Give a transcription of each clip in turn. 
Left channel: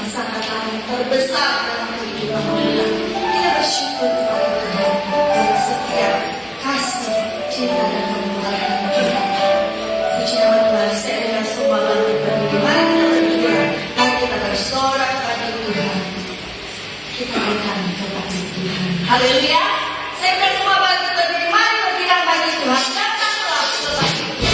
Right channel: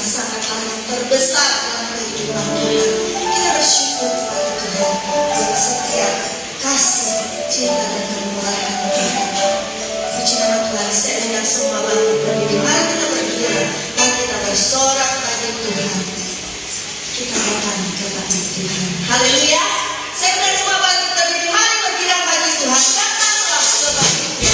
sangatlah terbesar dalam kehidupan kita. Kita bersyukur kepada Tuhan buat setiap kasih, cinta dan kemurahan Tuhan. Puji nama Tuhan, saya dengan semua bangkit berdiri. Mari kita berdoa, mari kita bersorak pada Tuhan. Kita akan kepada Tuhan. Haleluya. Saya dengan semua bangkit berdiri. Mari berbilang bagi Tuhan. Datanglah kepada Tuhan.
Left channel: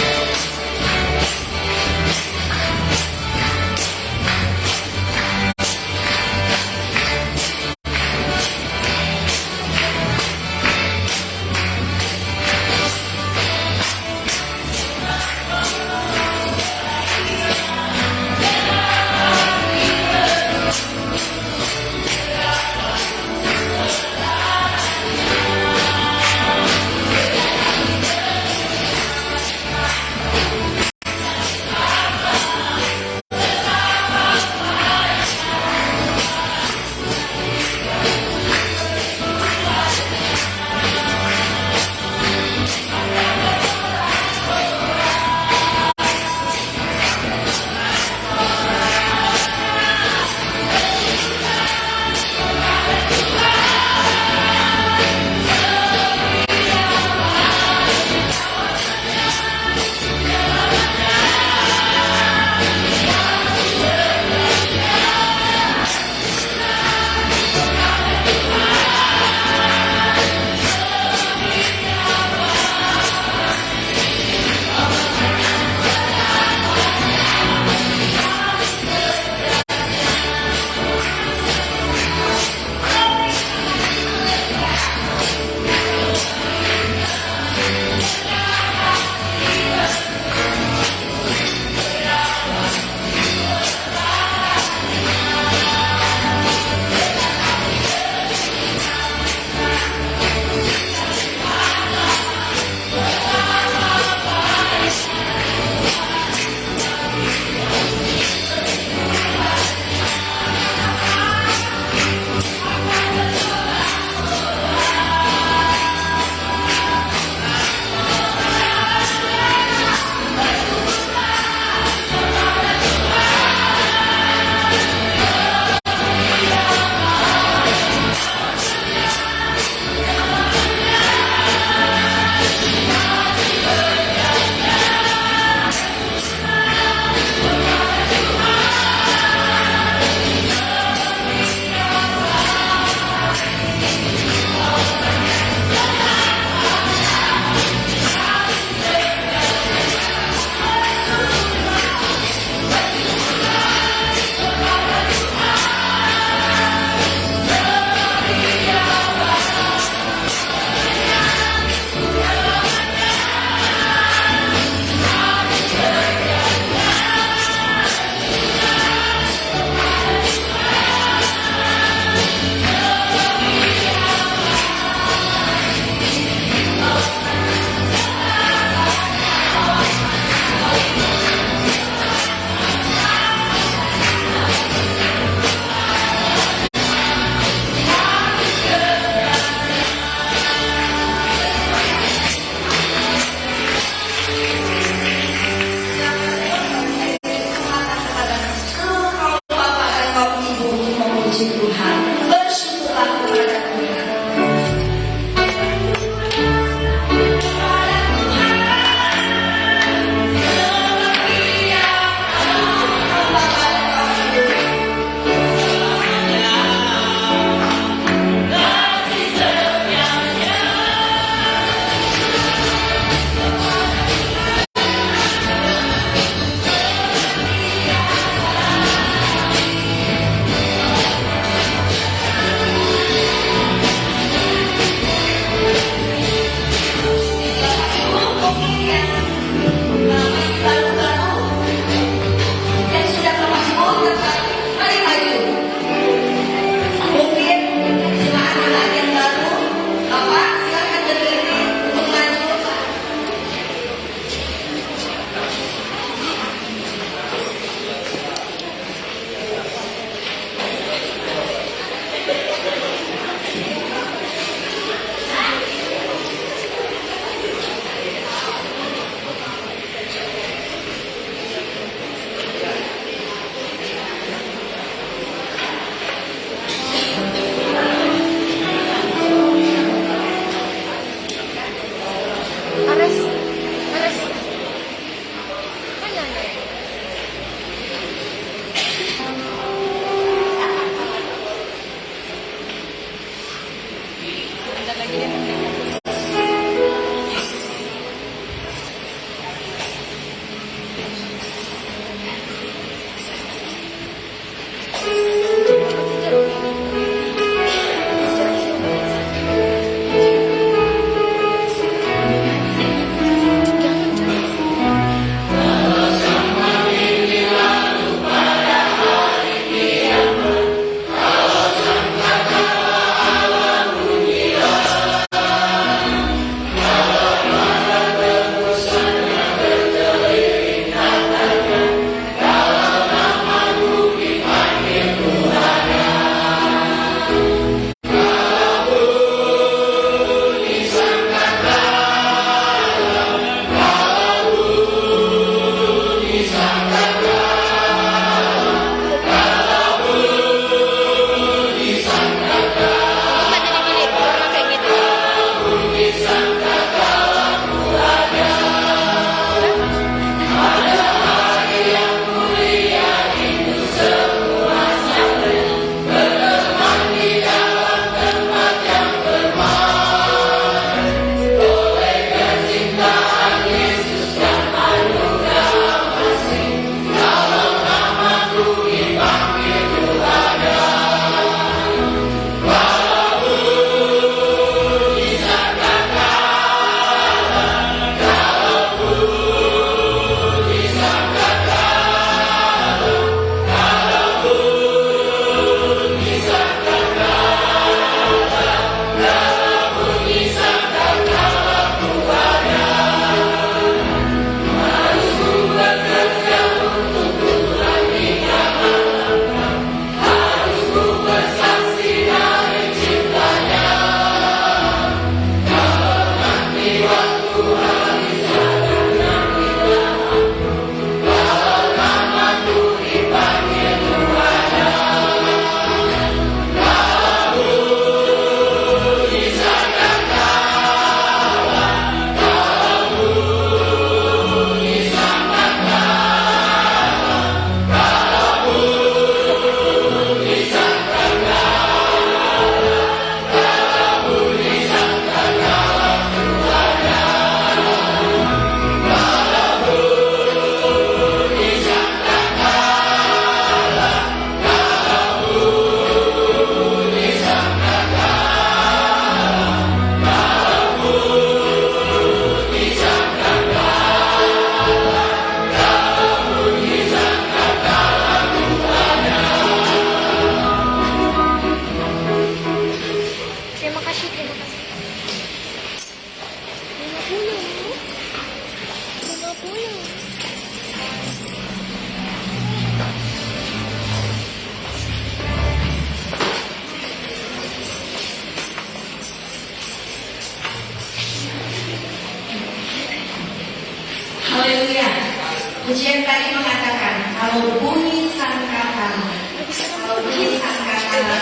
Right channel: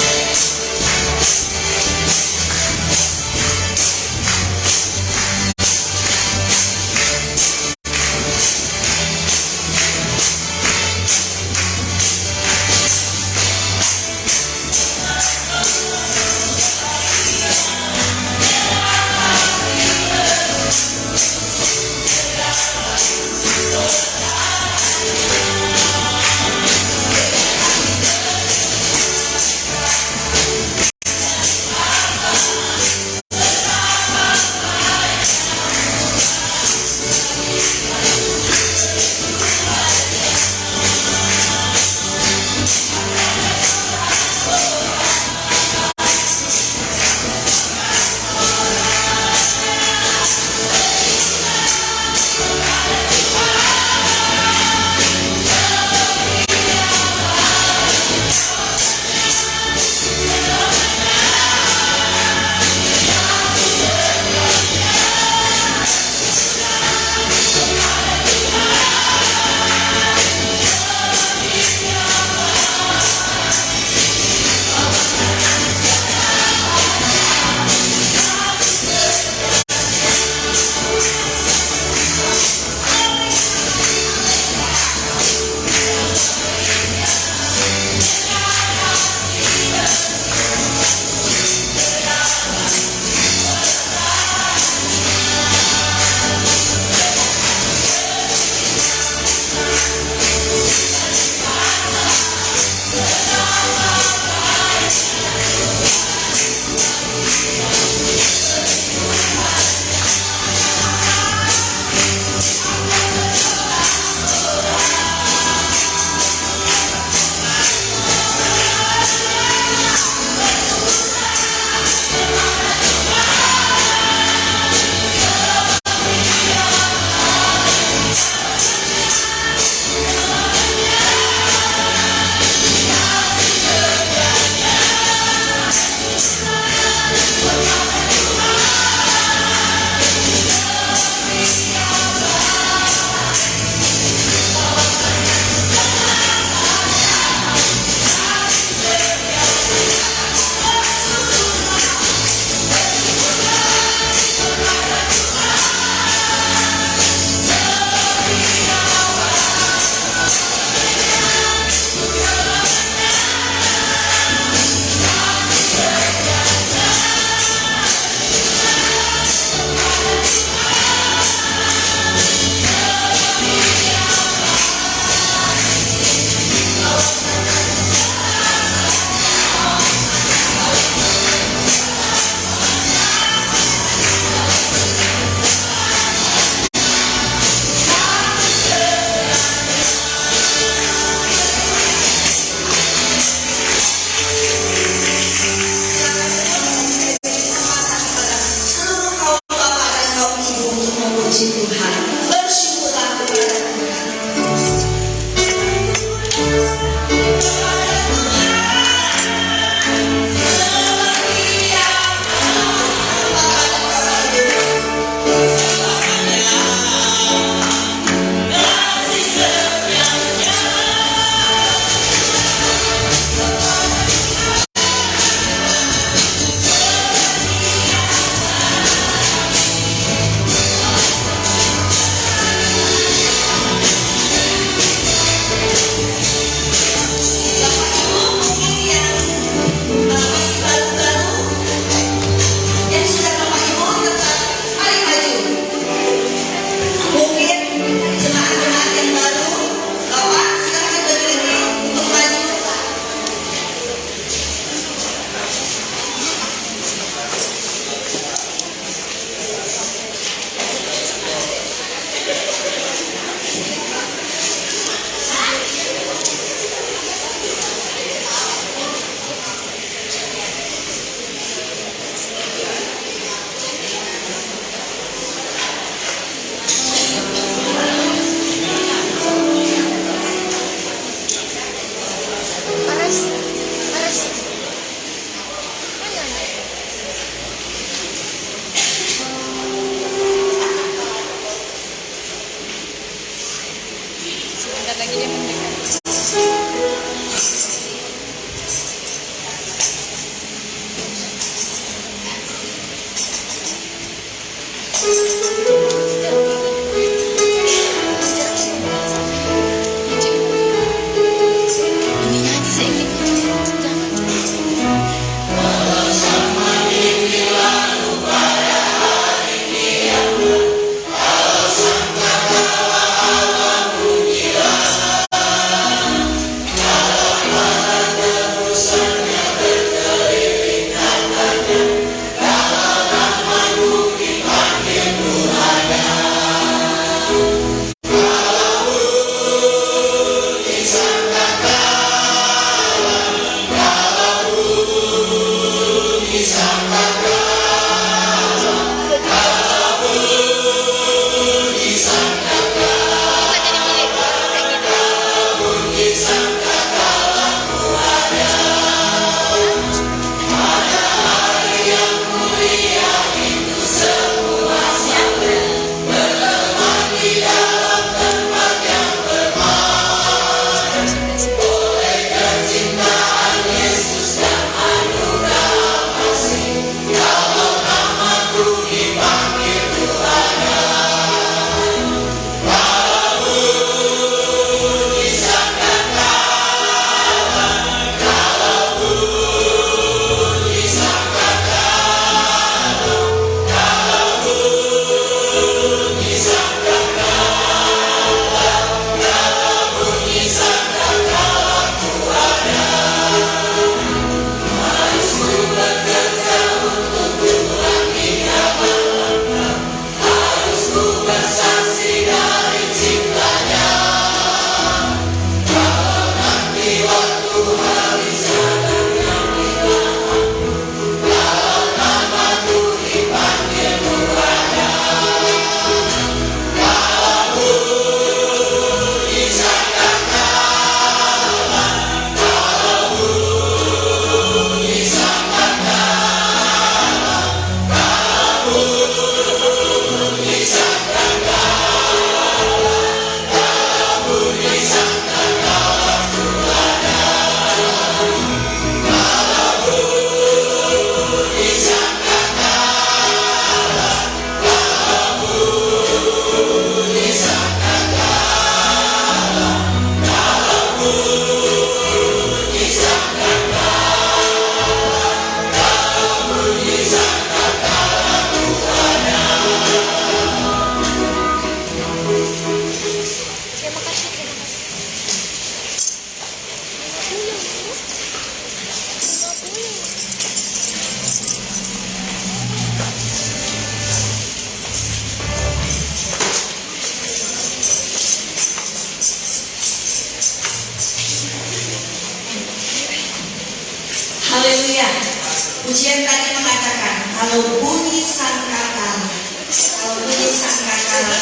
Pujian tadi mengatakan kalau bunyi sangkakala,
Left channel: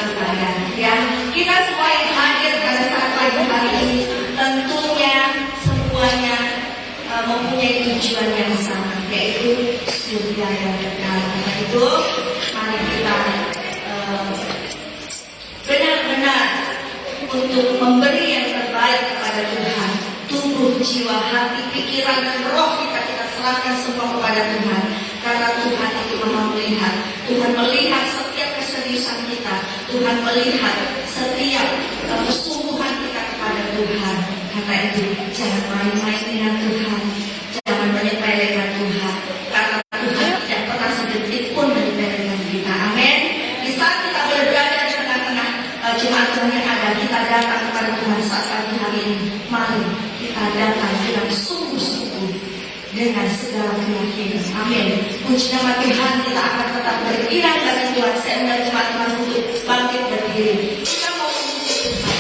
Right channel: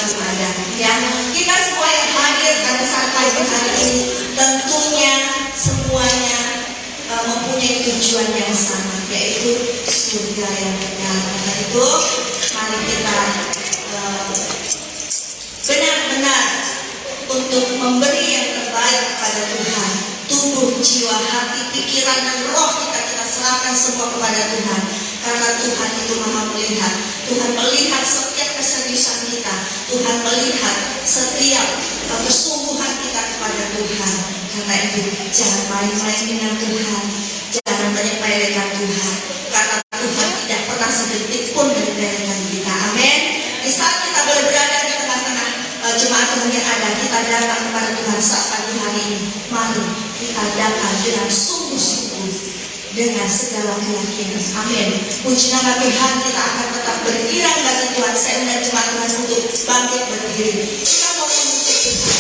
kepada ya, kita semua yang hadir pada saat pagi hari ini tentunya semuanya mempunyai tujuan yang sama, yaitu surga yang kekal. Karena itu mari kita benar-benar untuk memberi yang terbaik kepada Tuhan. Tubuh, jiwa, hati, pikiran, dan roh kita serahkan semua kepada Tuhan. Karena Tuhan itu Maha melihat. Tuhan melihat setiap keseriusan kita. Tuhan melihat setiap kesungguhan kita kepada Tuhan. Karena itu jangan main-main dengan Tuhan. Jangan menyepelekan Tuhan. Karena Tuhan tidak pernah sedetik pun menyepelekan kita. Amin. Di saat kita berada di tengah-tengah jemaat Tuhan yang ada, kita datang kepada Tuhan saat pagi hari ini. Mari kita datang dengan sungguh-sungguh, dengan segala keyakinan. Amin. Puji nama Tuhan, kita akan tetap beriring dengan Tuhan. Saya undang jemaat Tuhan untuk bangkit berdiri. Kita mau memuji Tuhan.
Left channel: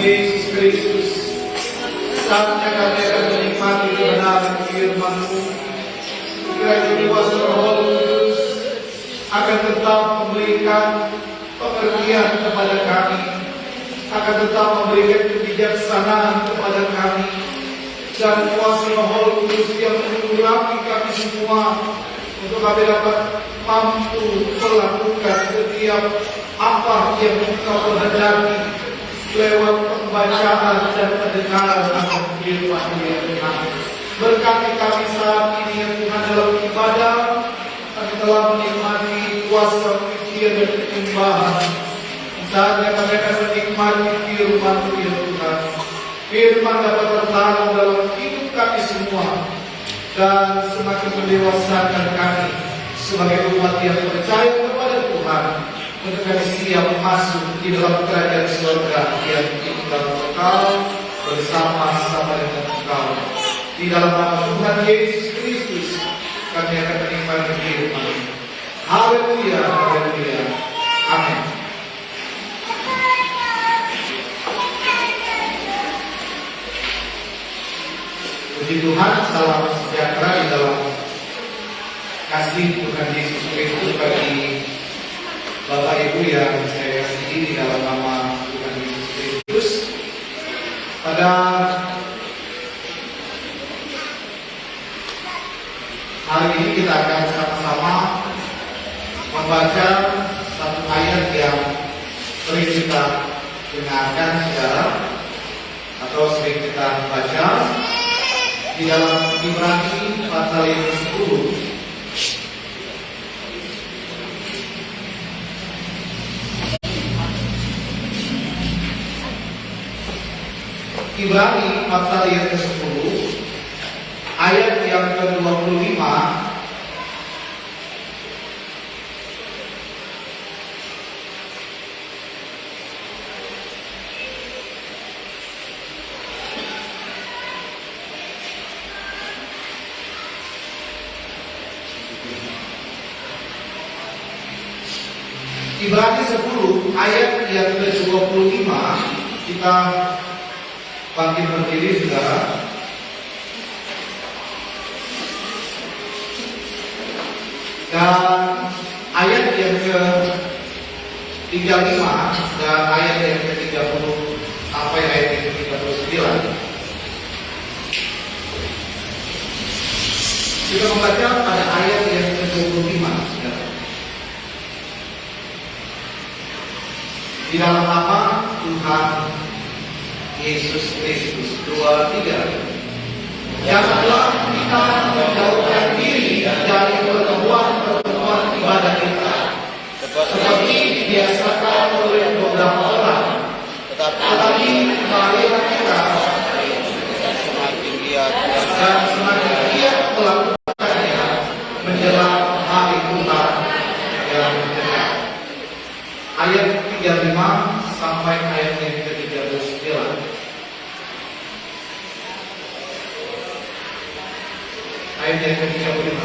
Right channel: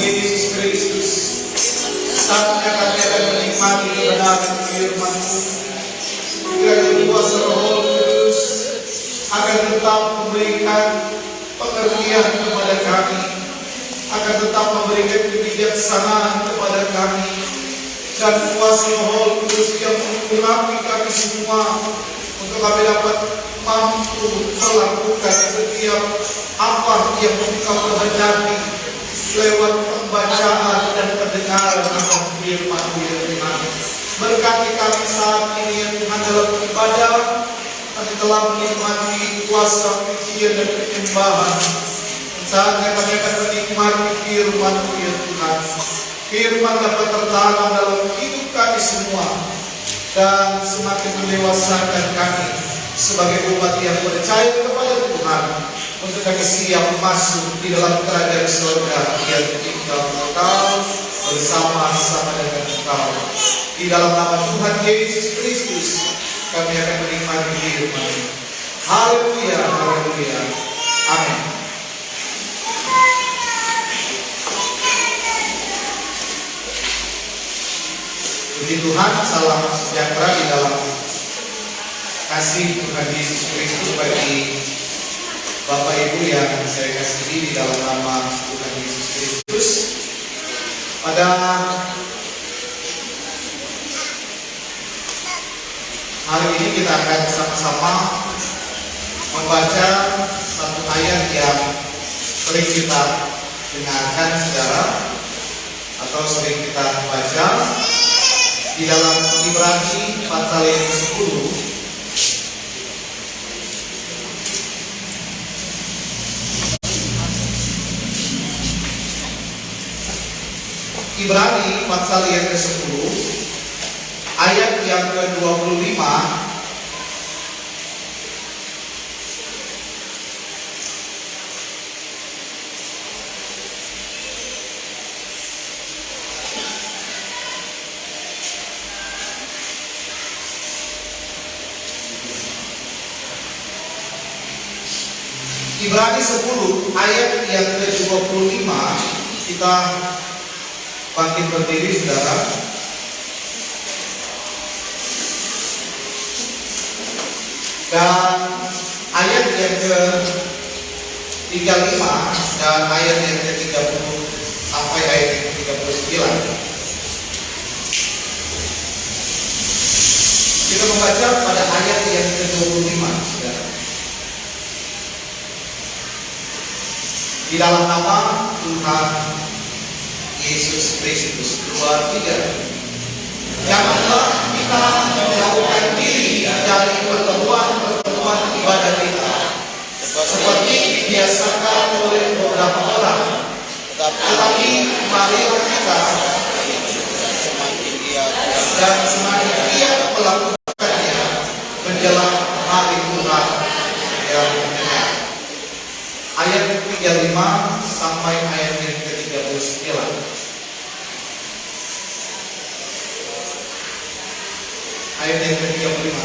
Yesus Kristus, saatnya kami akan menikmati kebenaran firman-Mu. Kiranya kuasa Roh Kudus akan tetap memberikan pengertian kepada kami, akan tetap memberikan kebijaksanaan kepada kami, dan kuasa Roh Kudus yang mengurapi kami semua untuk kami dapat mampu melakukan setiap apa yang kita kehendaki lewat pembacaan dan pendengaran akan firman-Mu yang benar. Berkati kami saat ini yang Tuhan dalam ibadah, kami telah menikmati kuasa pujian dan penyembahan. Saatnya kami akan menikmati firman-Mu ya Tuhan. Firman dapat bertanam dalam hidup kami semua dan semakin mendewasakan kami sebagai umat yang percaya kepada Tuhan, untuk kami siap masuk di dalam kerajaan surga yang tinggal kekal bersama-sama dengan Engkau. Di dalam nama Tuhan Yesus Kristus kami akan menikmati firman. Haleluya, haleluya, amin. Puji Tuhan, salam sejahtera di dalam kasih Tuhan Yesus Kristus bagi Bapak Ibu yang saya kasihi di dalam nama Tuhan Yesus Kristus. Pada hari ini kita akan sama-sama membaca satu ayat yang sering kita dengarkan saudara, atau sering kita baca di dalam Ibrani pasal yang ke-10. Ibrani pasal yang ke-10 ayat yang ke-25. Ibrani 10 ayat yang ke-25, kita bangkit berdiri saudara. Dan ayat yang ke-35 dan ayat yang ke-30 sampai ayat yang ke-39. Kita membaca pada ayat yang ke-25 saudara. Di dalam nama Tuhan Yesus Kristus. 2, 3. Janganlah kita menjauhkan diri dari pertemuan ibadah kita, seperti dibiasakan oleh beberapa orang, tetapi marilah kita dan semakin giat melakukannya menjelang hari Tuhan yang dekat. Ayat 35 sampai ayat yang ke-39. Ayat yang ke-35.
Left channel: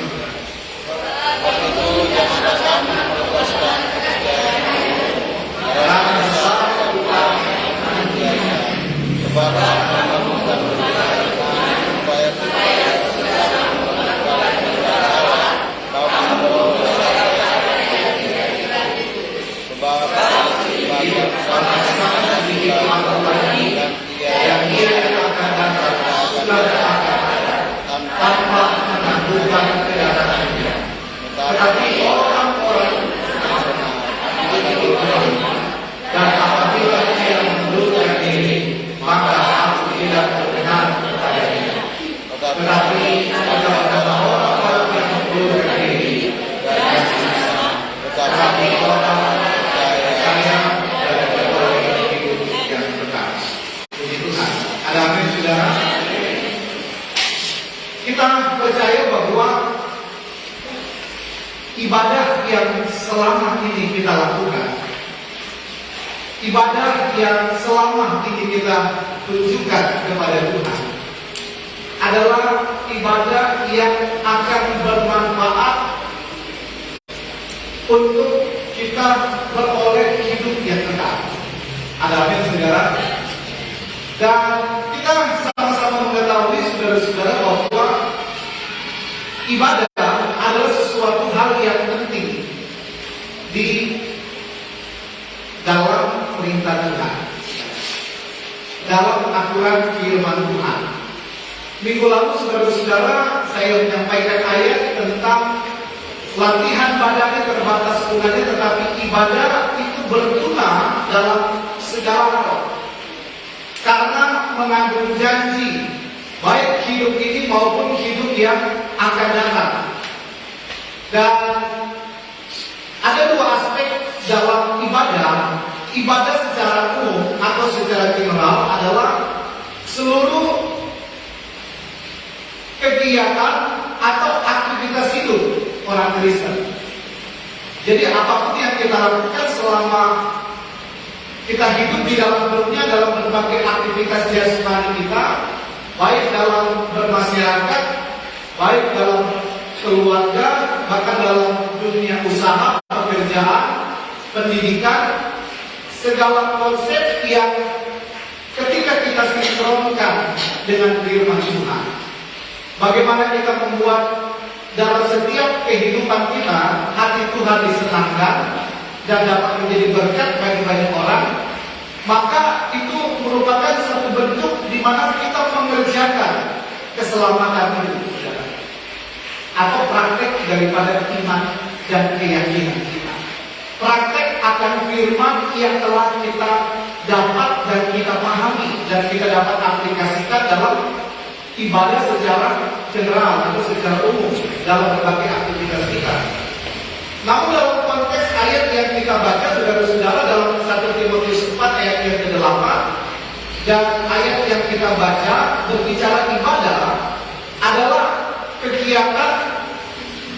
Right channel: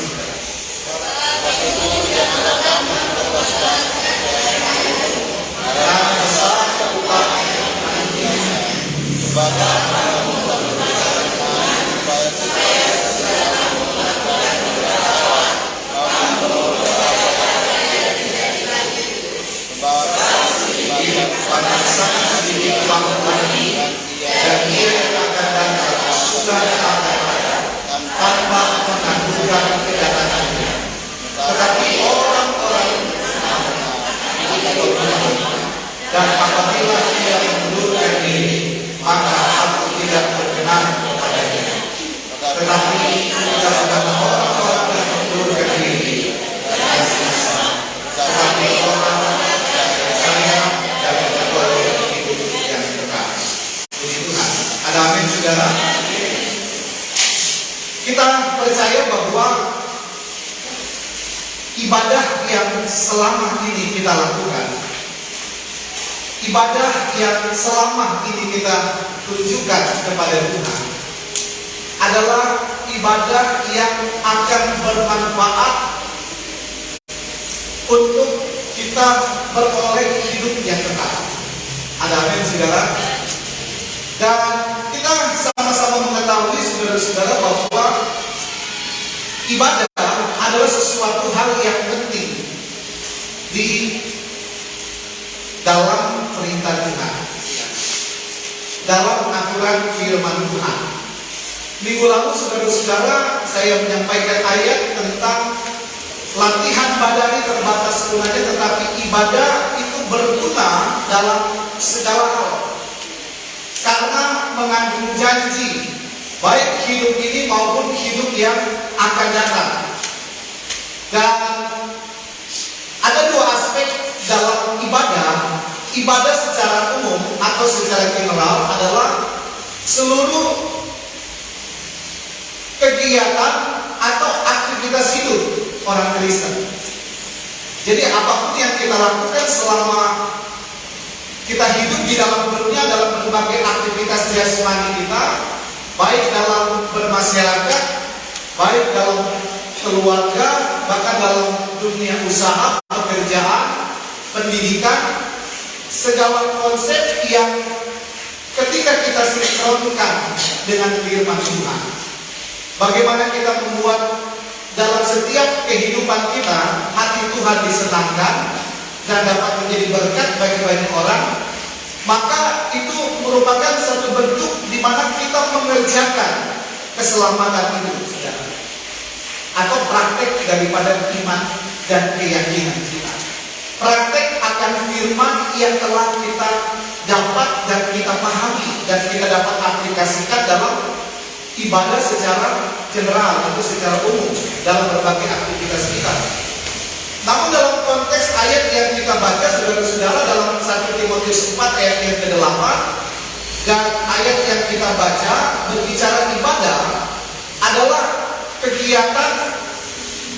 Dan ia akan datang sudah tanpa menangguhkan kedatangannya. Tetapi orang-orang ibadah yang selama ini kita tunjukkan kepada Tuhan adalah ibadah yang akan bermanfaat untuk kita beroleh hidup yang kekal. Ada amin, saudara? Dan kita sama-sama mengetahui, saudara-saudara, bahwa ibadah adalah sesuatu hal yang penting di dalam perintah Tuhan, dalam aturan firman Tuhan. Minggu lalu, saudara-saudara, saya menyampaikan ayat tentang latihan badani terbatas gunanya, tetapi ibadah itu berguna dalam segala hal, karena mengandung janji, baik hidup ini maupun hidup yang akan datang. Dan ada dua aspek dalam ibadah. Ibadah secara umum atau secara general adalah seluruh kegiatan atau aktivitas hidup orang Kristen. Jadi apapun yang kita lakukan selama kita hidup di dalam dunia, dalam berbagai aktivitas jasmani kita, baik dalam bermasyarakat, baik dalam keluarga, bahkan dalam dunia usaha, pekerjaan, pendidikan, segala konsep yang ketika kita sinkronkan dengan firman Tuhan, bagaimana kita membuat dalam setiap kehidupan kita hati Tuhan disenangkan dan dapat menjadi berkat bagi banyak orang, maka itu merupakan satu bentuk di mana kita mengerjakan keselamatan hidup, saudara, atau praktek daripada iman dan keyakinan kita. Praktek akan firman yang telah kita dapat dan kita pahami dan kita dapat aplikasikan dalam ibadah secara general atau secara umum dalam berbagai aktivitas kita. Namun dalam konteks ayat yang kita baca, saudara-saudara, dalam 1 Timotius 4 ayat yang ke-8 dan ayat yang kita baca berbicara ibadah adalah kegiatan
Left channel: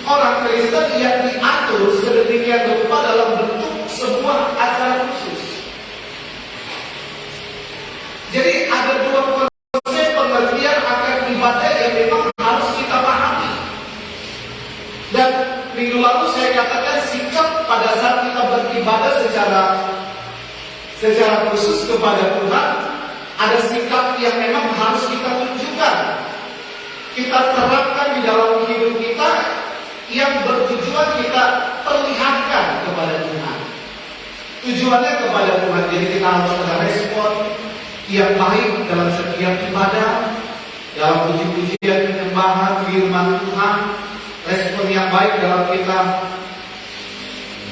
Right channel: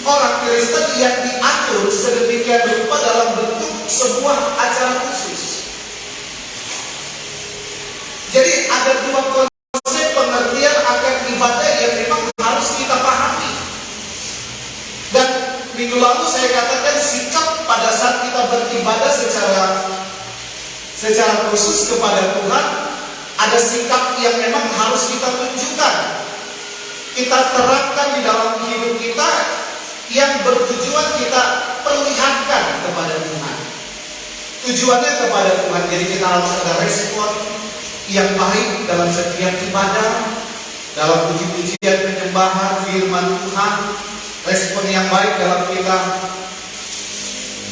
orang Kristen yang diatur sedemikian rupa dalam bentuk sebuah acara khusus. Jadi ada dua konsep pengertian akan ibadah yang memang harus kita pahami. Dan minggu lalu saya katakan sikap pada saat kita beribadah secara khusus kepada Tuhan, ada sikap yang memang harus kita tunjukkan, kita terapkan di dalam hidup kita, yang bertujuan kita perlihatkan kepada Tuhan. Tujuannya kepada Tuhan. Jadi kita harus ada respon yang baik dalam setiap ibadah, dalam puji-pujian penyembahan firman Tuhan, respon yang baik dalam kita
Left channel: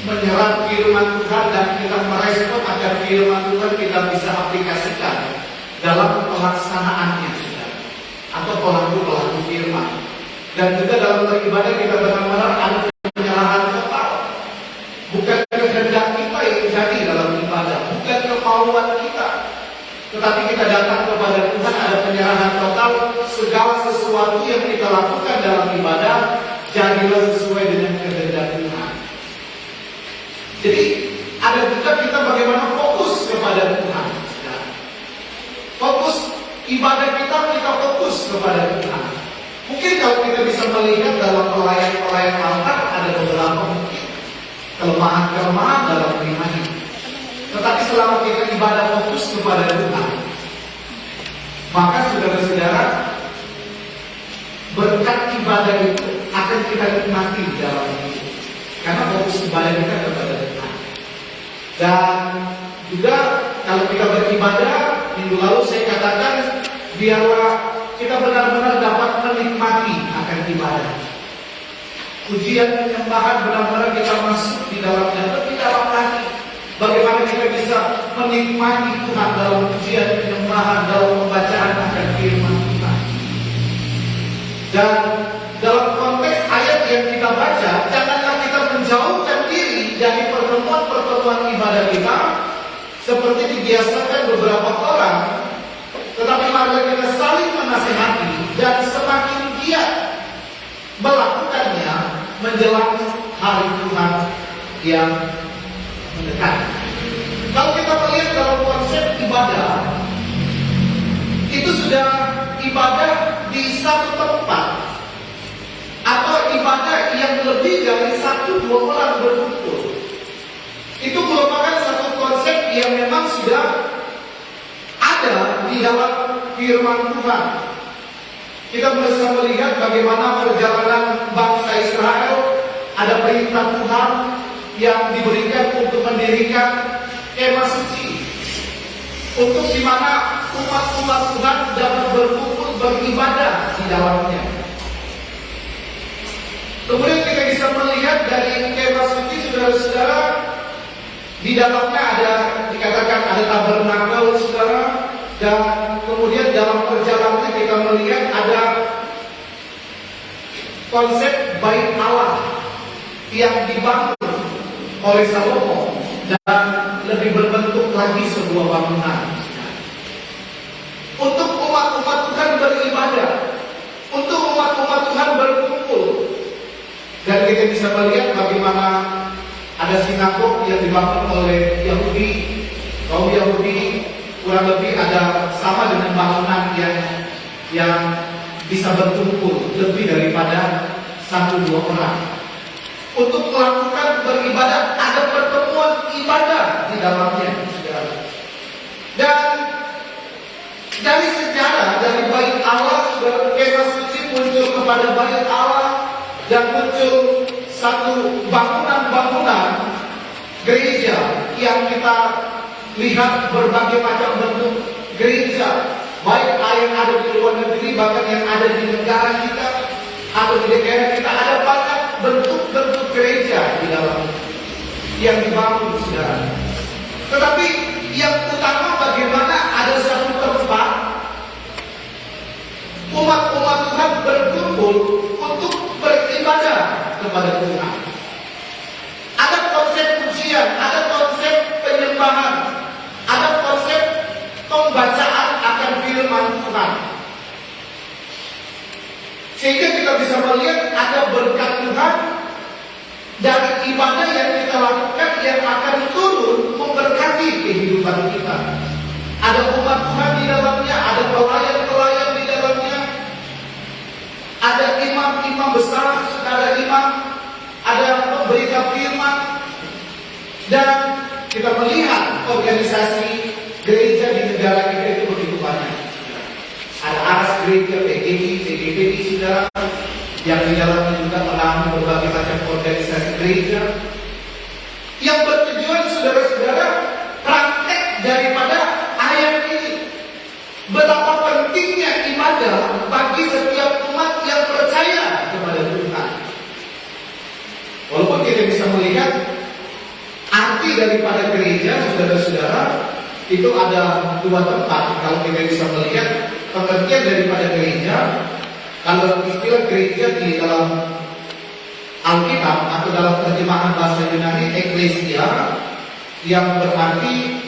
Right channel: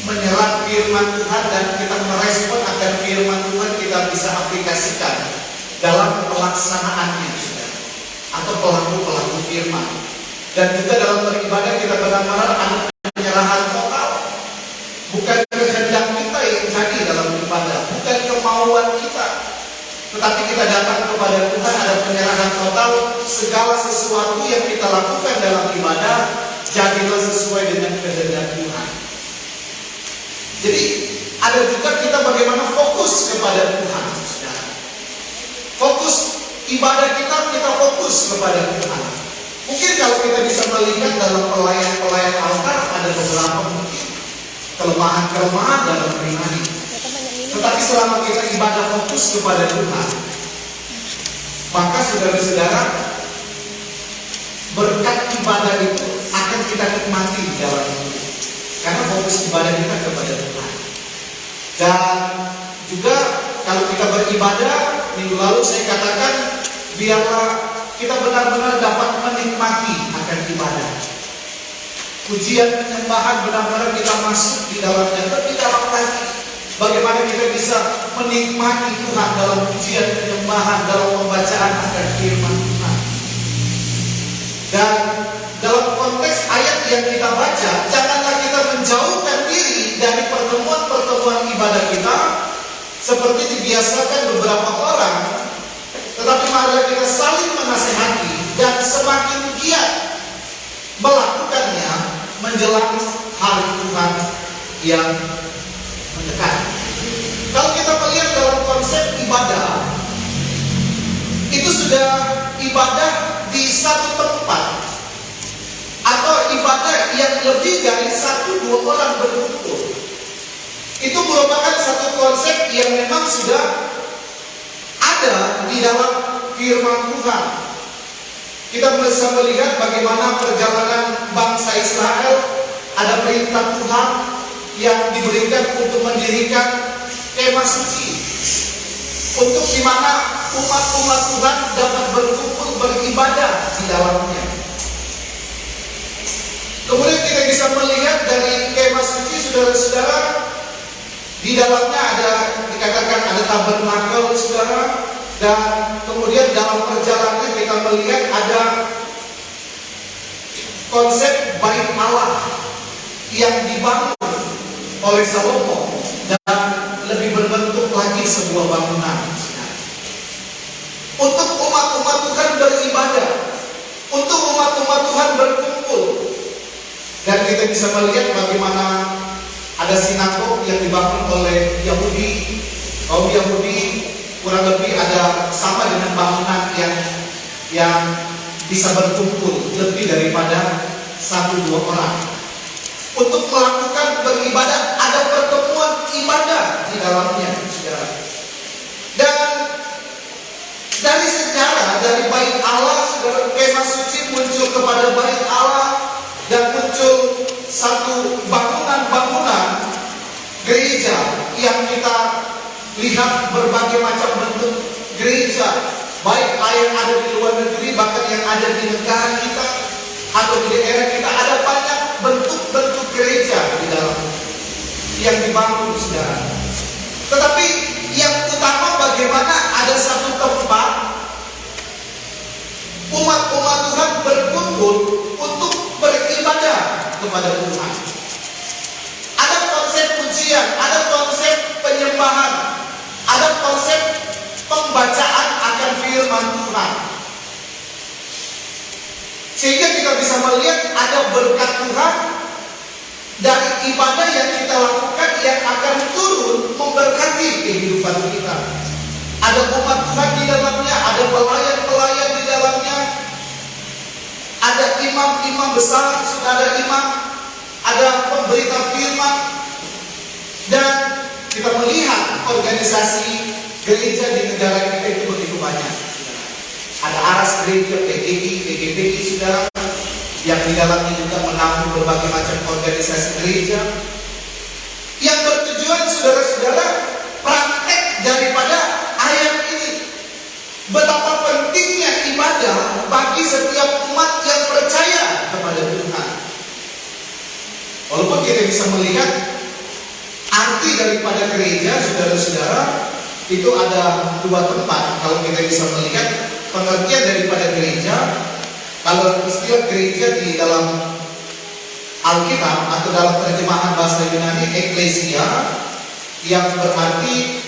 menyerap firman Tuhan dan kita merespon agar firman Tuhan kita bisa aplikasikan dalam pelaksanaannya, saudara, atau pelaku-pelaku firman. Dan juga dalam beribadah kita benar-benar ada penyerahan total. Bukan kehendak kita yang jadi dalam ibadah, bukan kemauan kita, tetapi kita datang kepada Tuhan, ada penyerahan total. Segala sesuatu yang kita lakukan dalam ibadah jadilah sesuai dengan kehendak Tuhan. Jadi ada juga kita bagaimana fokus kepada Tuhan. Fokus ibadah kita fokus kepada Tuhan. Mungkin kalau kita bisa melihat dalam pelayan-pelayan altar ada beberapa mungkin kelemahan-kelemahan dalam pribadi. Tetapi selama kita ibadah fokus kepada Tuhan, maka saudara-saudara, berkat ibadah itu akan kita nikmati dalam hidup. Karena fokus ibadah kita kepada Tuhan. Dan juga kalau kita beribadah, minggu lalu saya katakan, biarlah kita benar-benar dapat menikmati akan ibadah. Pujian penyembahan benar-benar kita masuk di dalamnya, lebih dalam lagi. Bagaimana kita bisa menikmati Tuhan dalam pujian penyembahan, dalam pembacaan akan firman Tuhan. Dan dalam konteks ayat yang kita baca, janganlah kita menjauhkan diri dari pertemuan-pertemuan ibadah kita seperti dibiasakan beberapa orang, tetapi marilah kita saling menasihati dan semakin giat melakukannya menjelang hari Tuhan yang mendekat. Kalau kita melihat itu sudah ibadah di satu tempat, atau ibadah yang lebih dari 1-2 orang berkumpul. Itu merupakan satu konsep yang memang sudah ada di dalam firman Tuhan. Kita bisa melihat bagaimana perjalanan bangsa Israel, ada perintah Tuhan yang diberikan untuk mendirikan kemah suci, untuk di mana umat-umat Tuhan dapat berkumpul beribadah di dalamnya. Kemudian kita bisa melihat dari kemah suci, saudara-saudara, di dalamnya ada, dikatakan ada tabernakel, saudara, dan kemudian dalam perjalanannya kita melihat ada konsep bait Allah yang dibangun oleh Salomo dan lebih berbentuk lagi sebuah bangunan untuk umat-umat Tuhan beribadah, untuk umat-umat Tuhan berkumpul. Dan kita bisa melihat bagaimana ada sinagog yang dibangun oleh Yahudi. Kaum Yahudi kurang lebih ada sama dengan bangunan yang bisa berkumpul lebih daripada 1-2 orang untuk melakukan beribadah. Ada pertemuan ibadah di dalamnya, saudara. Dan dari sejarah, dari bait Allah, saudara, kemah suci muncul kepada bait Allah, dan muncul satu bangunan-bangunan gereja yang kita lihat berbagai macam bentuk gereja, baik yang ada di luar negeri, bahkan yang ada di negara kita atau di daerah kita. Ada banyak bentuk-bentuk gereja di dalam yang dibangun, saudara. Tetapi yang utama bagaimana ada satu tempat umat-umat Tuhan berkumpul untuk beribadah kepada Tuhan. Ada konsep pujian, ada konsep penyembahan, ada konsep pembacaan akan firman Tuhan. Sehingga kita bisa melihat ada berkat Tuhan dari ibadah yang kita lakukan yang akan turun memberkati kehidupan kita. Ada umat Tuhan di dalamnya, ada pelayan-pelayan di dalamnya, ada imam-imam besar, ada imam, ada pemberita firman, dan kita melihat organisasi gereja di negara kita itu begitu banyak. Ada aras gereja, PGI, PGBI, saudara, yang di dalamnya juga menampung berbagai macam organisasi gereja yang bertujuan, saudara-saudara, praktek daripada ayat ini. Betapa pentingnya ibadah bagi setiap umat yang percaya kepada Tuhan. Walaupun kita bisa melihat arti daripada gereja, saudara-saudara, itu ada 2 tempat. Kalau kita bisa melihat pengertian daripada gereja, kalau istilah gereja di dalam Alkitab atau dalam terjemahan bahasa Yunani, eklesia, yang berarti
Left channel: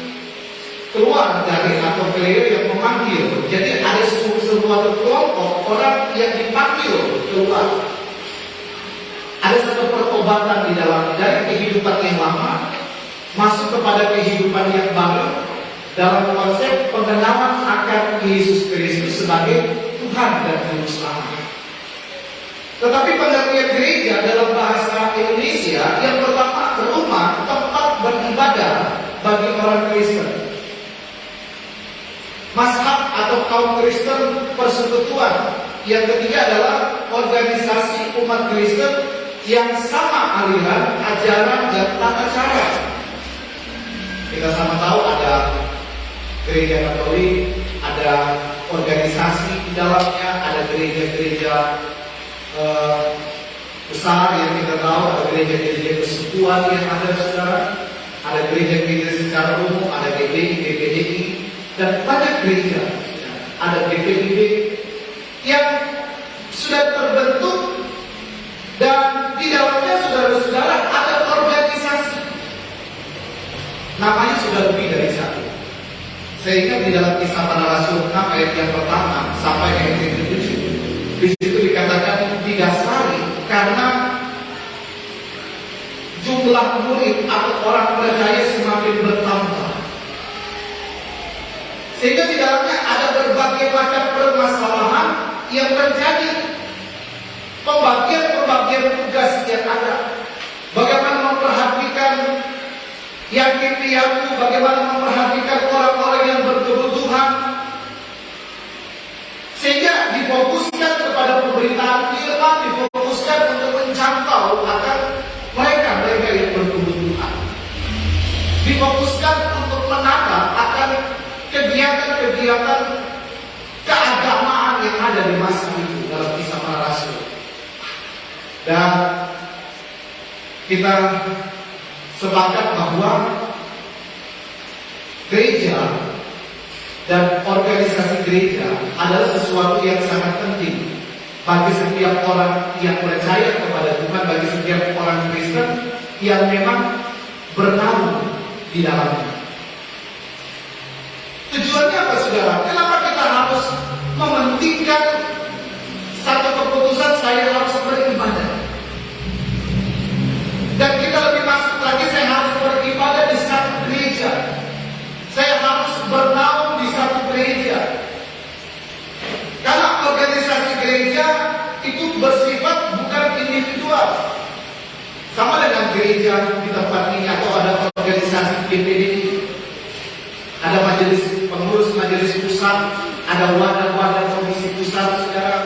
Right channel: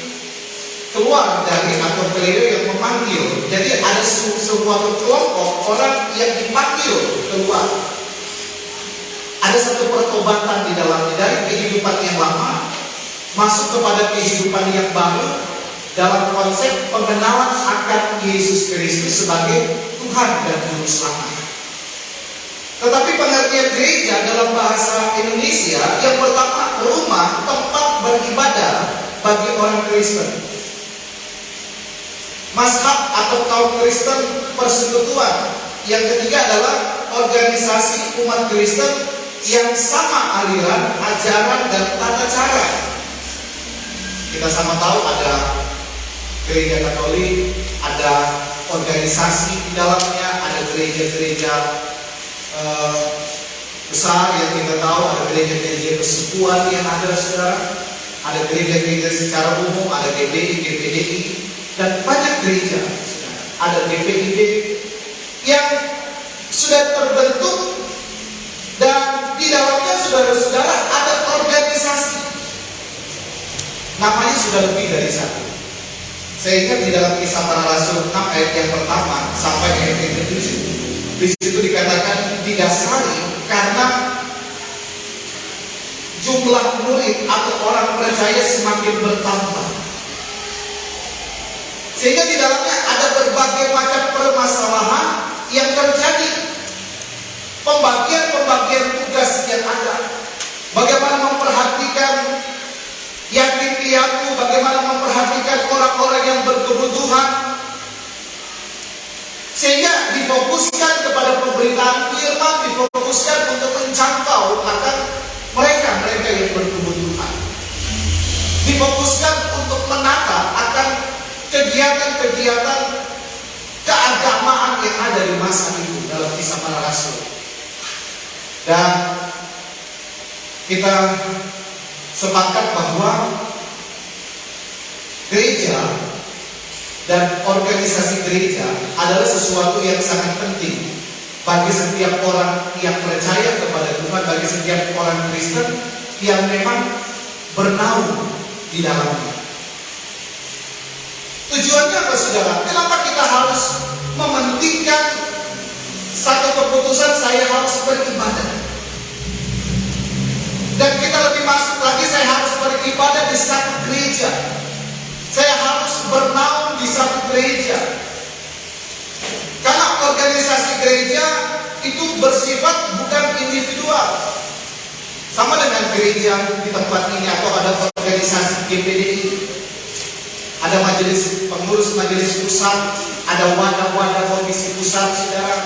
keluar dari atau pleo yang memanggil. Jadi ada sebuah kelompok orang yang dipanggil keluar. Ada satu pertobatan di dalamnya, dari kehidupan yang lama masuk kepada kehidupan yang baru dalam konsep pengenalan akan Yesus Kristus sebagai Tuhan dan Juru Selamat. Tetapi pengertian gereja dalam bahasa Indonesia yang pertama, rumah tempat beribadah bagi orang Kristen. Mazhab atau kaum Kristen persekutuan. Yang ketiga adalah organisasi umat Kristen yang sama aliran, ajaran, dan tata cara. Kita sama tahu ada gereja Katolik, ada organisasi di dalamnya, ada gereja-gereja besar yang kita tahu, ada gereja-gereja persekutuan yang ada, saudara, ada gereja-gereja secara umum, ada GBI, GPDI, dan banyak gereja, ada GPIB yang sudah terbentuk, dan di dalamnya, saudara-saudara, ada organisasi. Namanya sudah lebih dari 1. Saya ingat di dalam Kisah Para Rasul 6 ayat yang pertama sampai ayat yang ke-7, di situ dikatakan didasari karena jumlah murid atau orang percaya semakin bertambah, sehingga di dalamnya ada berbagai berbagai macam permasalahan yang terjadi. Pembagian tugas yang ada. Bagaimana memperhatikan yatim piatu, bagaimana memperhatikan orang-orang yang berkebutuhan. Sehingga difokuskan kepada pemberitaan firman, difokuskan untuk menjangkau akan mereka yang berkebutuhan. Difokuskan untuk menangkap akan kegiatan-kegiatan keagamaan yang ada di masa itu dalam Kisah Para Rasul. Dan kita sepakat bahwa gereja dan organisasi gereja adalah sesuatu yang sangat penting bagi setiap orang yang percaya kepada Tuhan, bagi setiap orang Kristen yang memang bernaung di dalamnya. Tujuannya apa, saudara? Kenapa kita harus mementingkan satu keputusan saya harus beribadah? Dan kita lebih masuk lagi, saya harus beribadah di satu gereja. Saya harus bernaung di satu gereja. Karena organisasi gereja itu bersifat bukan individual. Sama dengan gereja di tempat ini atau ada organisasi GPDI. Ada majelis pengurus majelis pusat, ada wadah-wadah komisi pusat, saudara,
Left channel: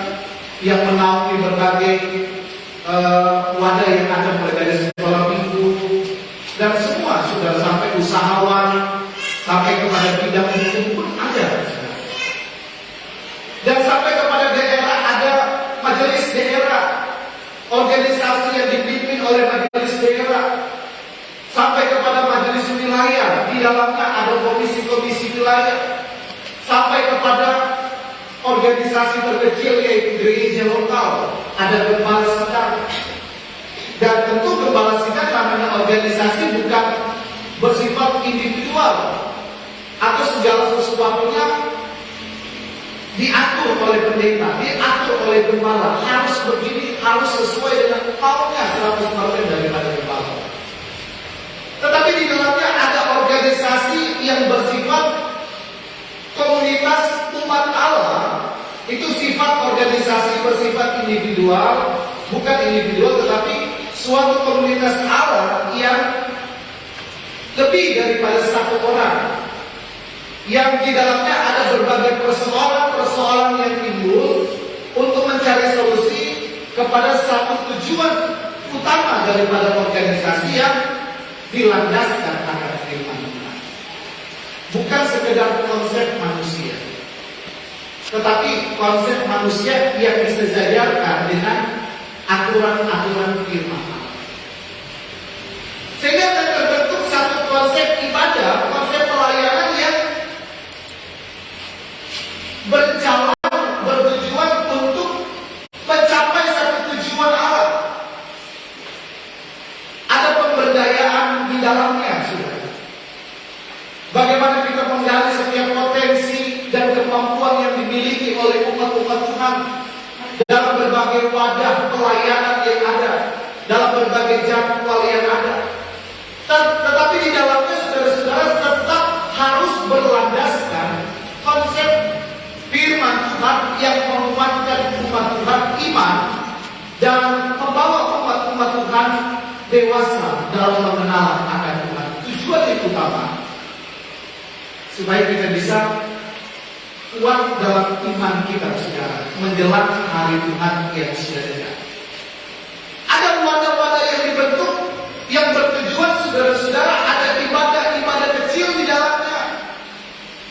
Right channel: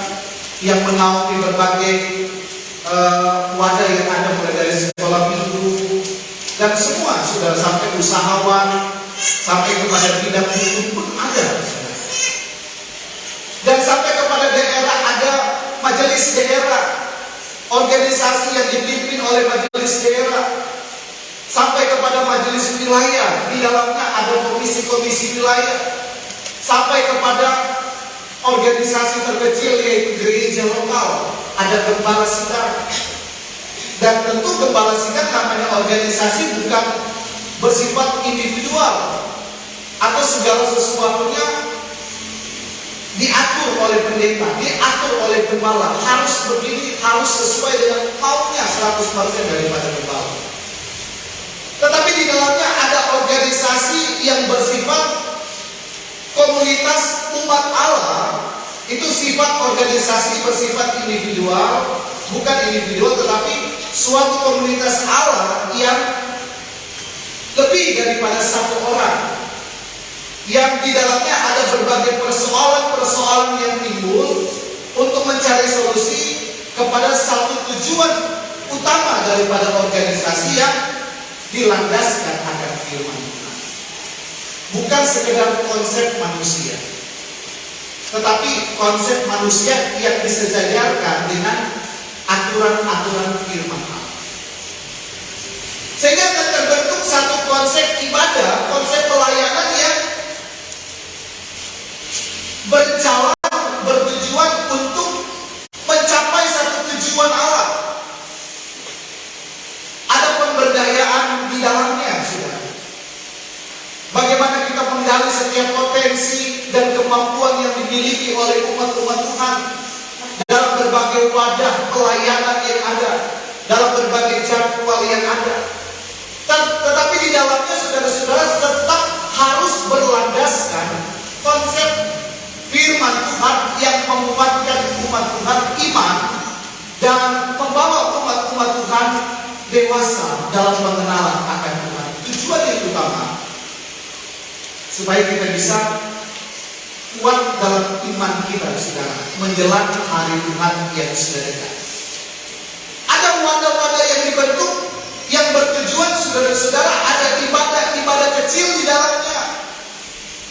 yang menaungi berbagai wadah yang ada, mulai dari sekolah minggu dan semua, saudara, sampai usahawan, sampai kepada bidang hukum pun ada, saudara. Dan sampai kepada daerah ada majelis daerah, organisasi yang dipimpin oleh majelis daerah. Sampai kepada majelis wilayah, di dalamnya ada komisi-komisi wilayah. Sampai kepada organisasi terkecil yaitu gereja lokal, ada gembala sidang. Dan tentu gembala sidang namanya organisasi bukan bersifat individual atau segala sesuatunya diatur oleh pendeta, diatur oleh gembala, harus begini, harus sesuai dengan maunya 100% daripada gembala. Tetapi di dalamnya ada organisasi yang bersifat komunitas umat Allah. Itu sifat organisasi bersifat individual, bukan individual tetapi suatu komunitas Allah yang lebih daripada satu orang, yang di dalamnya ada berbagai persoalan-persoalan yang timbul untuk mencari solusi kepada satu tujuan utama daripada organisasi yang dilandaskan akan firman Tuhan. Bukan sekedar konsep manusia, tetapi konsep manusia yang disejajarkan dengan aturan-aturan firman Allah. Sehingga akan terbentuk satu konsep ibadah, konsep pelayanan yang berjalan, bertujuan untuk mencapai satu tujuan Allah. Ada pemberdayaan di dalamnya, saudara. Bagaimana kita menggali setiap potensi dan kemampuan yang dimiliki oleh umat-umat Tuhan dalam berbagai wadah pelayanan yang ada, dalam berbagai jadwal yang ada. Tetapi di dalamnya, saudara-saudara, tetap harus berlandaskan konsep firman Tuhan yang menguatkan umat Tuhan iman dan membawa umat-umat Tuhan dewasa dalam mengenal akan Tuhan. Tujuan yang utama supaya kita bisa kuat dalam iman kita, saudara, menjelang hari Tuhan yang sudah dekat. Ada wadah-wadah yang dibentuk yang bertujuan, saudara-saudara, ada ibadah-ibadah kecil di dalamnya.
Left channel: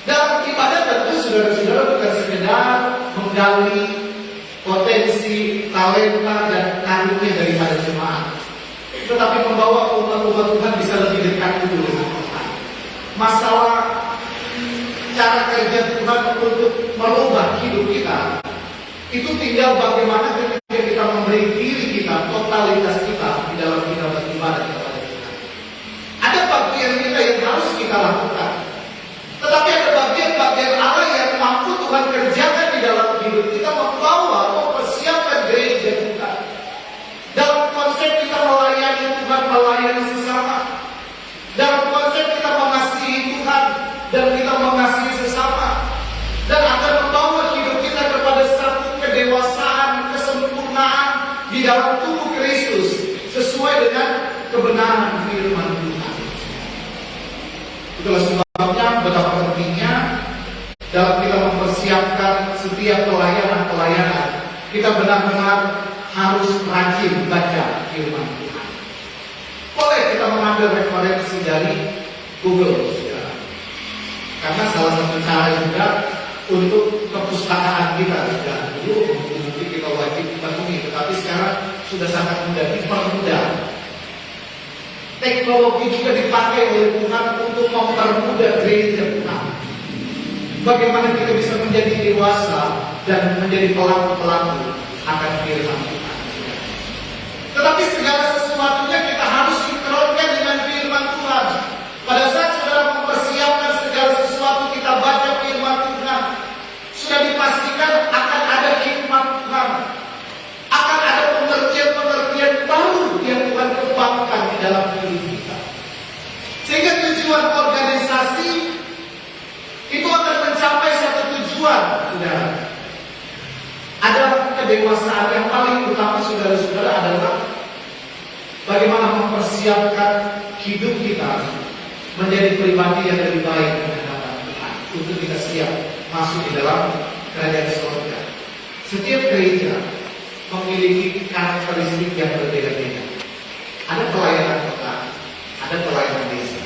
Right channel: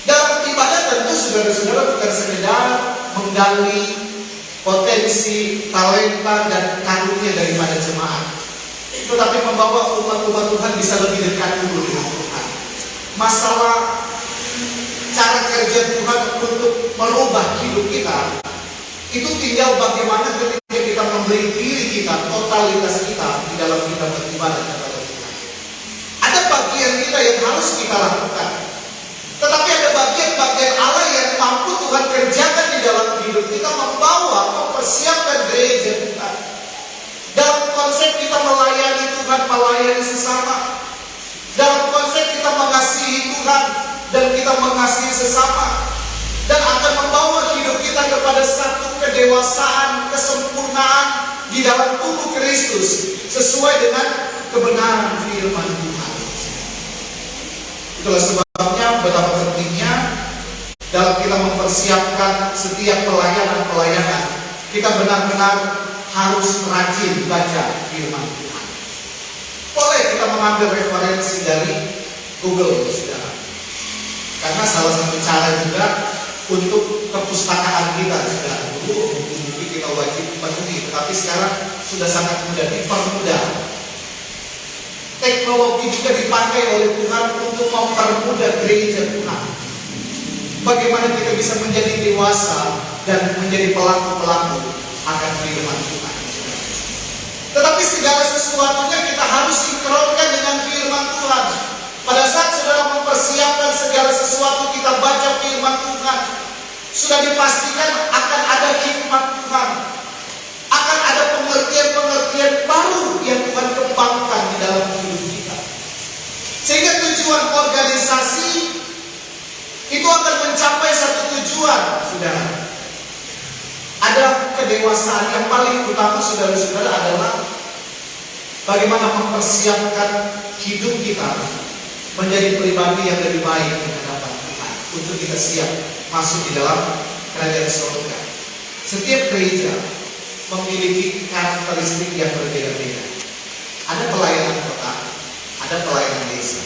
Dalam ibadah tentu, saudara-saudara, bukan sekedar menggali potensi, talenta, dan karunia daripada jemaat, tetapi membawa umat-umat Tuhan bisa lebih dekat dulu dengan Tuhan. Masalah cara kerja Tuhan untuk merubah hidup kita, itu tinggal bagaimana ketika kita memberi diri kita, totalitas kita di dalam kita beribadah kepada Tuhan. Ada bagian kita yang harus kita lakukan, tetapi ada bagian-bagian Allah yang mampu Tuhan kerjakan di dalam hidup kita, membawa, mempersiapkan gereja kita. Dalam konsep kita melayani Tuhan, melayani sesama. Dalam konsep kita mengasihi Tuhan dan kita mengasihi sesama. Dan akan membawa kedewasaan, kesempurnaan di dalam tubuh Kristus sesuai dengan kebenaran firman Tuhan. Itulah sebabnya betapa pentingnya dalam kita mempersiapkan setiap pelayanan, kita benar-benar harus rajin baca firman Tuhan. Boleh kita mengambil referensi dari Google, saudara. Karena salah satu cara juga untuk perpustakaan kita, saudara. Dulu mungkin kita wajib penuhi, tetapi sekarang sudah sangat mudah, dipermudah. Teknologi juga dipakai oleh Tuhan untuk mempermudah gereja Tuhan. Bagaimana kita bisa menjadi dewasa dan menjadi pelaku-pelaku akan firman Tuhan. Tetapi segala sesuatunya kita harus sinkronkan dengan firman Tuhan. Pada saat saudara mempersiapkan segala sesuatu, kita baca firman Tuhan, sudah dipastikan akan ada hikmat Tuhan, akan ada pengertian-pengertian baru yang Tuhan kembangkan di dalam hidup kita. Sehingga tujuan organisasi itu akan mencapai satu tujuan, saudara. Ada kedewasaan yang paling utama, saudara-saudara, adalah bagaimana mempersiapkan hidup kita menjadi pribadi yang lebih baik di hadapan Tuhan, untuk kita siap masuk di dalam kerajaan surga. Setiap gereja memiliki karakteristik yang berbeda-beda. Ada pelayanan kota, ada pelayanan desa.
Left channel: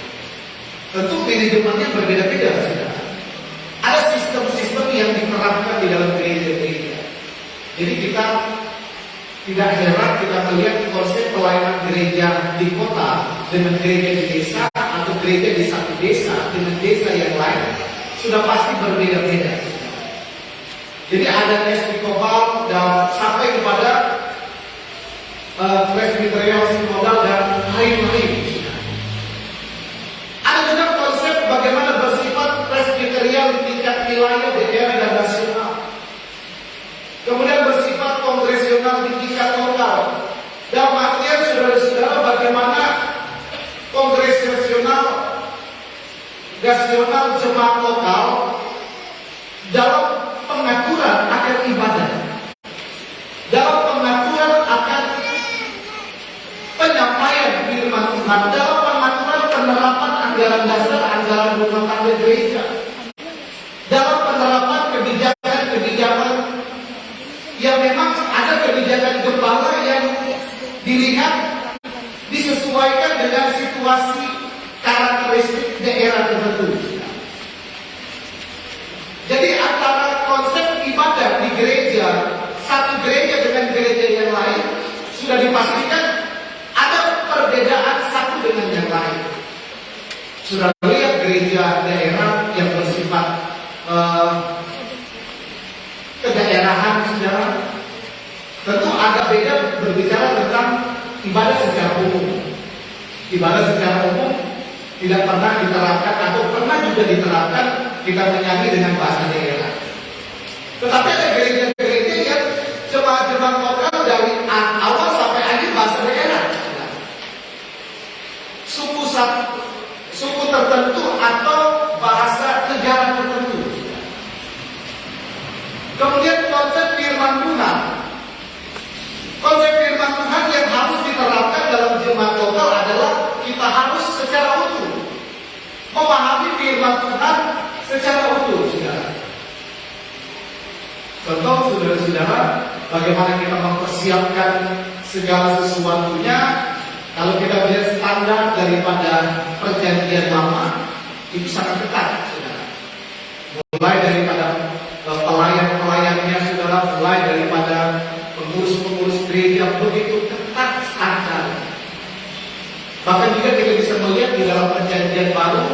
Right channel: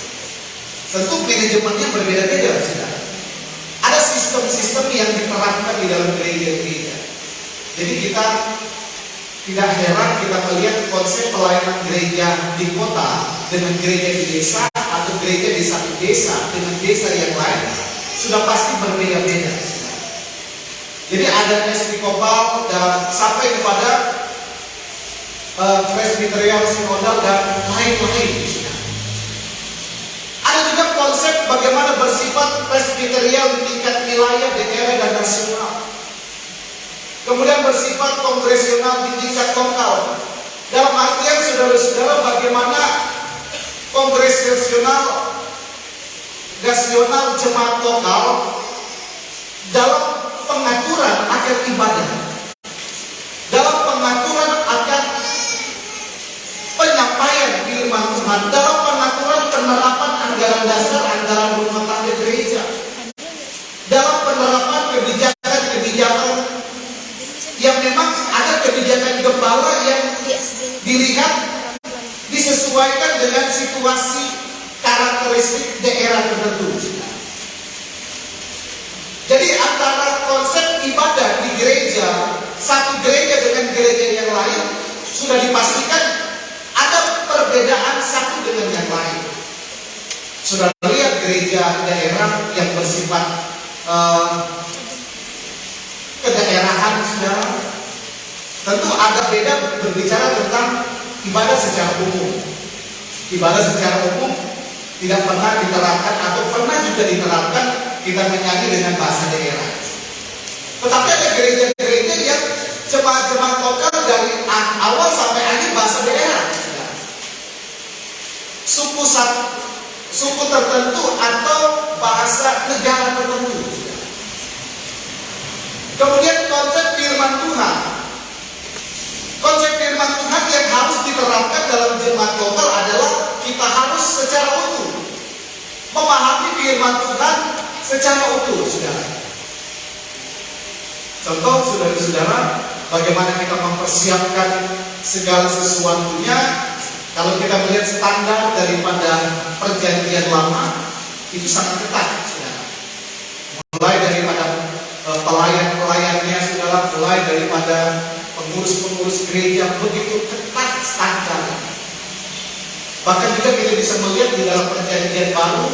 Tentu manajemennya berbeda-beda, saudara. Ada sistem-sistem yang diterapkan di dalam gereja-gereja. Jadi kita tidak heran kita melihat konsep pelayanan gereja di kota dengan gereja di desa, atau gereja di satu desa dengan desa yang lain sudah pasti berbeda-beda. Jadi ada episkopal dan sampai kepada presbyterial, sinodal dan lain-lain. Ada juga konsep bagaimana bersifat presbyterial di tingkat wilayah, daerah dan nasional. Kemudian bersifat kongresional di tingkat lokal. Dalam artian saudara-saudara, bagaimana kongresional, gasional, jemaat lokal dalam pengaturan akan ibadah, dalam pengaturan akan penyampaian firman Tuhan, dalam pengaturan penerapan anggaran dasar, anggaran rumah tangga gereja, dalam penerapan kebijakan-kebijakan yang memang ada kebijakan gembala yang dilihat disesuaikan dengan situasi karakteristik daerah tertentu. Jadi antara konsep ibadah di gereja, satu gereja dengan gereja yang lain, sudah dipastikan ada perbedaan satu dengan yang lain. Sudah lihat gereja daerah yang bersifat kedaerahan, saudara, tentu agak beda berbicara tentang ibadah secara umum. Ibadah secara umum tidak pernah diterapkan atau pernah juga diterapkan kita menyanyi dengan bahasa daerah. Tetapi ada gereja-gereja yang jemaat-jemaat lokal dari awal sampai akhir bahasa daerah. Suku tertentu atau bahasa negara tertentu. Kemudian konsep firman Tuhan. Konsep firman Tuhan yang harus diterapkan dalam jemaat lokal adalah kita harus secara utuh memahami firman Tuhan secara utuh, saudara. Contoh, saudara-saudara, bagaimana kita mempersiapkan segala sesuatunya. Kalau kita melihat standar daripada perjanjian lama, itu sangat ketat, saudara. Mulai daripada pelayan-pelayannya, saudara, mulai daripada pengurus-pengurus gereja, begitu ketat standar. Bahkan juga kita bisa melihat di dalam perjanjian baru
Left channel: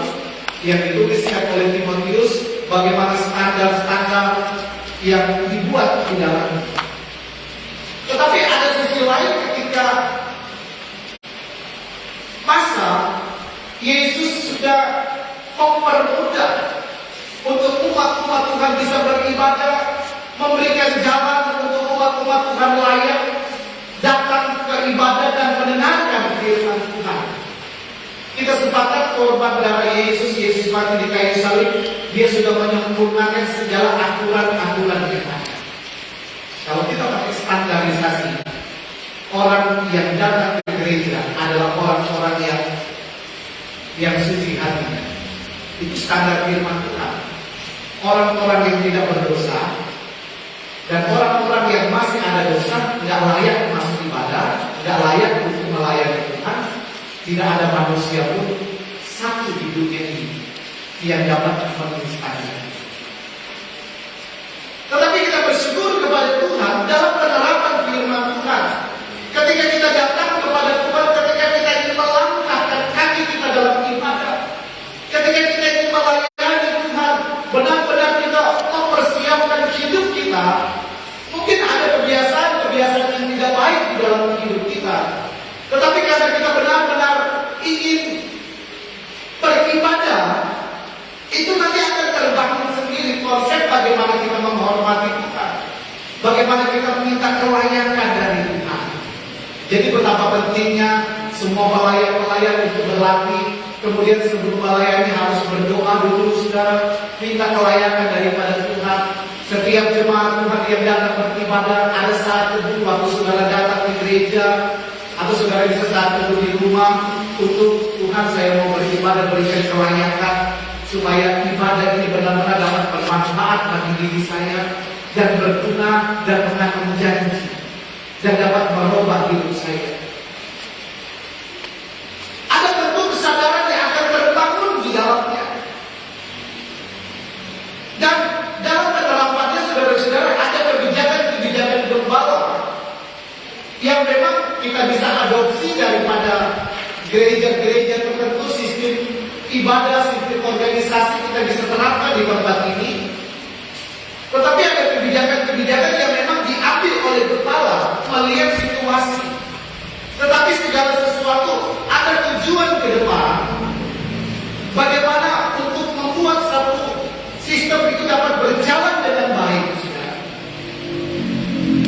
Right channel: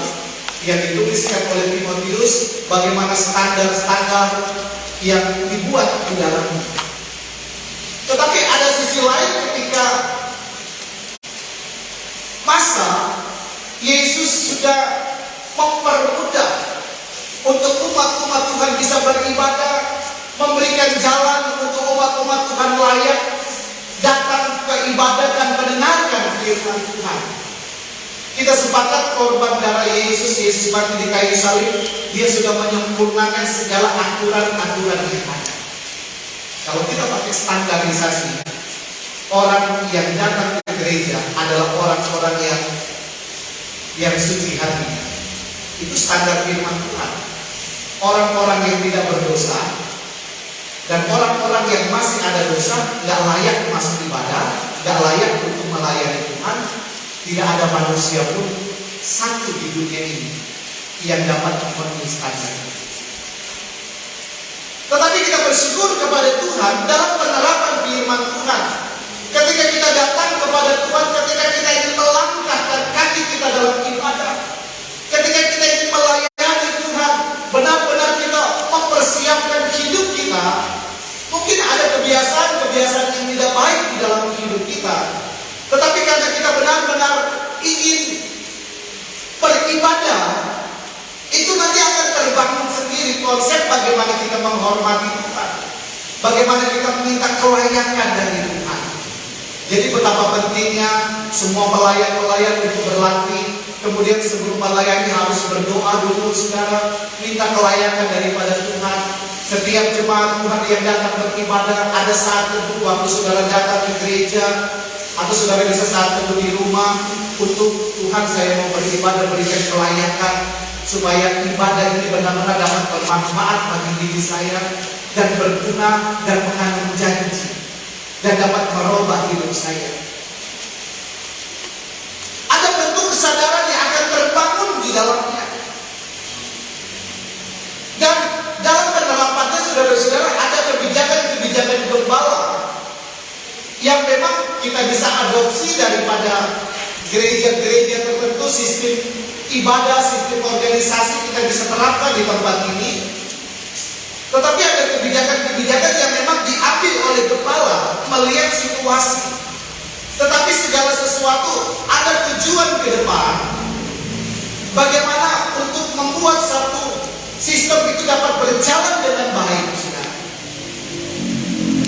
yang dituliskan oleh Timotius, bagaimana standar-standar yang dibuat di dalamnya. Tetapi ada sisi lain ketika masa Yesus sudah mempermudah untuk umat-umat Tuhan bisa beribadah, memberikan jalan untuk umat-umat Tuhan layak datang ke ibadah dan mendengarkan firman Tuhan. Kita sepakat korban darah Yesus mati di kayu salib, dia sudah menyempurnakan segala aturan-aturan yang ada. Kalau kita pakai standarisasi, orang yang datang ke gereja adalah orang-orang yang suci hatinya. Itu standar firman Tuhan. Orang-orang yang tidak berdosa dan orang-orang yang masih ada dosa nggak layak masuk ibadah, nggak layak untuk melayani Tuhan. Tidak ada manusia pun satu di dunia ini yang dapat memenuhi standar. Tetapi kita bersyukur kepada Tuhan dalam penerapan firman Tuhan. Ketika kita datang kepada Tuhan, ketika kita ingin melangkahkan kaki kita dalam ibadah, ketika kita ingin melayani Tuhan, benar-benar kita mempersiapkan hidup kita. Mungkin ada kebiasaan-kebiasaan yang tidak baik di dalam hidup kita, tetapi karena kita benar-benar ingin beribadah, itu nanti akan terbangun sendiri konsep bagaimana kita menghormati Tuhan, bagaimana kita meminta kelayakan dari Tuhan. Jadi betapa pentingnya semua pelayan-pelayan untuk berlatih. Kemudian sebelum melayani harus berdoa dulu, saudara, minta kelayakan daripada Tuhan. Setiap jemaat Tuhan yang datang beribadah, ada saat teduh waktu saudara datang ke gereja, atau saudara bisa saat teduh di rumah, untuk Tuhan saya mau beribadah, berikan kelayakan, supaya ibadah ini benar-benar dapat bermanfaat bagi diri saya, dan berguna, dan mengandung janji, dan dapat merubah hidup saya. Ada bentuk kesadaran yang akan terbangun di dalamnya. Dan dalam penerapannya, saudara-saudara, ada kebijakan-kebijakan gembala yang memang kita bisa adopsi daripada gereja-gereja tertentu. Sistem ibadah, sistem organisasi kita bisa terapkan di tempat ini. Tetapi ada kebijakan-kebijakan yang memang diambil oleh kepala melihat situasi. Tetapi segala sesuatu ada tujuan ke depan. Bagaimana untuk membuat satu sistem itu dapat berjalan dengan baik, saudara.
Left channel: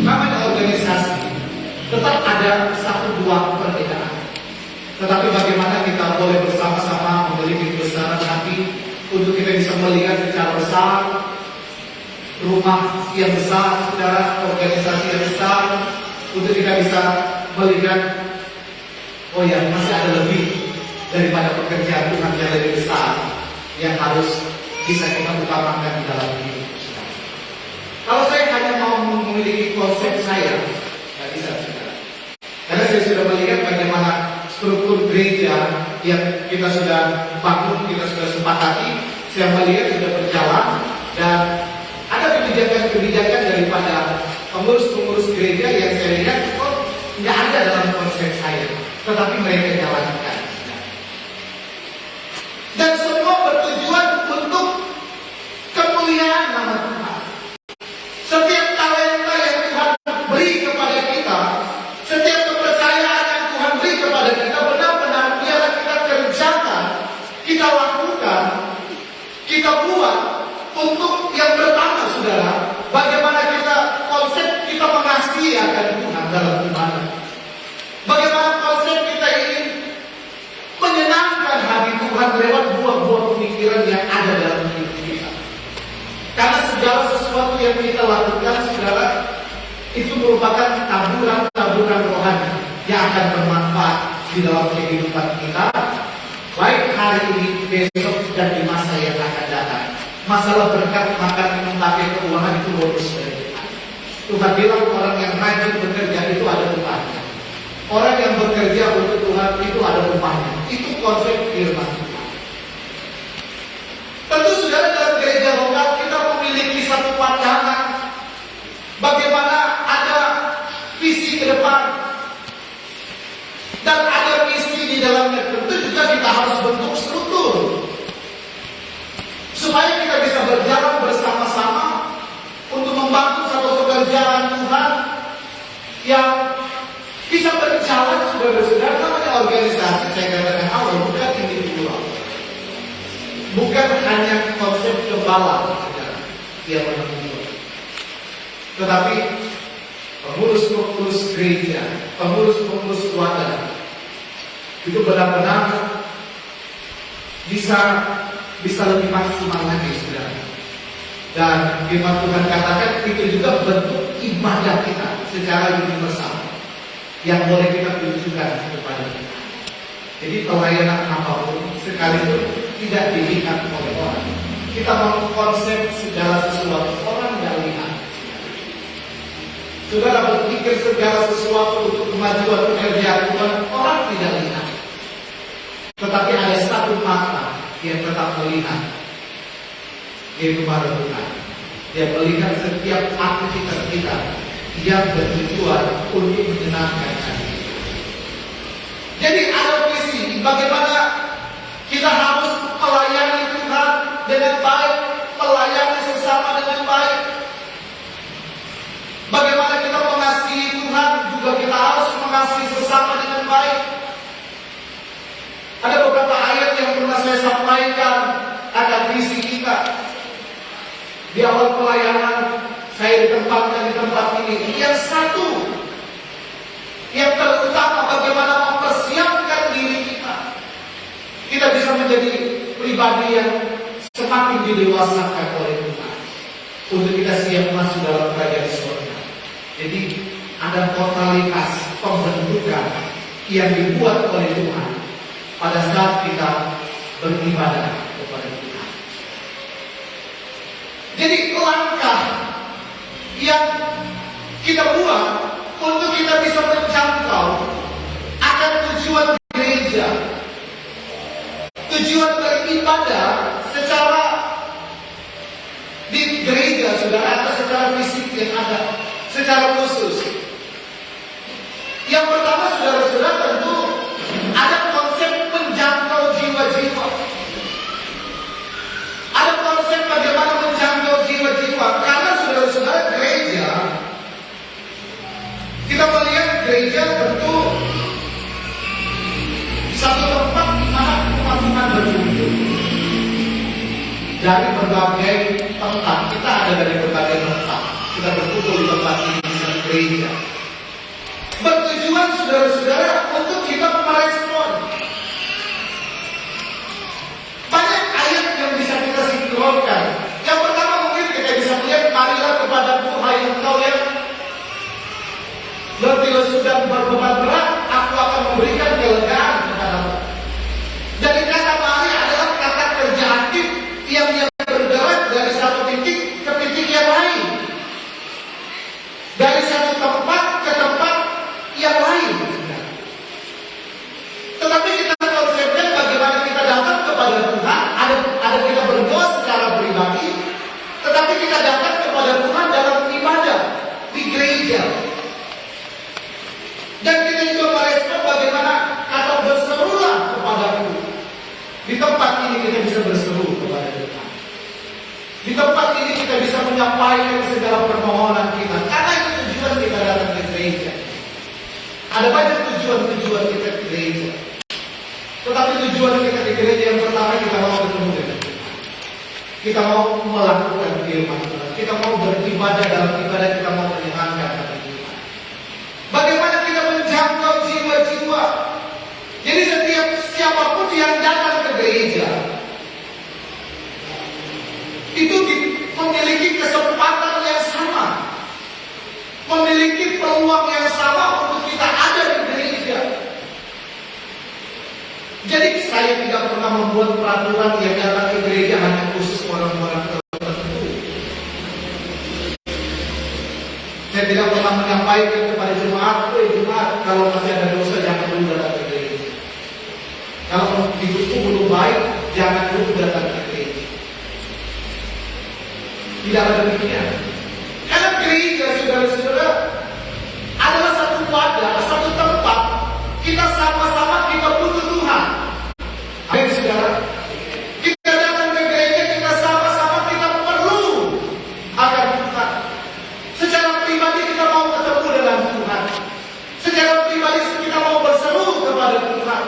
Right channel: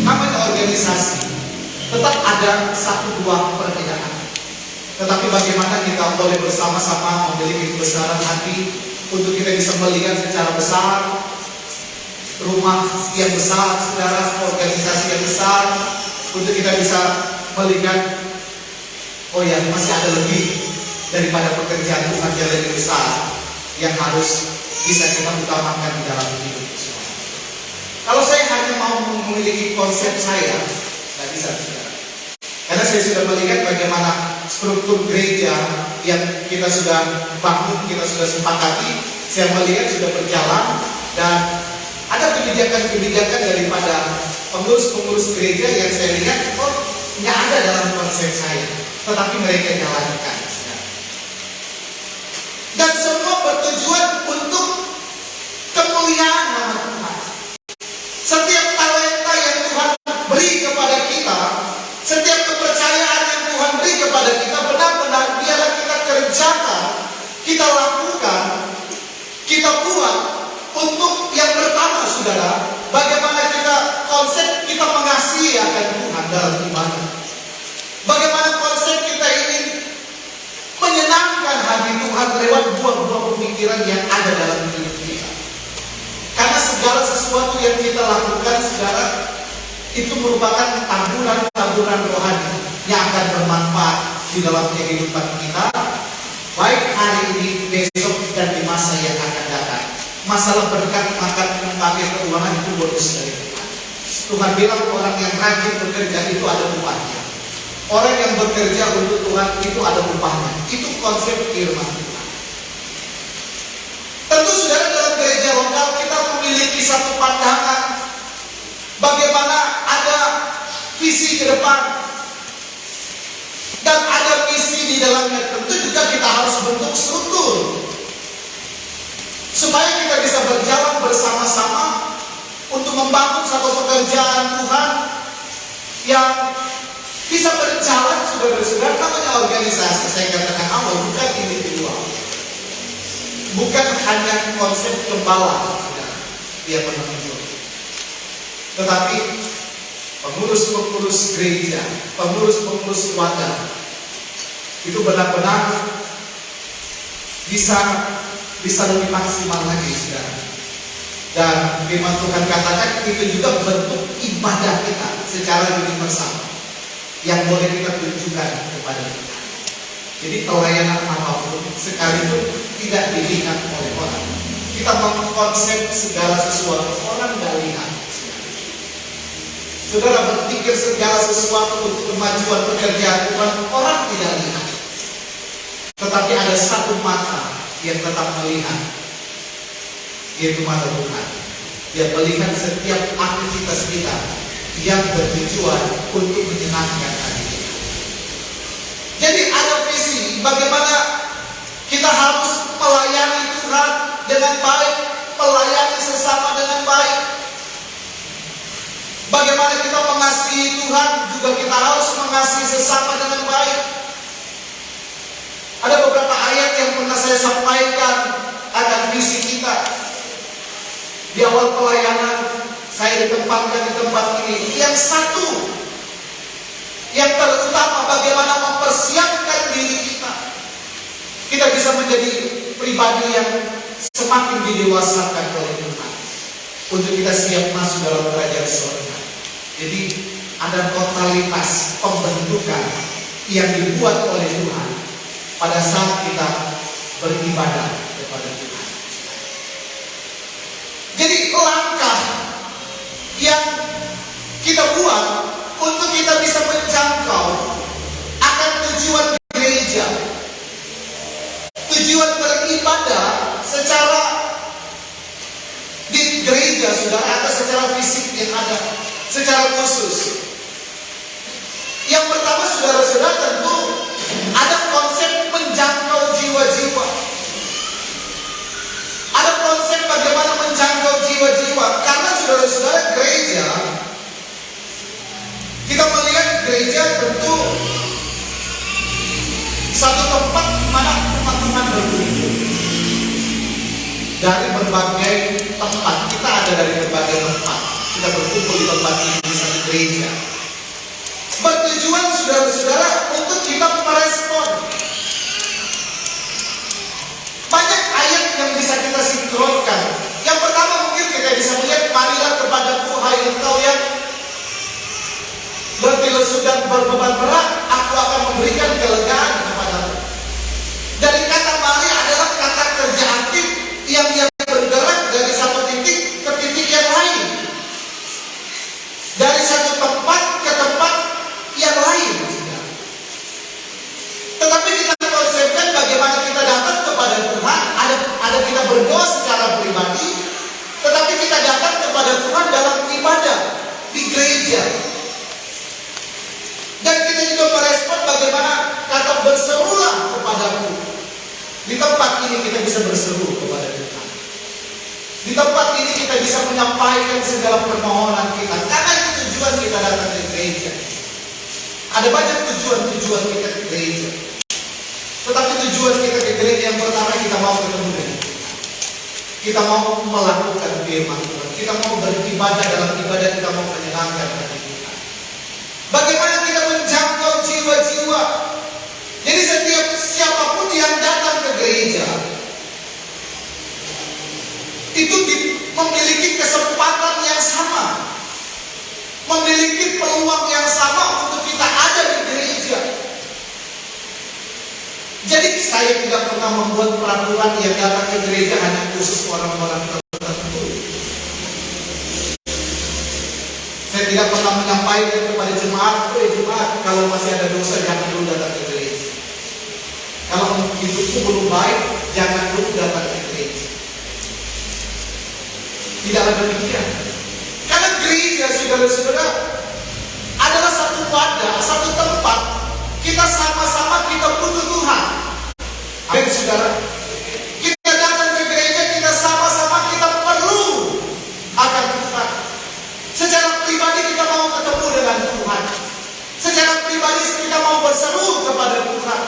Namanya organisasi, tetap ada satu dua perbedaan. Tetapi bagaimana kita boleh bersama-sama memiliki kebesaran hati untuk kita bisa melihat secara besar rumah yang besar, saudara, organisasi yang besar, untuk kita bisa melihat, oh ya, masih ada lebih daripada pekerjaan Tuhan yang lebih besar yang harus bisa kita utamakan di dalam hidup. Kalau saya hanya mau memiliki konsep saya, nggak bisa, saudara. Karena saya sudah melihat bagaimana struktur gereja yang kita sudah bangun, kita sudah sepakati, saya melihat sudah berjalan, dan ada kebijakan-kebijakan daripada pengurus-pengurus gereja yang saya lihat, oh, nggak ada dalam konsep saya, tetapi mereka jalankan. Dan semua bertujuan untuk kemuliaan nama Tuhan. Setiap talenta yang Tuhan beri kepada kita, setiap kepercayaan yang Tuhan beri kepada kita, benar-benar biarlah kita kerjakan, kita lakukan, kita buat untuk yang pertama, saudara, bagaimana kita konsep kita mengasihi akan Tuhan dalam ibadah. Bagaimana konsep kita ingin menyenangkan hati Tuhan lewat buah-buah pemikiran yang ada dalam hidup kita. Karena segala sesuatu yang kita lakukan, saudara, itu merupakan taburan-taburan rohani yang akan bermanfaat di dalam kehidupan kita, baik hari ini, besok, dan di masa yang akan datang. Masalah berkat makan minum pakai keuangan itu bonus dari Tuhan. Tuhan bilang orang yang rajin bekerja itu ada upahnya. Orang yang bekerja untuk Tuhan itu ada upahnya. Itu konsep firman Tuhan. Tentu saudara, dalam gereja lokal kita memiliki satu pandangan bagaimana ada visi ke depan dan ada misi di dalamnya. Tentu juga kita harus bentuk struktur supaya kita bisa berjalan bersama-sama untuk membangun satu pekerjaan Tuhan yang bisa berjalan, saudara-saudara. Namanya organisasi, saya katakan awal, bukan individual, bukan hanya konsep gembala, saudara, dia menentu, tetapi pengurus-pengurus gereja, pengurus-pengurus wadah itu benar-benar bisa lebih maksimal lagi, saudara. Dan firman Tuhan katakan itu juga bentuk ibadah kita secara universal yang boleh kita tunjukkan kepada kita. Jadi pelayanan apapun sekalipun tidak dilihat oleh orang, kita mengkonsep segala sesuatu orang tidak lihat. Saudara berpikir segala sesuatu untuk kemajuan pekerjaan Tuhan orang tidak lihat. Tetapi ada satu mata yang tetap melihat, yaitu mata Tuhan. Dia melihat setiap aktivitas kita yang bertujuan untuk menyenangkan hati kita. Jadi ada visi bagaimana kita harus melayani Tuhan dengan baik, melayani sesama dengan baik. Bagaimana kita mengasihi Tuhan, juga kita harus mengasihi sesama dengan baik. Ada beberapa ayat yang pernah saya sampaikan akan visi kita. Di awal pelayanan saya ditempatkan di tempat ini. Yang satu, yang terutama bagaimana mempersiapkan diri kita. Kita bisa menjadi pribadi yang semakin didewasakan oleh Tuhan untuk kita siap masuk dalam kerajaan surga. Jadi ada totalitas pembentukan yang dibuat oleh Tuhan pada saat kita beribadah kepada Tuhan. Jadi langkah yang kita buat untuk kita bisa menjangkau akan tujuan gereja, tujuan beribadah secara di gereja saudara, atau secara fisik yang ada, secara khusus. Yang pertama saudara-saudara, tentu ada konsep menjangkau jiwa-jiwa. Ada konsep bagaimana menjangkau jiwa-jiwa. Karena saudara-saudara, gereja, kita melihat gereja tentu satu tempat di mana umat Tuhan berkumpul. Dari berbagai tempat, kita ada dari berbagai tempat. Kita berkumpul di tempat ini, di satu gereja. Bertujuan saudara-saudara untuk kita merespon. Banyak ayat yang bisa kita sinkronkan. Yang pertama mungkin kita bisa melihat, marilah kepadaku hai engkau yang berarti sudah berbeban berat, aku akan memberikan kelegaan kepadamu. Dari kata mari adalah kata kerja aktif yang bergerak dari satu titik ke titik yang lain, dari satu tempat ke tempat yang lain. Tetapi kita konsepkan bagaimana kita datang kepada Tuhan. Ada kita berdoa secara pribadi, tetapi kita datang kepada Tuhan dalam ibadah di gereja. Dan kita juga merespon bagaimana kata berserulah kepadaku. Di tempat ini kita bisa berseru kepada Tuhan. Di tempat ini kita bisa menyampaikan segala permohonan kita. Karena itu tujuan kita datang ke gereja. Ada banyak tujuan kita ke gereja. Tetapi tujuan kita ke gereja yang pertama, kita mau ketemu dengan Tuhan. Kita mau melakukan firman Tuhan. Kita mau beribadah, dalam ibadah kita mau menyenangkan hati Tuhan. Bagaimana kita menjangkau jiwa-jiwa. Jadi setiap siapapun yang datang ke gereja itu memiliki kesempatan yang sama, memiliki peluang yang sama untuk kita ada di gereja. Jadi saya tidak pernah membuat peraturan yang datang ke gereja hanya khusus orang-orang tertentu. Saya tidak pernah menyampaikan kepada jemaat, jemaat kalau masih ada dosa jangan dulu datang ke gereja. Kalau hidupku belum baik, jangan dulu datang ke gereja. Tidak ada demikian. Karena gereja, saudara-saudara, adalah satu wadah, satu tempat. Kita sama-sama kita butuh Tuhan. Amin, saudara. Kita datang ke gereja, kita sama-sama kita perlu akan Tuhan. Secara pribadi kita mau ketemu dengan Tuhan. Secara pribadi kita mau berseru kepada Tuhan.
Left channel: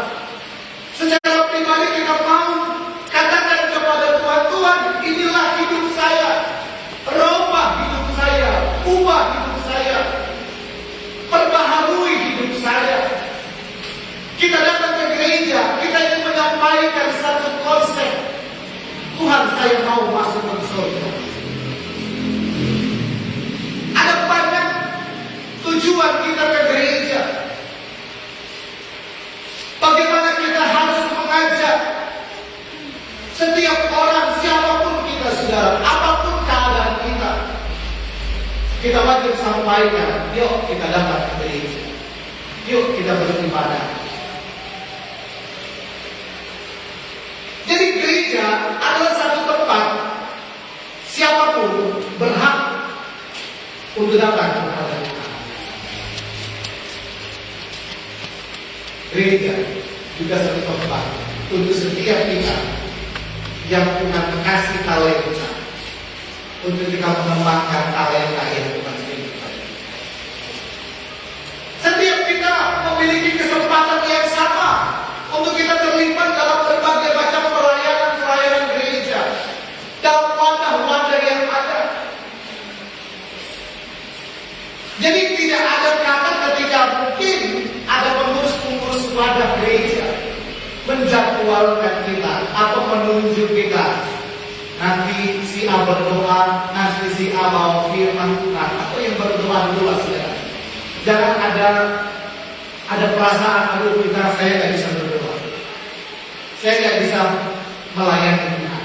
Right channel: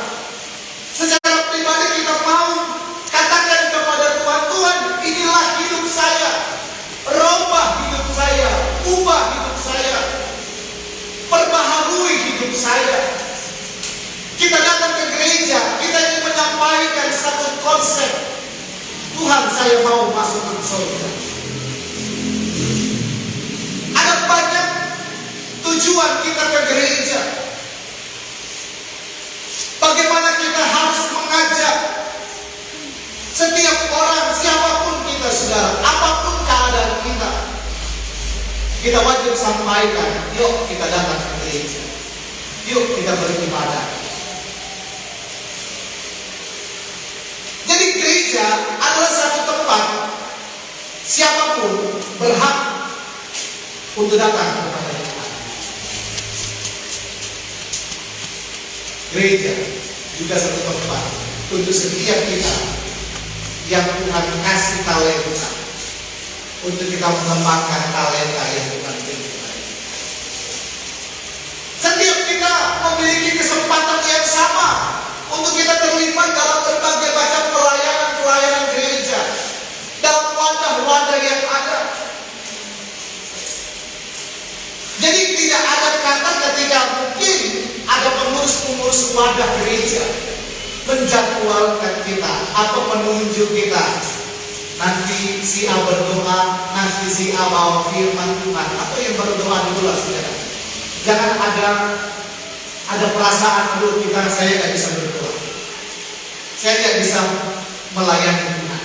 Secara pribadi kita mau katakan kepada Tuhan, Tuhan, inilah hidup saya. Rubah hidup saya, ubah hidup saya, perbaharui hidup saya. Kita datang ke gereja, kita ingin menyampaikan satu konsep. Tuhan, saya mau masuk ke surga. tujuan kita ke gereja. Bagaimana kita harus mengajak setiap orang, siapapun kita saudara, apapun keadaan kita. Kita wajib sampaikan, yuk kita datang ke gereja. Yuk kita beribadah. Jadi gereja adalah satu tempat siapapun berhak untuk datang kepada Tuhan. Gereja juga satu tempat untuk setiap kita yang Tuhan kasih talenta, untuk kita mengembangkan talenta yang Tuhan berikan. Setiap kita memiliki kesempatan yang sama untuk kita terlibat dalam berbagai macam pelayanan gereja, dalam wadah-wadah yang ada. Jadi tidak ada kata ketika mungkin ada pengurus-pengurus wadah gereja menjadwalkan kita atau menunjuk kita. Nanti si A berdoa, nanti si A bawa firman Tuhan, atau yang berdoa dulu lah saudara. Jangan ada perasaan, aduh saya nggak bisa berdoa, saya nggak bisa melayani Tuhan.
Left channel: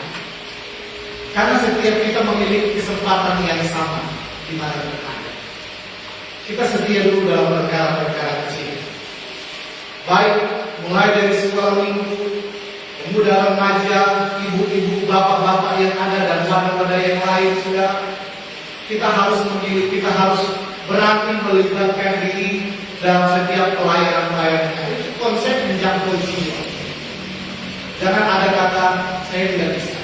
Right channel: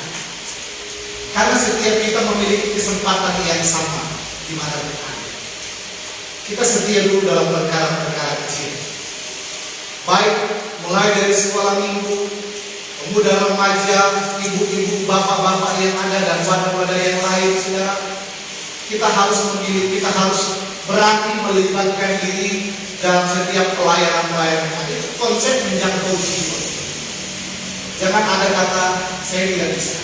Karena setiap kita memiliki kesempatan yang sama di mana Tuhan. Kita setia dulu dalam perkara-perkara kecil. Baik mulai dari sekolah minggu, pemuda remaja, ibu-ibu, bapak-bapak yang ada dan wadah-wadah yang lain, saudara. Kita harus memilih, kita harus berani melibatkan diri dalam setiap pelayanan-pelayanan. Itu konsep menjangkau jiwa. Jangan ada kata saya tidak bisa.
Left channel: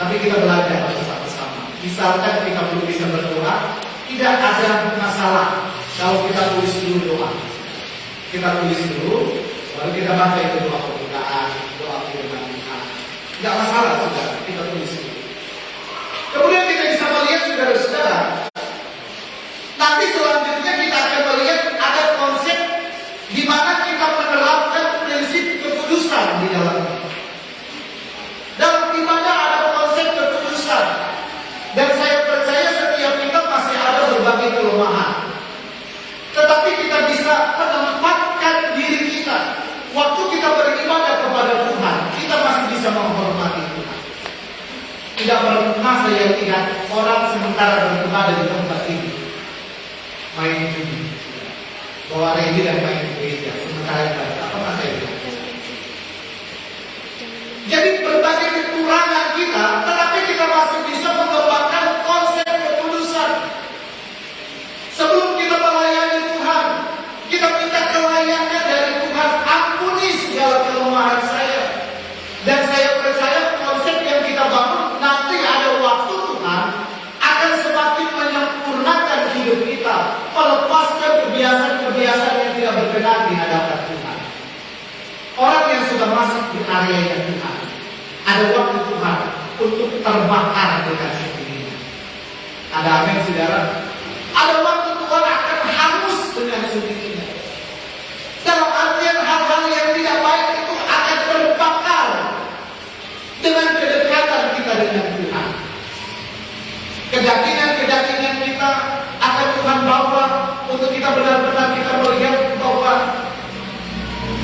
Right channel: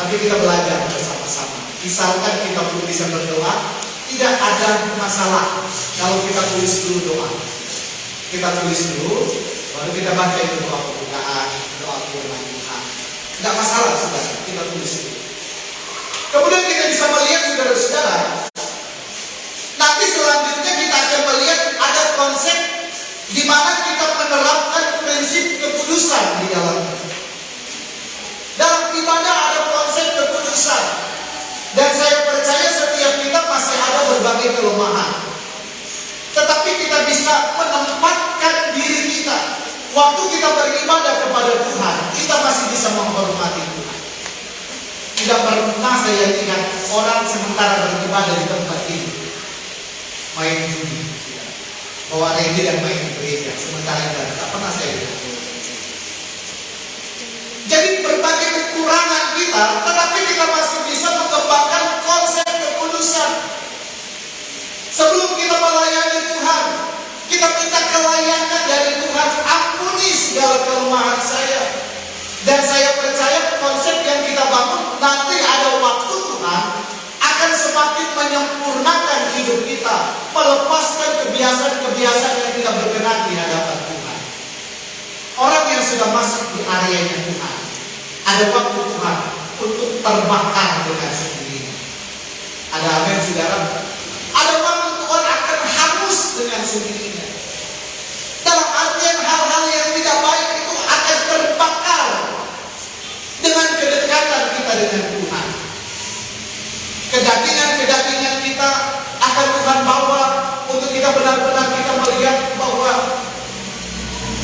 Tapi kita belajar bersama-sama. Misalkan kita belum bisa berdoa, tidak ada masalah kalau kita tulis dulu doa. Kita tulis dulu, baru kita baca itu doa pembukaan, doa firman Tuhan. Tidak masalah saudara, kita tulis dulu. Kemudian kita bisa melihat saudara-saudara, nanti selanjutnya kita akan melihat ada konsep di mana kita menerapkan prinsip kekudusan di dalamnya. Dalam ibadah ada konsep kekudusan, dan saya percaya setiap kita masih ada berbagai kelemahan. Tetapi kita bisa menempatkan diri kita. Waktu kita beribadah kepada Tuhan, kita masih bisa menghormati Tuhan. Tidak pernah saya lihat orang sementara beribadah di tempat ini main judi, bawa regi dan main gereja sementara ibadah. Tak pernah saya lihat. Jadi berbagai kekurangan kita, tetapi kita masih bisa mengembangkan konsep kekudusan. Sebelum kita melayani Tuhan, kita minta kelayakan dari Tuhan. Ampuni segala kelemahan saya. Dan saya percaya konsep yang kita bangun, nanti ada waktu Tuhan akan semakin menyempurnakan hidup kita, melepaskan kebiasaan-kebiasaan yang tidak berkenan di hadapan Tuhan. Orang yang sudah masuk di area Tuhan, ada waktu Tuhan untuk terbakar dengan sendirinya. Ada amin saudara? Ada waktu Tuhan akan hangus dengan sendirinya. Dalam artian hal-hal yang tidak baik itu akan terbakar dengan kedekatan kita dengan Tuhan. Kedagingan-kedagingan kita akan Tuhan bawa untuk kita benar-benar kita melihat bahwa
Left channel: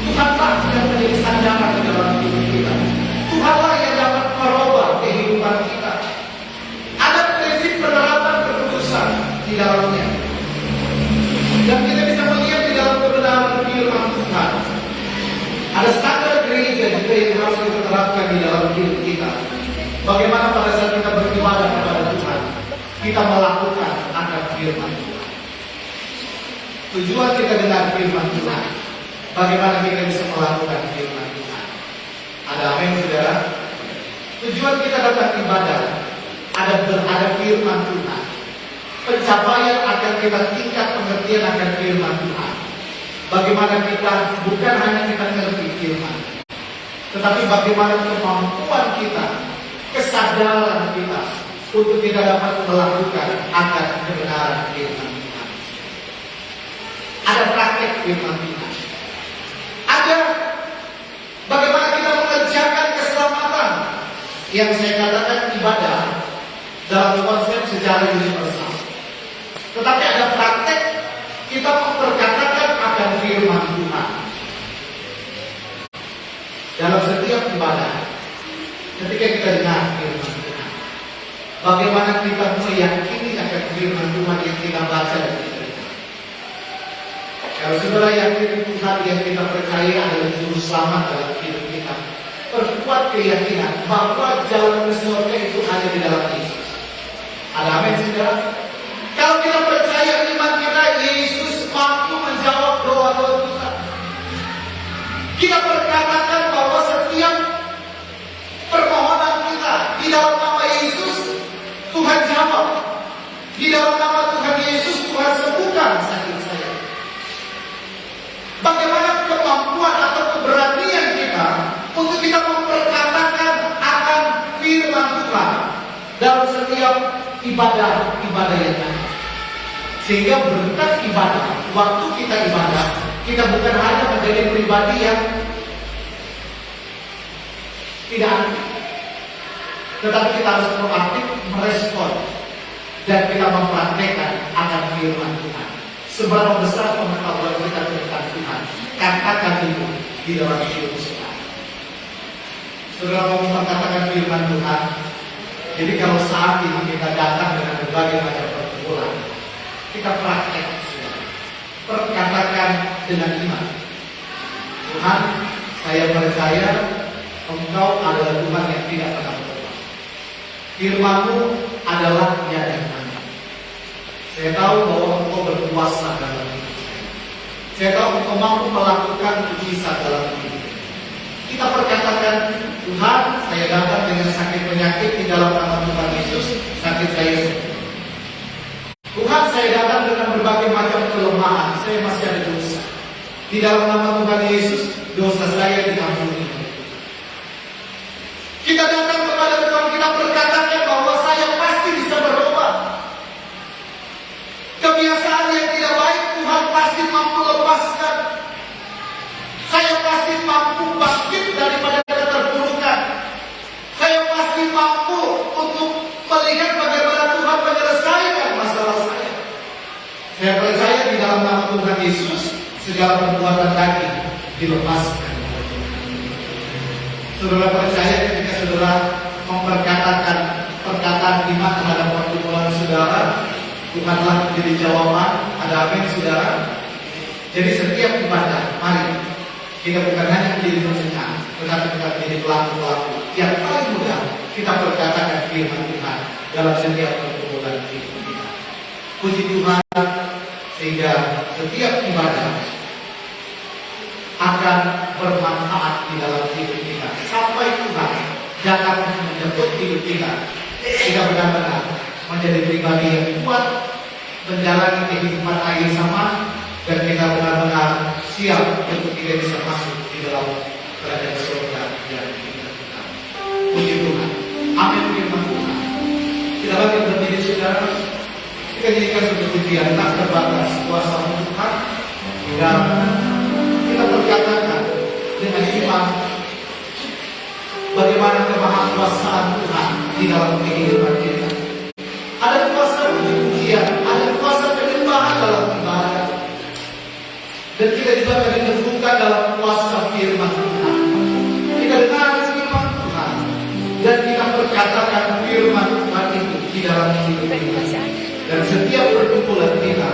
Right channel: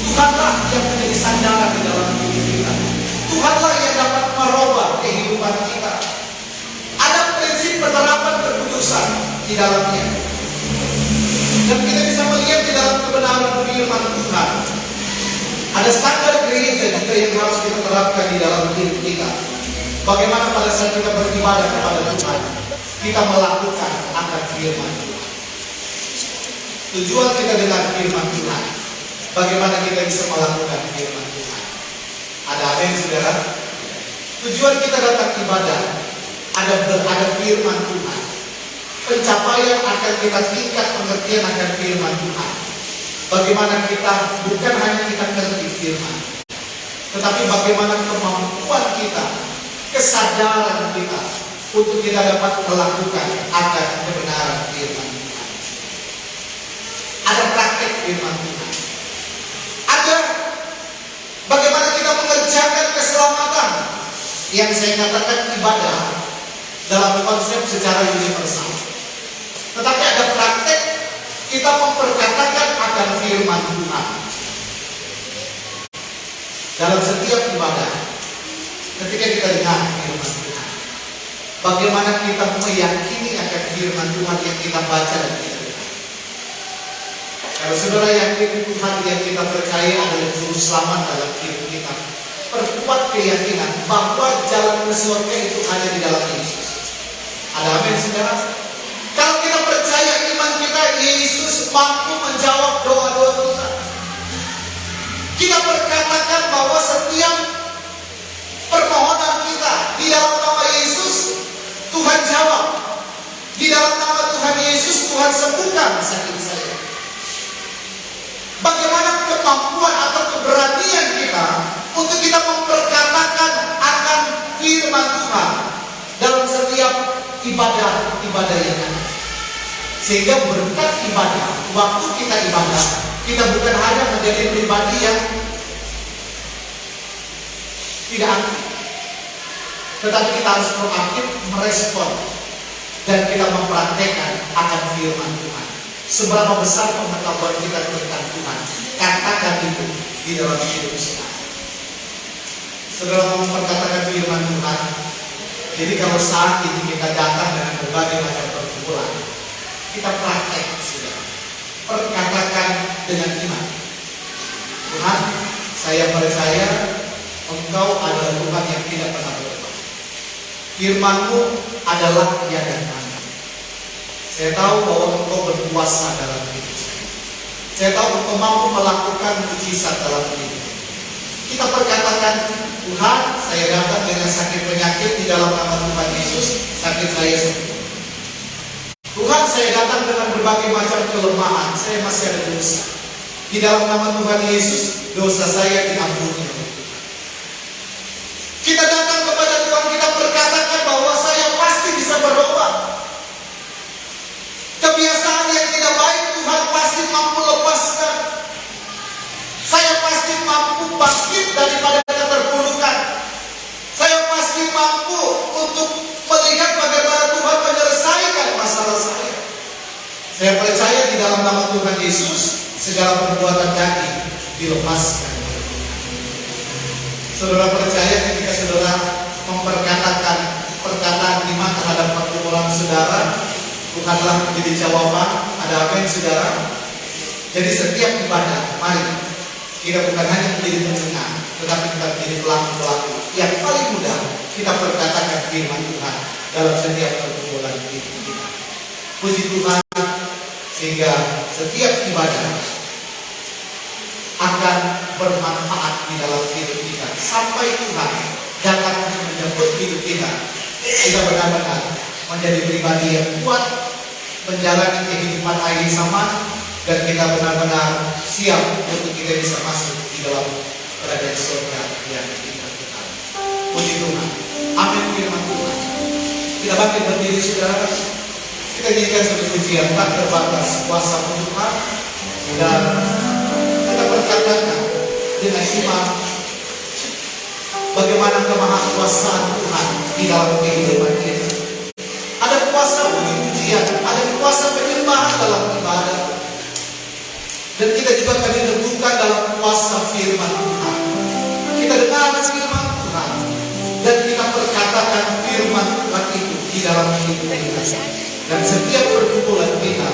Tuhanlah yang menjadi sandaran di dalam hidup kita. Tuhanlah yang dapat merubah kehidupan kita. Ada prinsip penerapan kekudusan di dalamnya. Dan kita bisa melihat di dalam kebenaran firman Tuhan. Ada standar gereja juga yang harus kita terapkan di dalam hidup kita. Bagaimana pada saat kita beribadah kepada Tuhan, kita melakukan akan firman Tuhan. Tujuan kita dengar firman Tuhan, bagaimana kita bisa melakukan firman Tuhan. Ada amin saudara? Tujuan kita datang ibadah, ada firman Tuhan. Pencapaian akan kita tingkat pengertian akan firman Tuhan. Bagaimana kita bukan hanya kita mengerti firman, tetapi bagaimana kemampuan kita, kesadaran kita untuk kita dapat melakukan akan kebenaran firman Tuhan. Ada praktek firman Tuhan. Ada bagaimana kita mengerjakan keselamatan yang saya katakan ibadah dalam konsep secara universal. Tetapi ada praktek kita memperkatakan akan firman Tuhan. Dalam setiap ibadah, ketika kita dengar firman Tuhan, bagaimana kita meyakini akan firman Tuhan yang kita baca dan kita dengar. Kalau saudara yakin Tuhan yang kita percaya adalah juru selamat dalam hidup kita, perkuat keyakinan bahwa jalan ke surga itu hanya di dalam Yesus. Ada amin saudara? Kalau kita percaya iman kita, Yesus mampu menjawab doa-doa kita. Kita berkatakan bahwa setiap permohonan kita di dalam nama Yesus, Tuhan jawab. Di dalam nama Tuhan Yesus, Tuhan sembuhkan sakit saya. Bagaimana kemampuan atau keberanian kita untuk kita memperkatakan akan firman Tuhan dalam setiap ibadah yang ada. Sehingga berkat ibadah, waktu kita ibadah, kita bukan hanya menjadi pribadi yang tidak aktif, tetapi kita harus proaktif merespon dan kita mempraktekkan akan firman Tuhan. Seberapa besar pengetahuan kita tentang Tuhan, katakan itu di dalam hidup kita. Saudara mau memperkatakan firman Tuhan. Jadi kalau saat ini kita datang dengan berbagai macam pergumulan, kita praktek, saudara. Perkatakan dengan iman. Tuhan, saya percaya Engkau adalah Tuhan yang tidak pernah berubah. Firman-Mu adalah ya dan amin. Saya tahu bahwa Engkau berkuasa dalam hidup saya. Saya tahu Engkau mampu melakukan mujizat dalam hidup. Kita perkatakan, Tuhan, saya datang dengan sakit penyakit di dalam nama Tuhan Yesus, sakit saya sembuh. Tuhan, saya datang dengan berbagai macam kelemahan, saya masih ada dosa. Di dalam nama Tuhan Yesus, dosa saya diampuni. Kita datang kepada Tuhan, kita berkatakan bahwa saya pasti bisa berubah. Kebiasaan yang tidak baik Tuhan pasti mampu lepaskan. Saya pasti mampu bangkit daripada keterpurukan. Saya pasti mampu untuk melihat bagaimana Tuhan menyelesaikan masalah saya. Saya percaya di dalam nama Tuhan Yesus, segala perbuatan daging dilepaskan. Saudara percaya ketika saudara memperkatakan perkataan iman terhadap pergumulan saudara, Tuhanlah menjadi jawaban. Ada apa yang saudara? Jadi setiap ibadah, mari kita bukan hanya menjadi pendengar, tetapi kita menjadi pelaku-pelaku yang paling mudah kita perkatakan firman Tuhan dalam setiap pergumulan hidup kita. Puji Tuhan, sehingga setiap ibadah akan bermanfaat di dalam hidup kita sampai Tuhan dapat menjemput hidup kita. Kita benar-benar menjadi pribadi yang kuat, menjalani kehidupan akhir zaman, dan kita benar-benar siap untuk kita bisa masuk di dalam kerajaan surga yang kita kenal. Puji Tuhan. Amin firman Tuhan. Kita bangkit berdiri saudara. Kita nyanyikan satu pujian tak terbatas kuasa Tuhan, dan kita berkatakan dengan iman bagaimana kemahakuasaan Tuhan di dalam kehidupan kita. Ada kuasa puji-pujian, ada kuasa penyembahan dalam ibadah. Dan kita juga akan diteguhkan dalam kuasa firman Tuhan. Kita dengar firman Tuhan dan kita berkatakan firman Tuhan itu di dalam hidup kita. Dan setiap pergumulan kita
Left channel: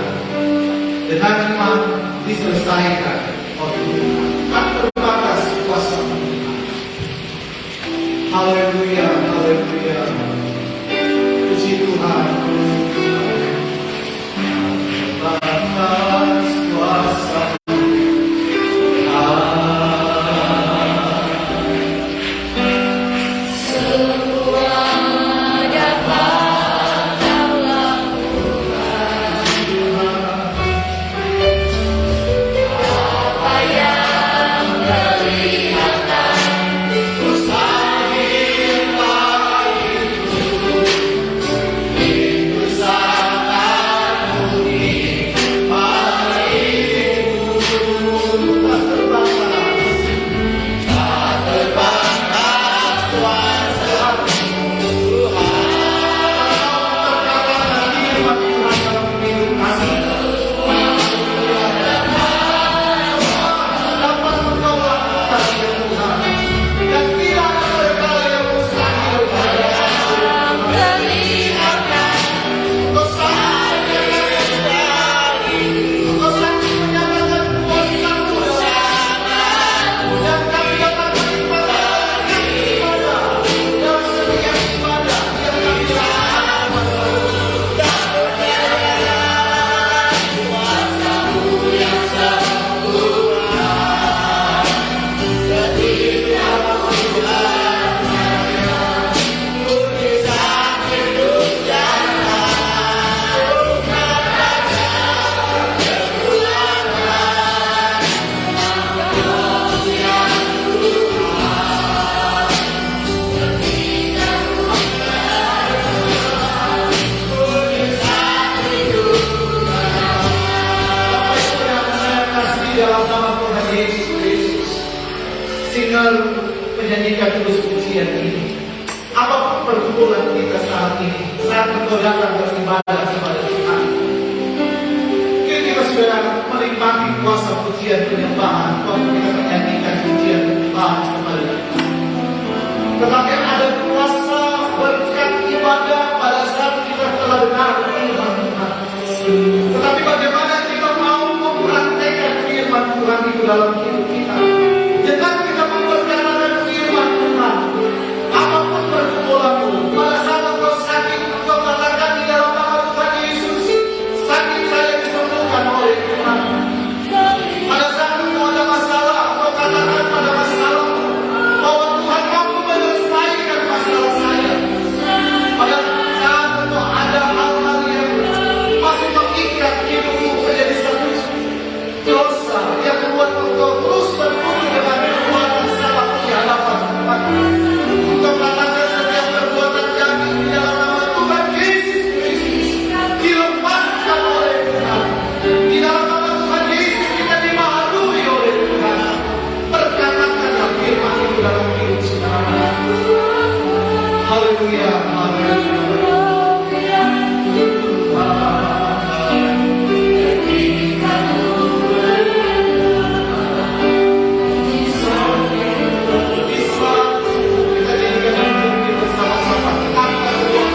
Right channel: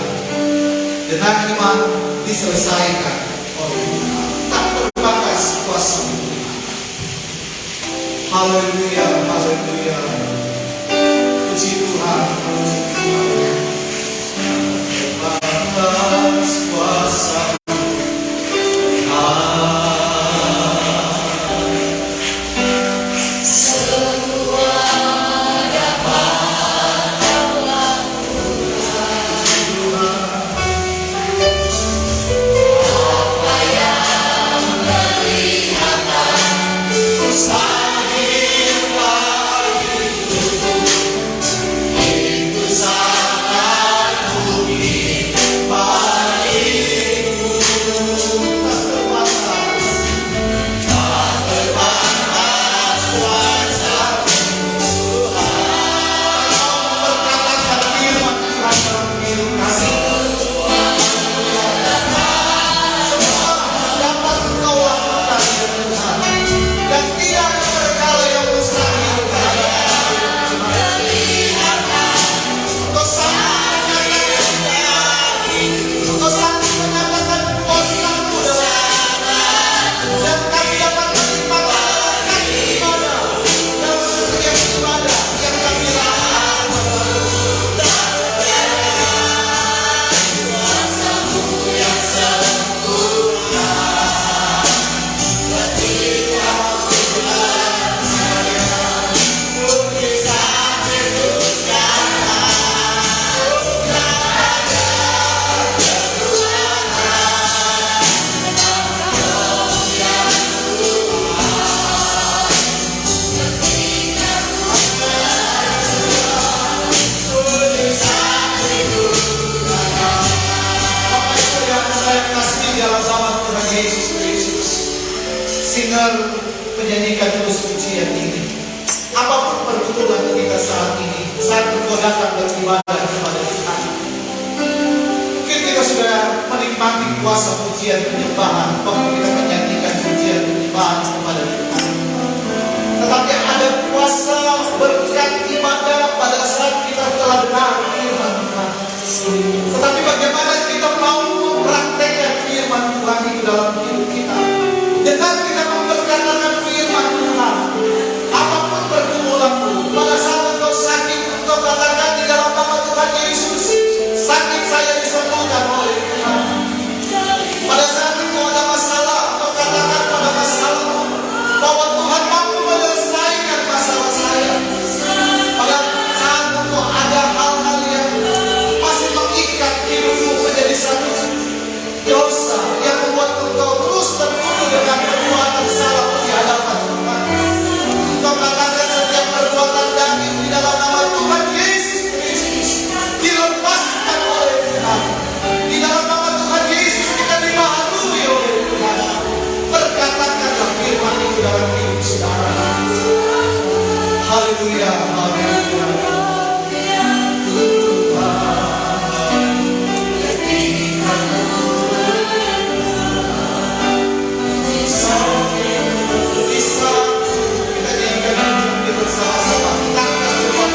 dengan iman diselesaikan oleh Tuhan. Tak terbatas kuasa Tuhan. Haleluya, haleluya. Puji Tuhan, puji Tuhan. Terbatas kuasa Sakit mendengar menyanyikan terus pujian ini. Apapun pergumulan kita saat ini, saat engkau datang beribadah kepada Tuhan, mungkin kita sudah menikmati kuasa pujian penyembahan, waktu kita menyanyikan pujian penyembahan kepada Tuhan. Tetapi ada kuasa berkat ibadah pada saat kita telah dengar firman Tuhan. Tetapi bagaimana kita mau mempraktekkan firman Tuhan itu dalam hidup kita? Dengan kita memperkatakan firman Tuhan, apapun pergumulanmu, pada saat engkau sakit, engkau katakan di dalam nama Tuhan Yesus, sakit saya disembuhkan oleh Tuhan. Pada saat engkau ada masalah, engkau katakan pada masalahmu bahwa Tuhan mampu menyelesaikan masalah saya. Pada saat engkau ada hal-hal yang masih mengikat hidupmu menjadi satu dosa yang membuat engkau terus tertuduh dengan perbuatan salah di hadapan Tuhan. Engkau katakan setiap perbuatan daging di dalam nama Tuhan Yesus Kristus dilepaskan oleh Tuhan. Di dalam nama Tuhan Yesus kita dibaharui oleh Tuhan. Perkatakanlah firman itu dalam hidup saudara. Haleluya, haleluya. Di saat kita diingatkan bersama-sama, angkat kedua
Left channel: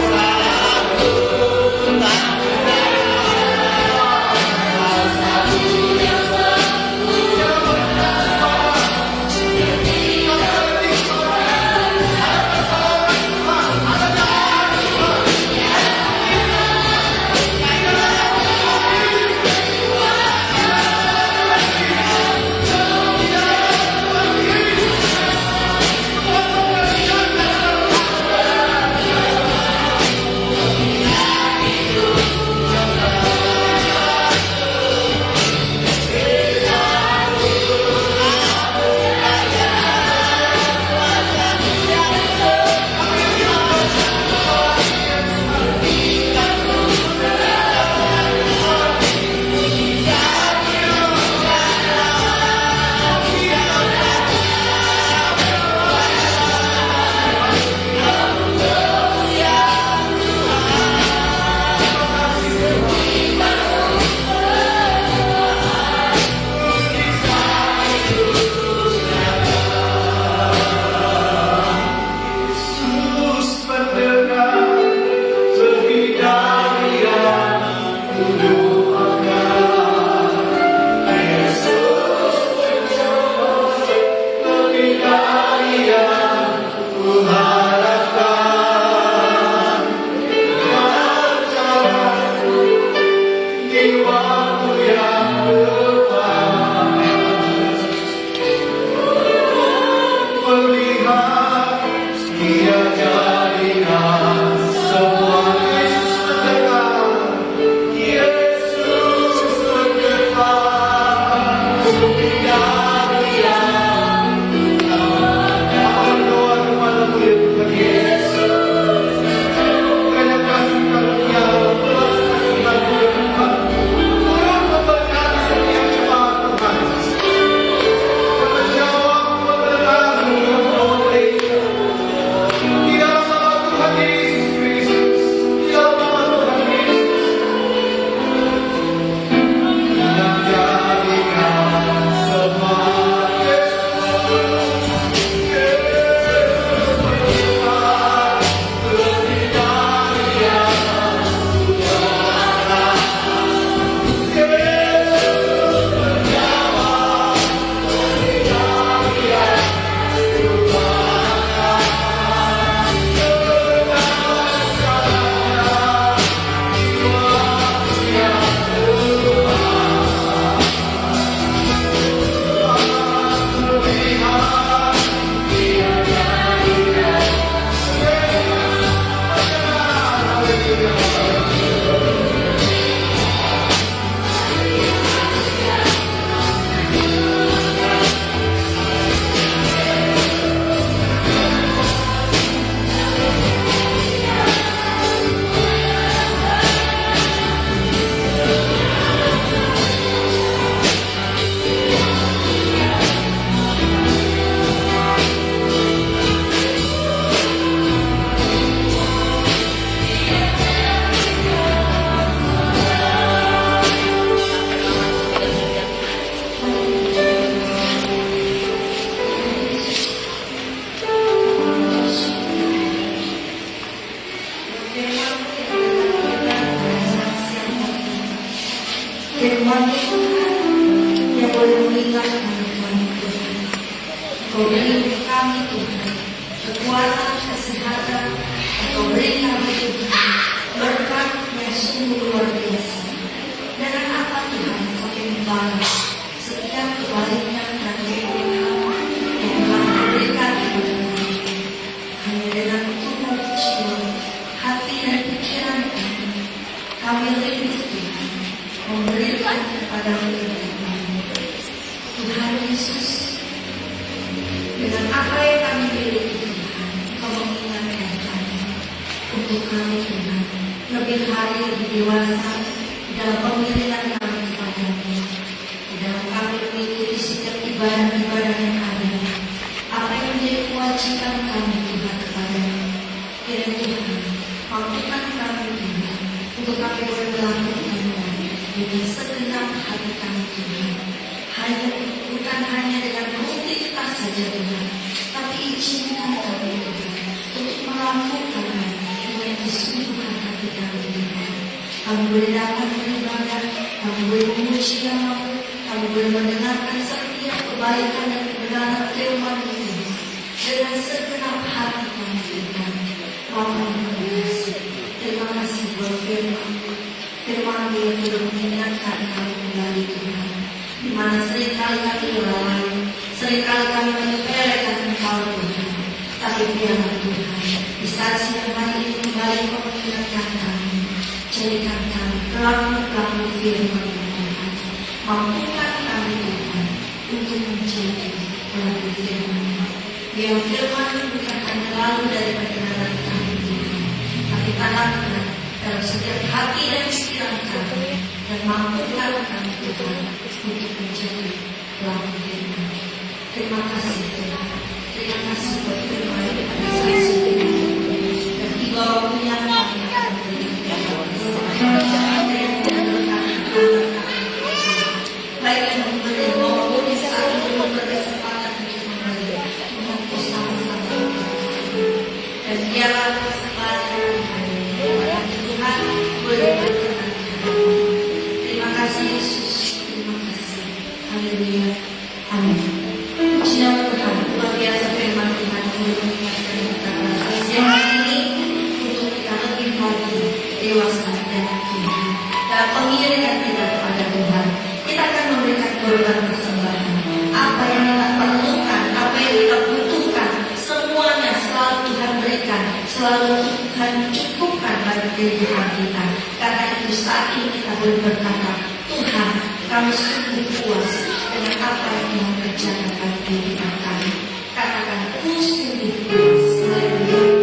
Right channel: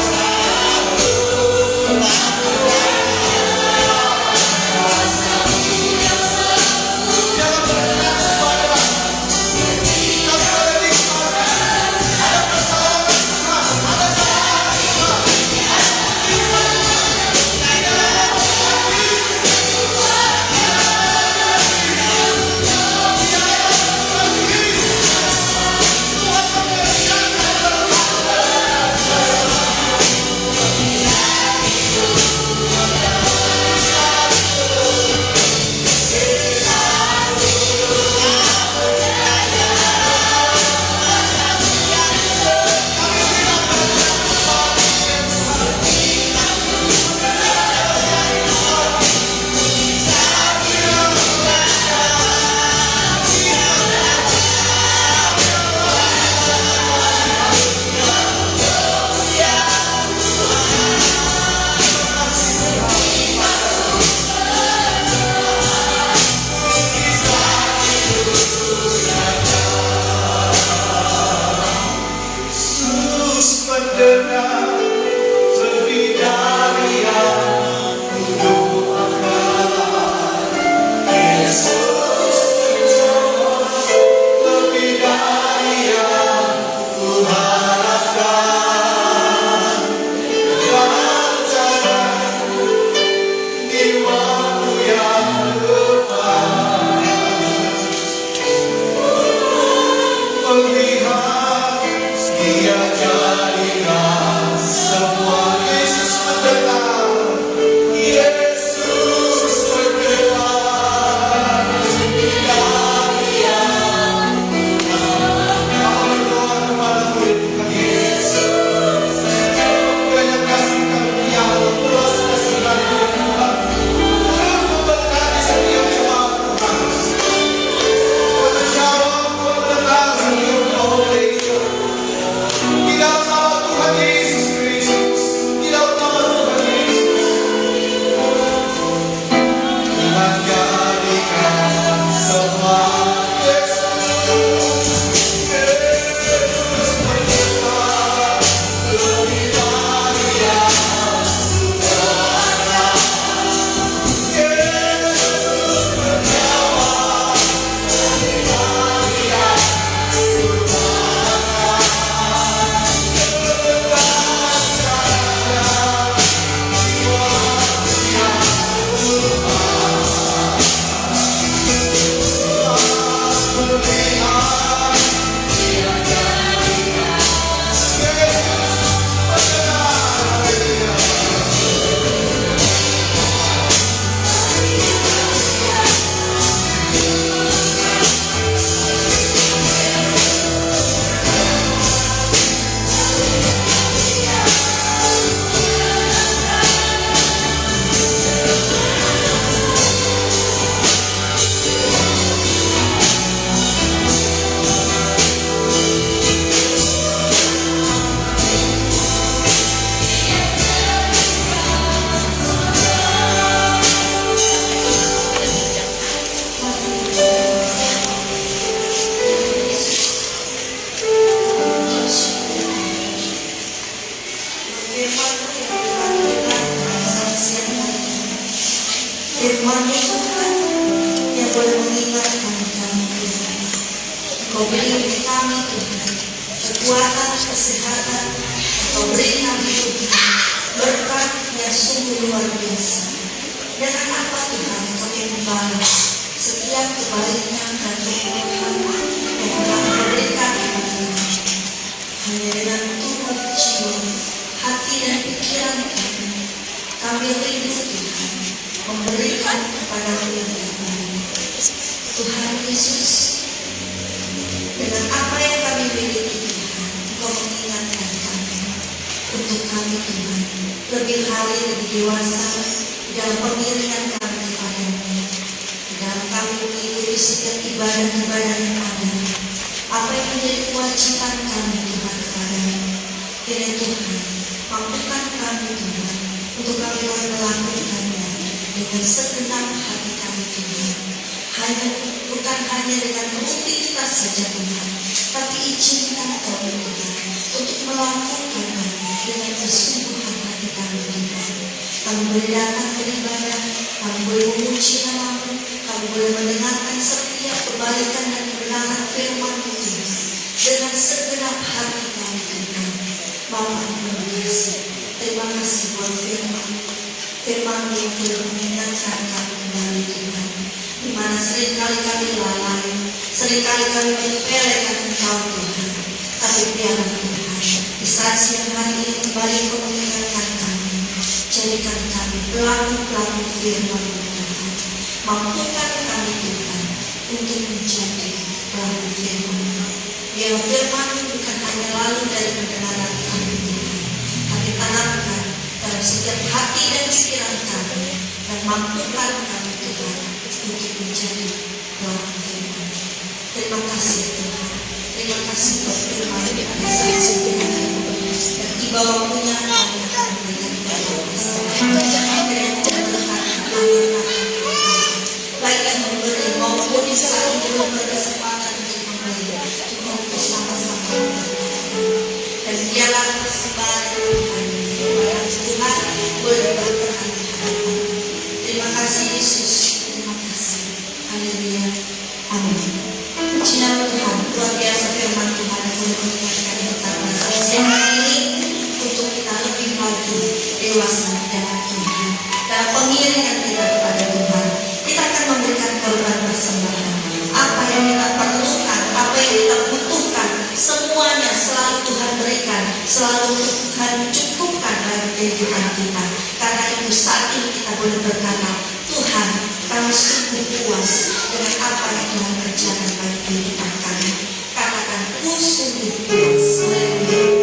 firman-Mu yang telah mendengar saat siang hari ini. Firman-Mu Tuhan yang boleh mengingatkan kami Tuhan. Kau beri kami Tuhan kekuatan, kesehatan, Kau beri kami Tuhan berkat yang sungguh luar biasa. Dengan apa Tuhan kami membalas setiap kebaikan dan keberkahan yang telah Kau berikan kepada kami. Hanya dengan tubuh jiwa, hati dan pikiran kami rindu Tuhan memberikan kepada-Mu kami. Tuhan Yesus, dengan apa yang kami miliki Tuhan, Kau mengingatkan kami untuk kami Tuhan lebih hari lebih dewasa dalam pengiringan kami kepada-Mu, dalam kami mengikuti setiap ibadah-ibadah yang ada. Apa yang menjadi kewajiban kami Tuhan kepada-Mu, kiranya Tuhan mampukan kami Tuhan untuk kami boleh melakukannya dengan segenap hati kami Tuhan. Bukan hanya dengan rutinitas saja Tuhan, tapi izinkan kami Tuhan untuk melakukannya dengan kesungguhan hati kami Tuhan. Kami boleh datang beribadah, kami boleh memuji nama-Mu, kami boleh mendengarkan setiap kebaikan dan kebenaran firman-Mu Tuhan dengan segenap hati kami Tuhan. Bapa yang kasih, terima kasih buat firman-Mu yang telah mengingatkan kami kembali Tuhan. Di mana seringkali kami lalai, seringkali kami menyepelekan Engkau Tuhan. Tapi biarlah Tuhan, di saat siang hari ini kembali Kau mengingatkan kami, jadikan kami pelaku-pelaku firman-Mu Tuhan. Mampukan kami Tuhan untuk menjadi pelaku firman-Mu. Biar firman-Mu bukan hanya lalu dari pendengaran kami Tuhan, tapi tanamkan dalam setiap hati dan pikiran kami, dan mampukan kami Tuhan untuk menjadi pelaku firman. Terima kasih Tuhan. Terima kasih buat firman yang ada saat ini. Dan tiba waktunya kami akan memberikan kepada kesempatan yang memberkati anak-anak baik yang memberi maupun yang saat ini berkesempatan untuk memberi. Tuhan bersama-sama dan biarlah kesempatan Tuhan kepada Tuhan boleh berkenan. Terima kasih Yesus. Terima kasih. Haleluya. Amin. Puji nama Tuhan. Luar biasa firman Tuhan yang boleh mengingatkan kepada siang hari ini untuk kita lebih lagi dewasa dalam Tuhan. Dalam pengiringan kita kepada Tuhan, kita akan memberikan korban persembahan. Apa yang kita perlukan, apa yang kita butuhkan, semuanya selalu Tuhan berikan, selalu Tuhan cukupkan dalam kehidupan kita. Karena itu saat ini kita boleh berkata, Tuhan, kami sungguh puas dengan apa yang Tuhan kerjakan dalam kehidupan kami. Katakan, ku sungguh puas. Haleluya.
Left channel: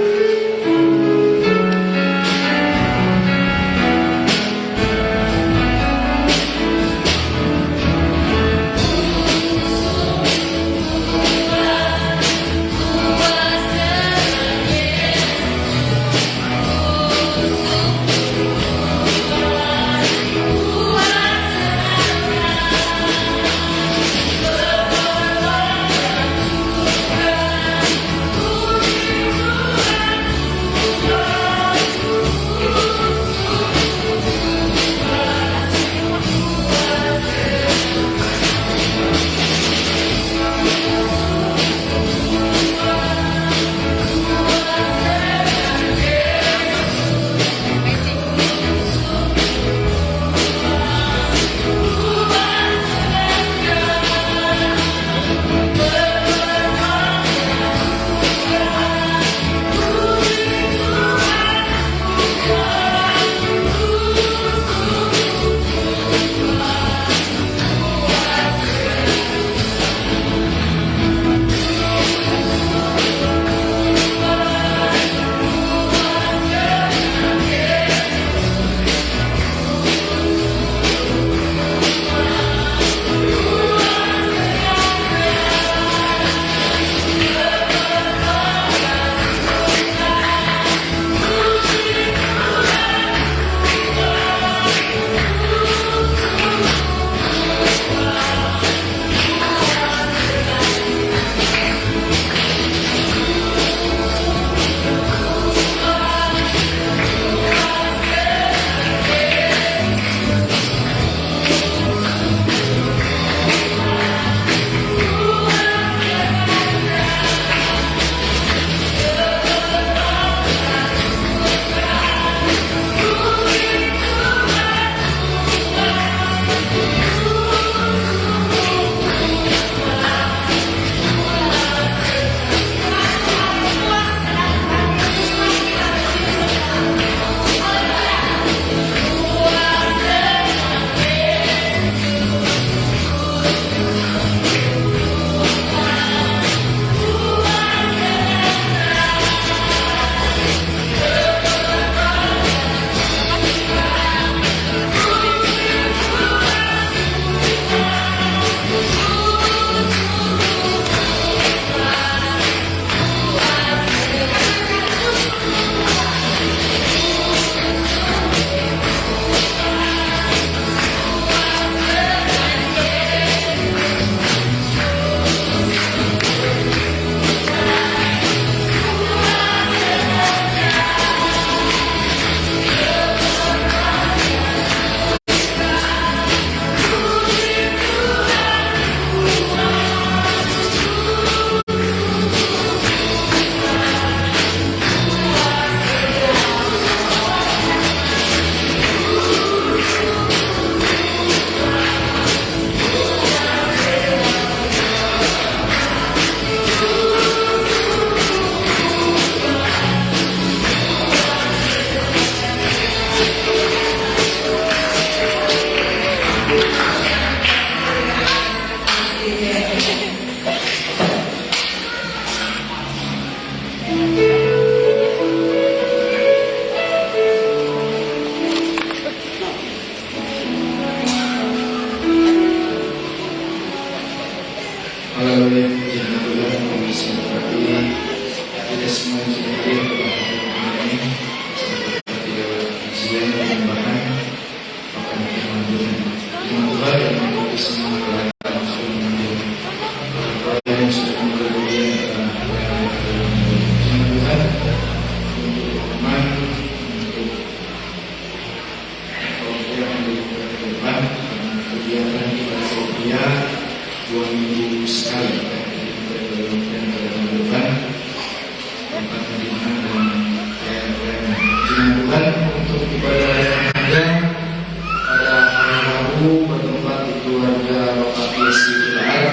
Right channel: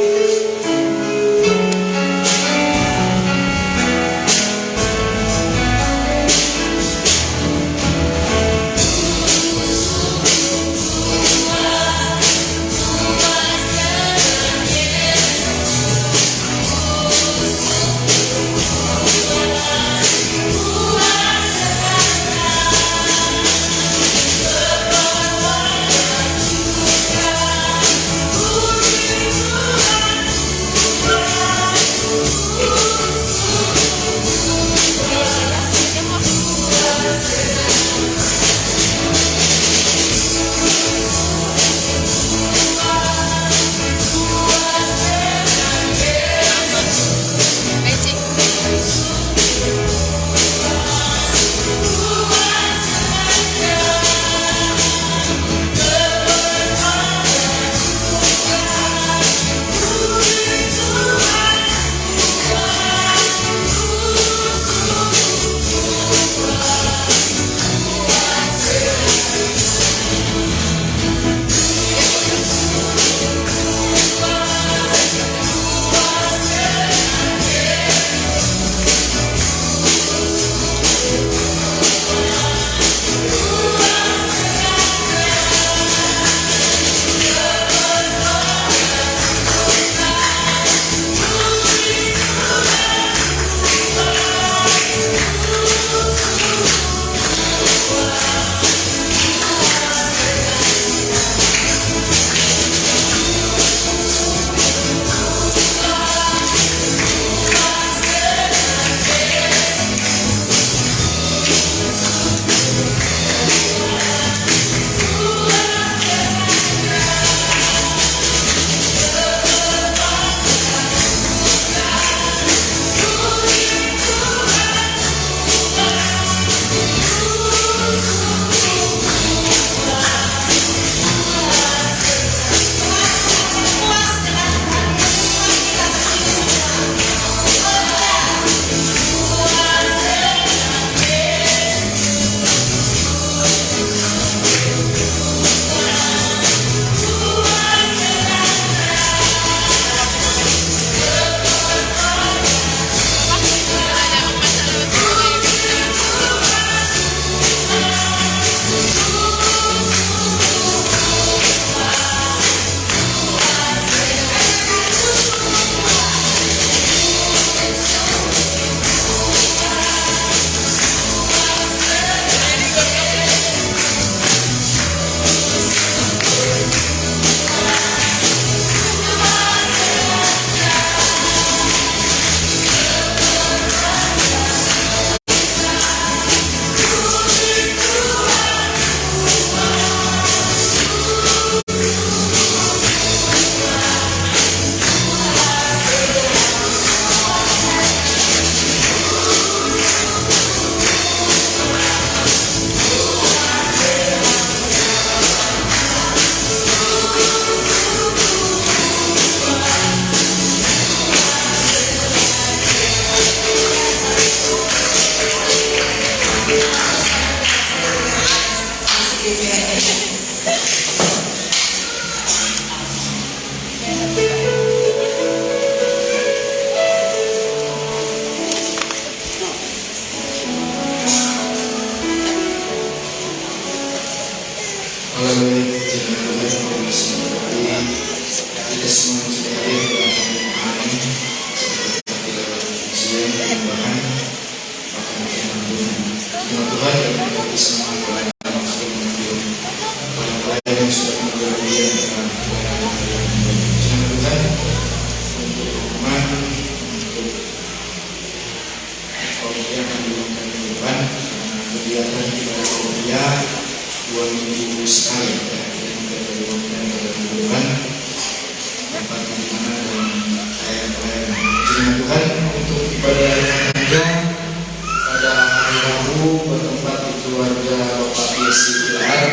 Tuhan, untuk ibadah remaja pada hari Rabu bertempat di keluarga Bapak Yesi Pilar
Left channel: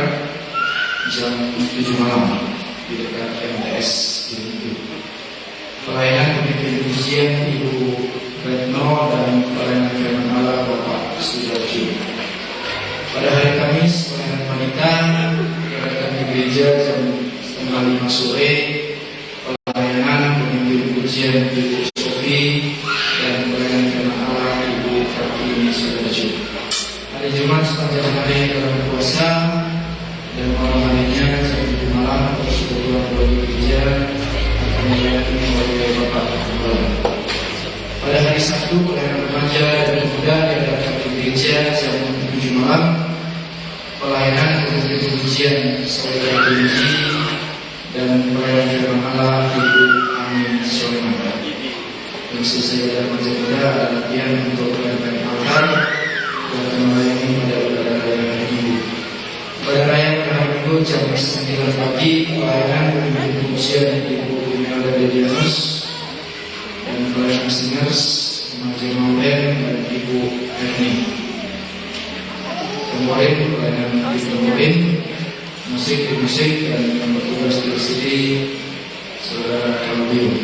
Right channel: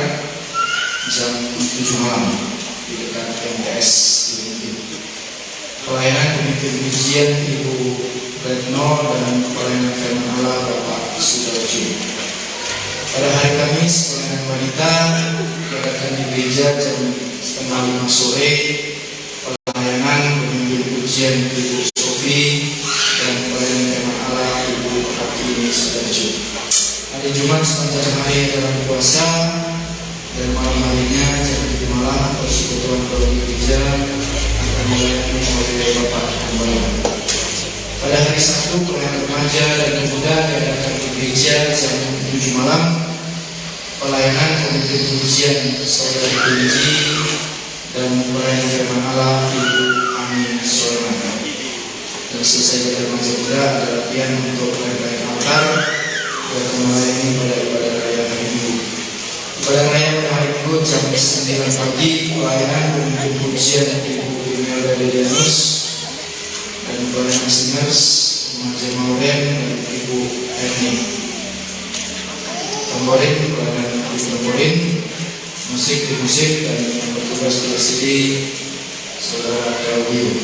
jam 7 malam di dekat MTS Unity. Pelayanan pemimpin pujian Ibu Retno dan pelayanan firman Allah Bapak Sudarjo. Pada hari Kamis pelayanan wanita diadakan di gereja jam 4:30 sore. Pelayanan pemimpin pujian Ibu Sofi dan pelayanan firman Allah Ibu Pratiwi Sudarjo. Hari Jumat sepanjang hari dalam puasa dan malam harinya jam 7 malam persekutuan di gereja akan dilayani oleh Bapak Gembala. Pada hari Sabtu pelayanan remaja dan pemuda diadakan di gereja jam 7 malam. Pelayanan pemimpin pujian Saudara Benji dan pelayanan firman Allah Ibu Amin Soleman. Dan selesai dari remaja muda ada latihan untuk pelayanan altar dan melayani pada ibadah raya hari Minggu. Ibadah raya pada hari Minggu jam 9 pagi pelayanan pemimpin pujian Ibu Imelda Dedianus dan pelayanan singers Remaja Mauren dan Ibu Erni. Temborin, pelayanan Ibu Temborin, musik di musik dan yang bertugas di CD Saudara Claudio.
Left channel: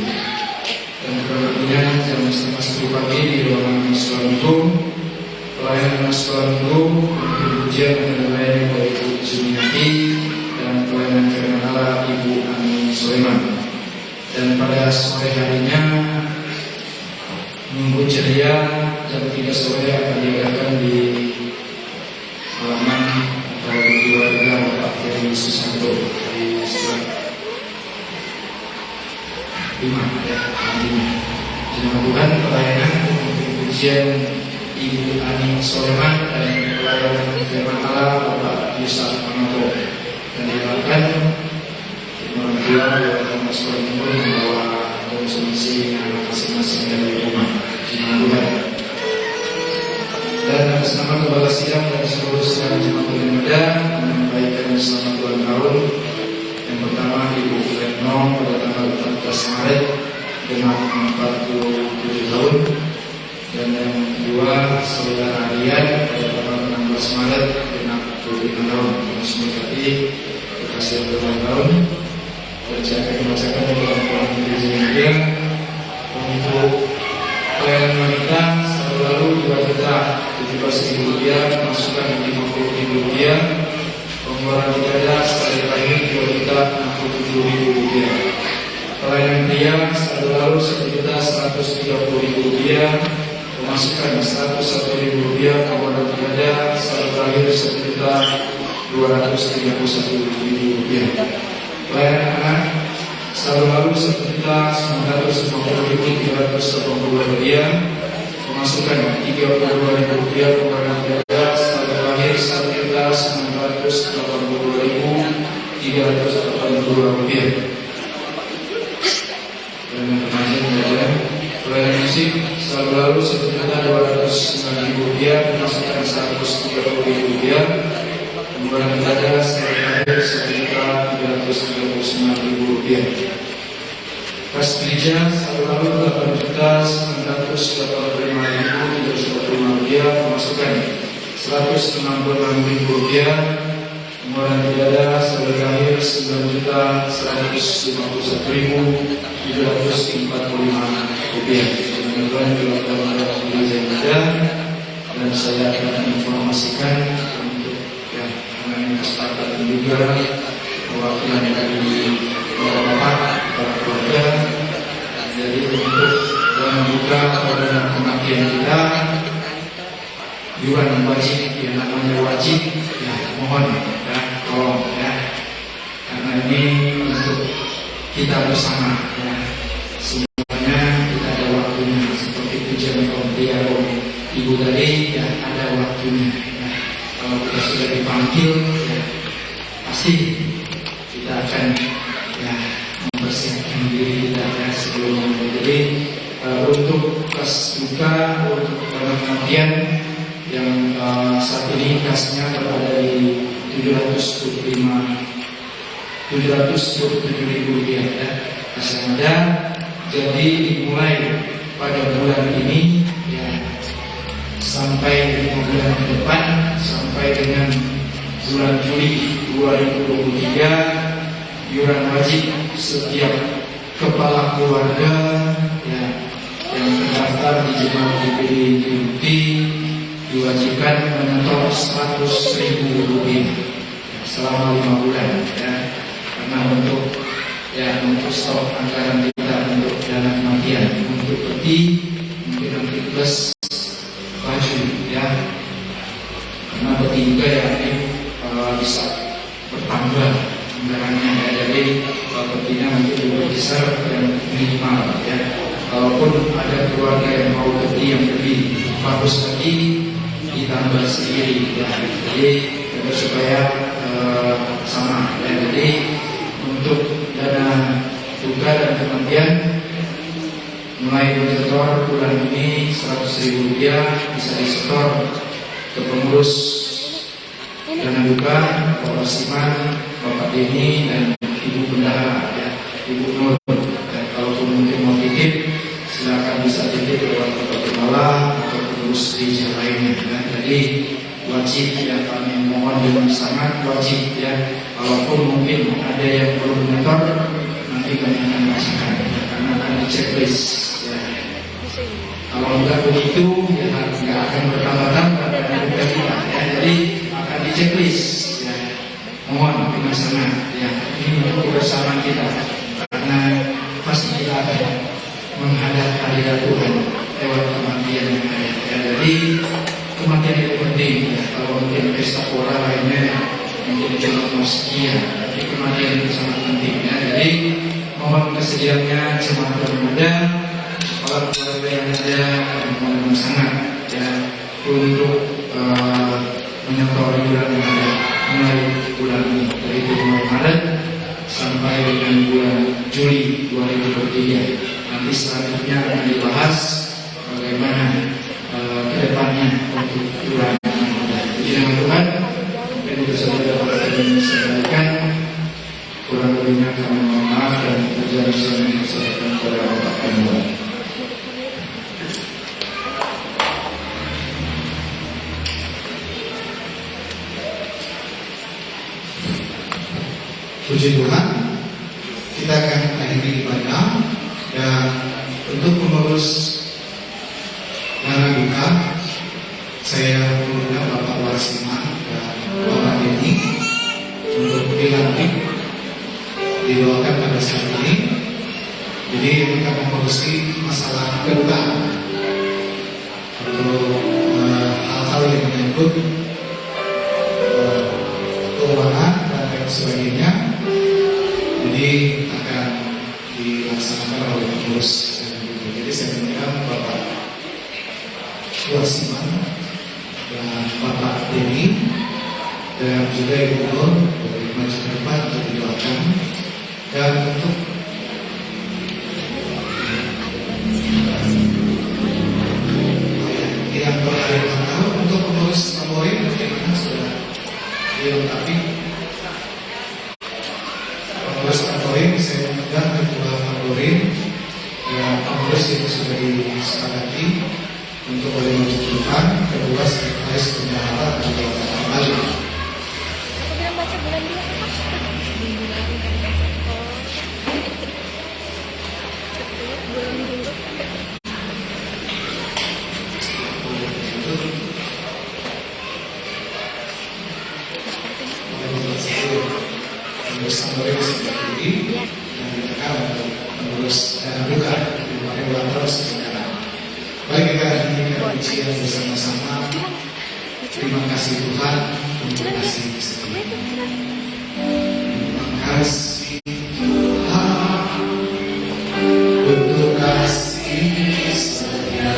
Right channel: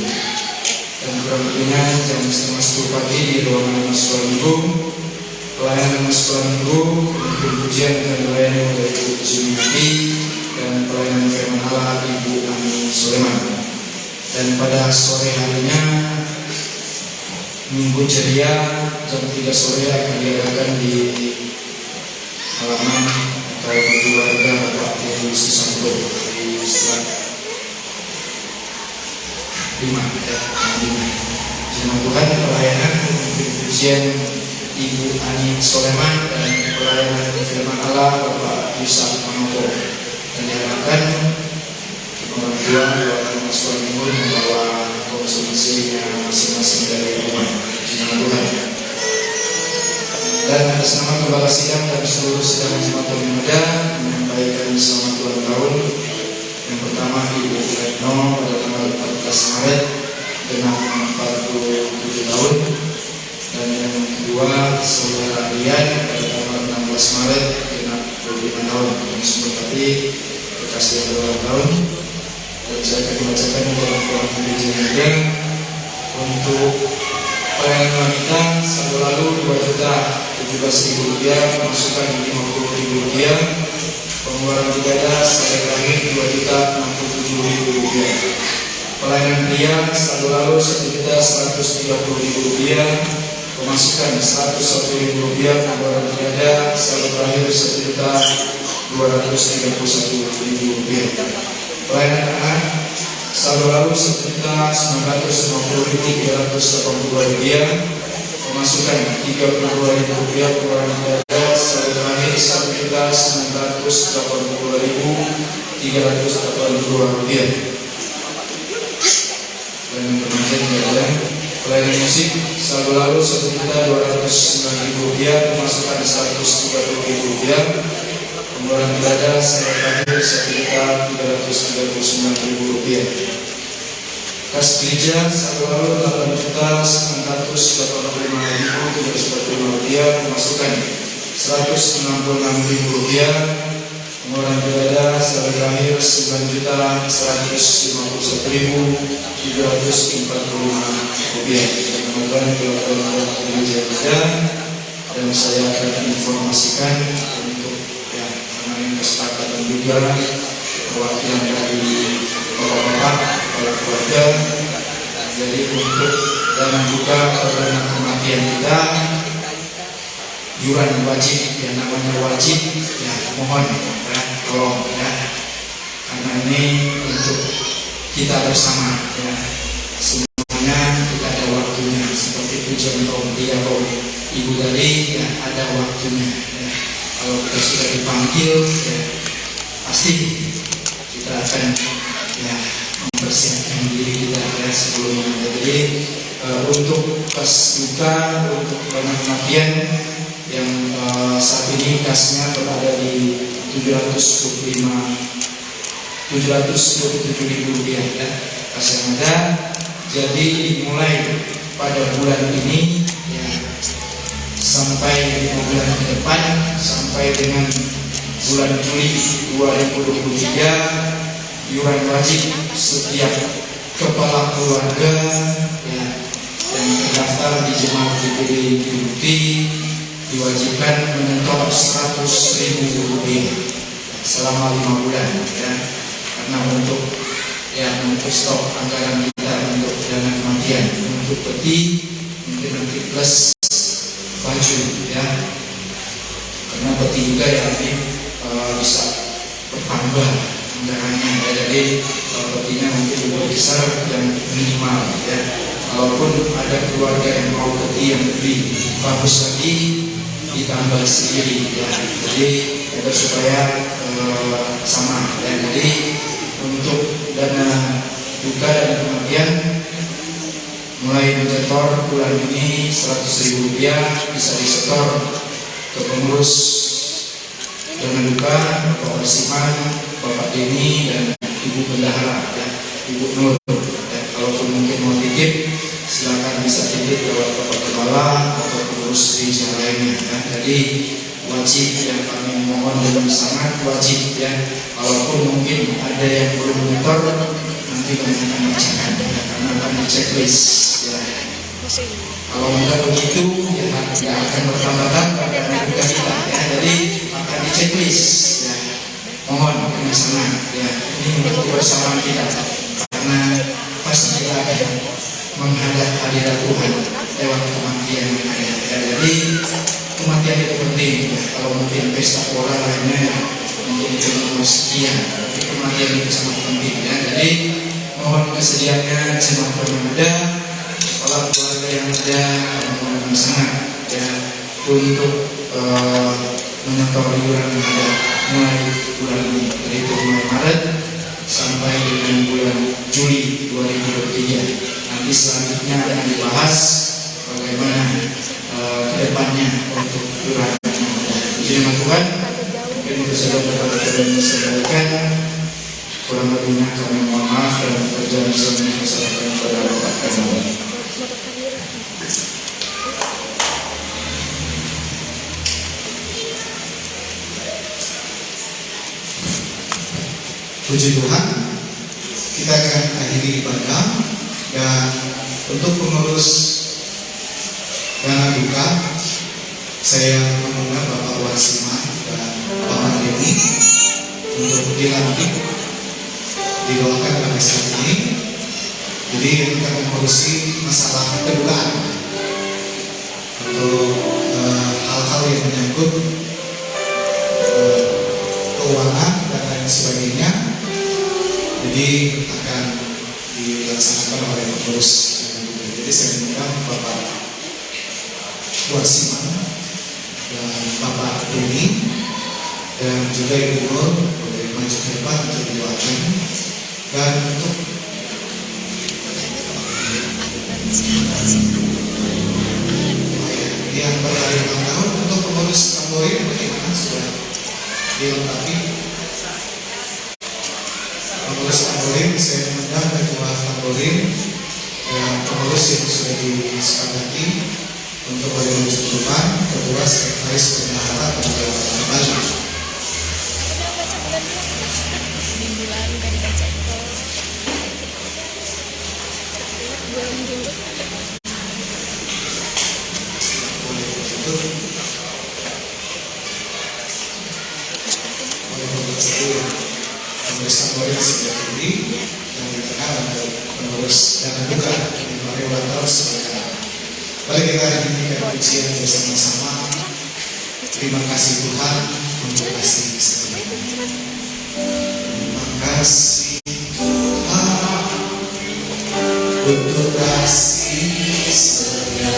Dan kurang lebihnya jam 9:30 pagi di ruangan Mahasiswa Minggu, pelayanan Mahasiswa Minggu, pemimpin pujian dan melayani oleh Ibu Juniati dan pelayanan firman Allah Ibu Amin Soleman. Dan pada sore harinya Minggu ceria jam 3 sore akan diadakan di halaman atau keluarga Bapak dari Susanto di Selat 5 ya, 5. Firman Tuhan pelayanan pemimpin pujian Ibu Ani Soleman dan pelayanan firman Allah Bapak Yusuf Pamato. Dan diharapkan orang tua dan sekolah timur membawa konsumsinya masing-masing dari rumah. Firman Tuhan. Dan atas nama Kepala Sidang dan seluruh sidang Jemaat Remaja menyampaikan selamat ulang tahun. Yang pertama Ibu Retno pada tanggal 14 Maret genap 47 tahun. Dan yang kedua Saudara Rian pada tanggal 16 Maret genap 25 tahun. Dan semua tadi berkasih berulang tahun. Dan saya akan membacakan dalam Quran Gereja Muda untuk pelayanan wanita selalu lalu 2.017.000 rupiah, masukan 50.000 rupiah, pengeluaran ibadah sampai terakhir 2.067.000 rupiah. Pelayanan pria selalu lalu 1.130.000 rupiah, pemasukan 101.000 rupiah, pengeluaran ibadah sampai terakhir 1.231.000 rupiah. Pelayanan anak selalu lalu 1.950.382 rupiah, pemasukan 32.000 rupiah, pengeluaran ibadah sampai terakhir 1.982.382 rupiah. Dan remaja muda, pelayanan musik selalu lalu 1.209.000 rupiah, pemasukan 130.000 rupiah, pengeluaran ibadah sampai terakhir 1.339.000 rupiah. Kas gereja selalu lalu 8.985.395 rupiah, pemasukan 166.000 rupiah, pengeluaran ibadah sampai terakhir 9.151.345 rupiah. Teman-teman dilakukan gereja kita dan saya akan informasikan untuk ya karena ini kesepakatan juga perwakilan dari bapak-bapak para keluarga. Jadi untuk dana buka atau dana kematian kita iuran wajib yang namanya wajib ya mohon ya tolong ya karena ini untuk kita bersama ya semuanya kita ada waktunya seperti pujian Om Ibu tadi ya ada waktunya ya kalau kita sudah dipanggil ya pasti kita akan ya mempersiapkan diri kita ya sebelum jadi untuk pas buka untuk dana kematian yang saat ini kasnya berada di 727.000 rupiah ya, kas yang ada. Jadi dimulai pada bulan ini ya, sampai 5 bulan ke depan, sampai dengan bulan Juli 2023, iuran wajib setiap kepala keluarga ya, yang terdaftar di Jemaat GPD Inti diwajibkan menyetor Rp100.000 selama 5 bulan ya, karena untuk stok anggaran kita untuk dana kematian, untuk peti mungkin nanti plus baju ya, karena peti juga ya nanti bisa bertambah anggarannya ya, jadi petinya nanti lebih besar yang minimal ya. Kalaupun ada keluarga yang mau peti yang lebih bagus lagi, ditambah sendiri ya, jadi agar supaya sama ya. Jadi untuk dana duka dan kematian mulai menyetor bulan ini Rp100.000 bisa disetor ke pengurus dana duka Bapak Siman, Bapak Denny dan Ibu Bendahara ya, Ibu Nur. Dan kalaupun mungkin mau titip, silakan bisa titip lewat Bapak Kepala atau pengurus di yang lainnya ya. Jadi wajib yang kami mohon dengan sangat wajib ya. Kalaupun mungkin ada yang belum menyetor, nanti kami akan bacakan ya, karena akan di checklist ya. Kalau enggak begitu ya nggak akan bertambah-tambah dana duka kita ya. Jadi akan di checklist ya. Mohon dengan sangat ya, ini untuk kebersamaan kita, karena pasti kita akan menghadap hadirat Tuhan lewat kematian yang ada ya. Jadi kematian itu penting ya. Kalau mungkin pesta pora lainnya mungkin itu nomor sekian, tapi kematian itu sangat penting ya. Jadi mohon kesediaannya jemaat yang ada, kepala keluarga yang ada, mohon sangat ya untuk menyetor iuran yang ada mulai bulan ini, yaitu mulai Maret sampai dengan bulan Juli 2023. Nanti selanjutnya akan dibahas bagaimana kedepannya untuk iuran yang ada. Puji nama Tuhan. Mungkin itu saja Bapak dan bisa sampaikan. Kurang lebihnya kami mohon maaf dan berjanji saya mempersilakan kepada Bapak Kemur. Puji Tuhan, kita akan akhiri ibadah, dan untuk pengurus dana duka, saya mengundang Bapak Warsiman dan Bapak Denny untuk dilantik didoakan pada saat ini. Jadi yang akan mengurusi masalah kedukaan untuk hal-hal yang menyangkut keuangan dan lain sebagainya. Jadi akan dilaksanakan oleh pengurus. Jadi saya mengundang Bapak Warsiman dan Bapak Denny dan juga Ibu Nur boleh maju ke depan untuk didoakan. Dan untuk yang berhari tahun untuk pengurus tamborin bagaimana sudah dilengkapi? Pengurus tamborin saya mengundang ketua tamborin dan pengurus yang sudah disepakati untuk boleh maju ke depan. Kedua sekretaris bendahara dan jabatan maju. Pengurus tamborin sebelah kiri dan di tengah untuk pengurus dana duka di Mari Ulantar sebelah kanan. Mari kita nyanyikan pujian bersama-sama. Terima kasih Tuhan untuk kasih setia. Terima kasih Tuhan untuk kasih setia.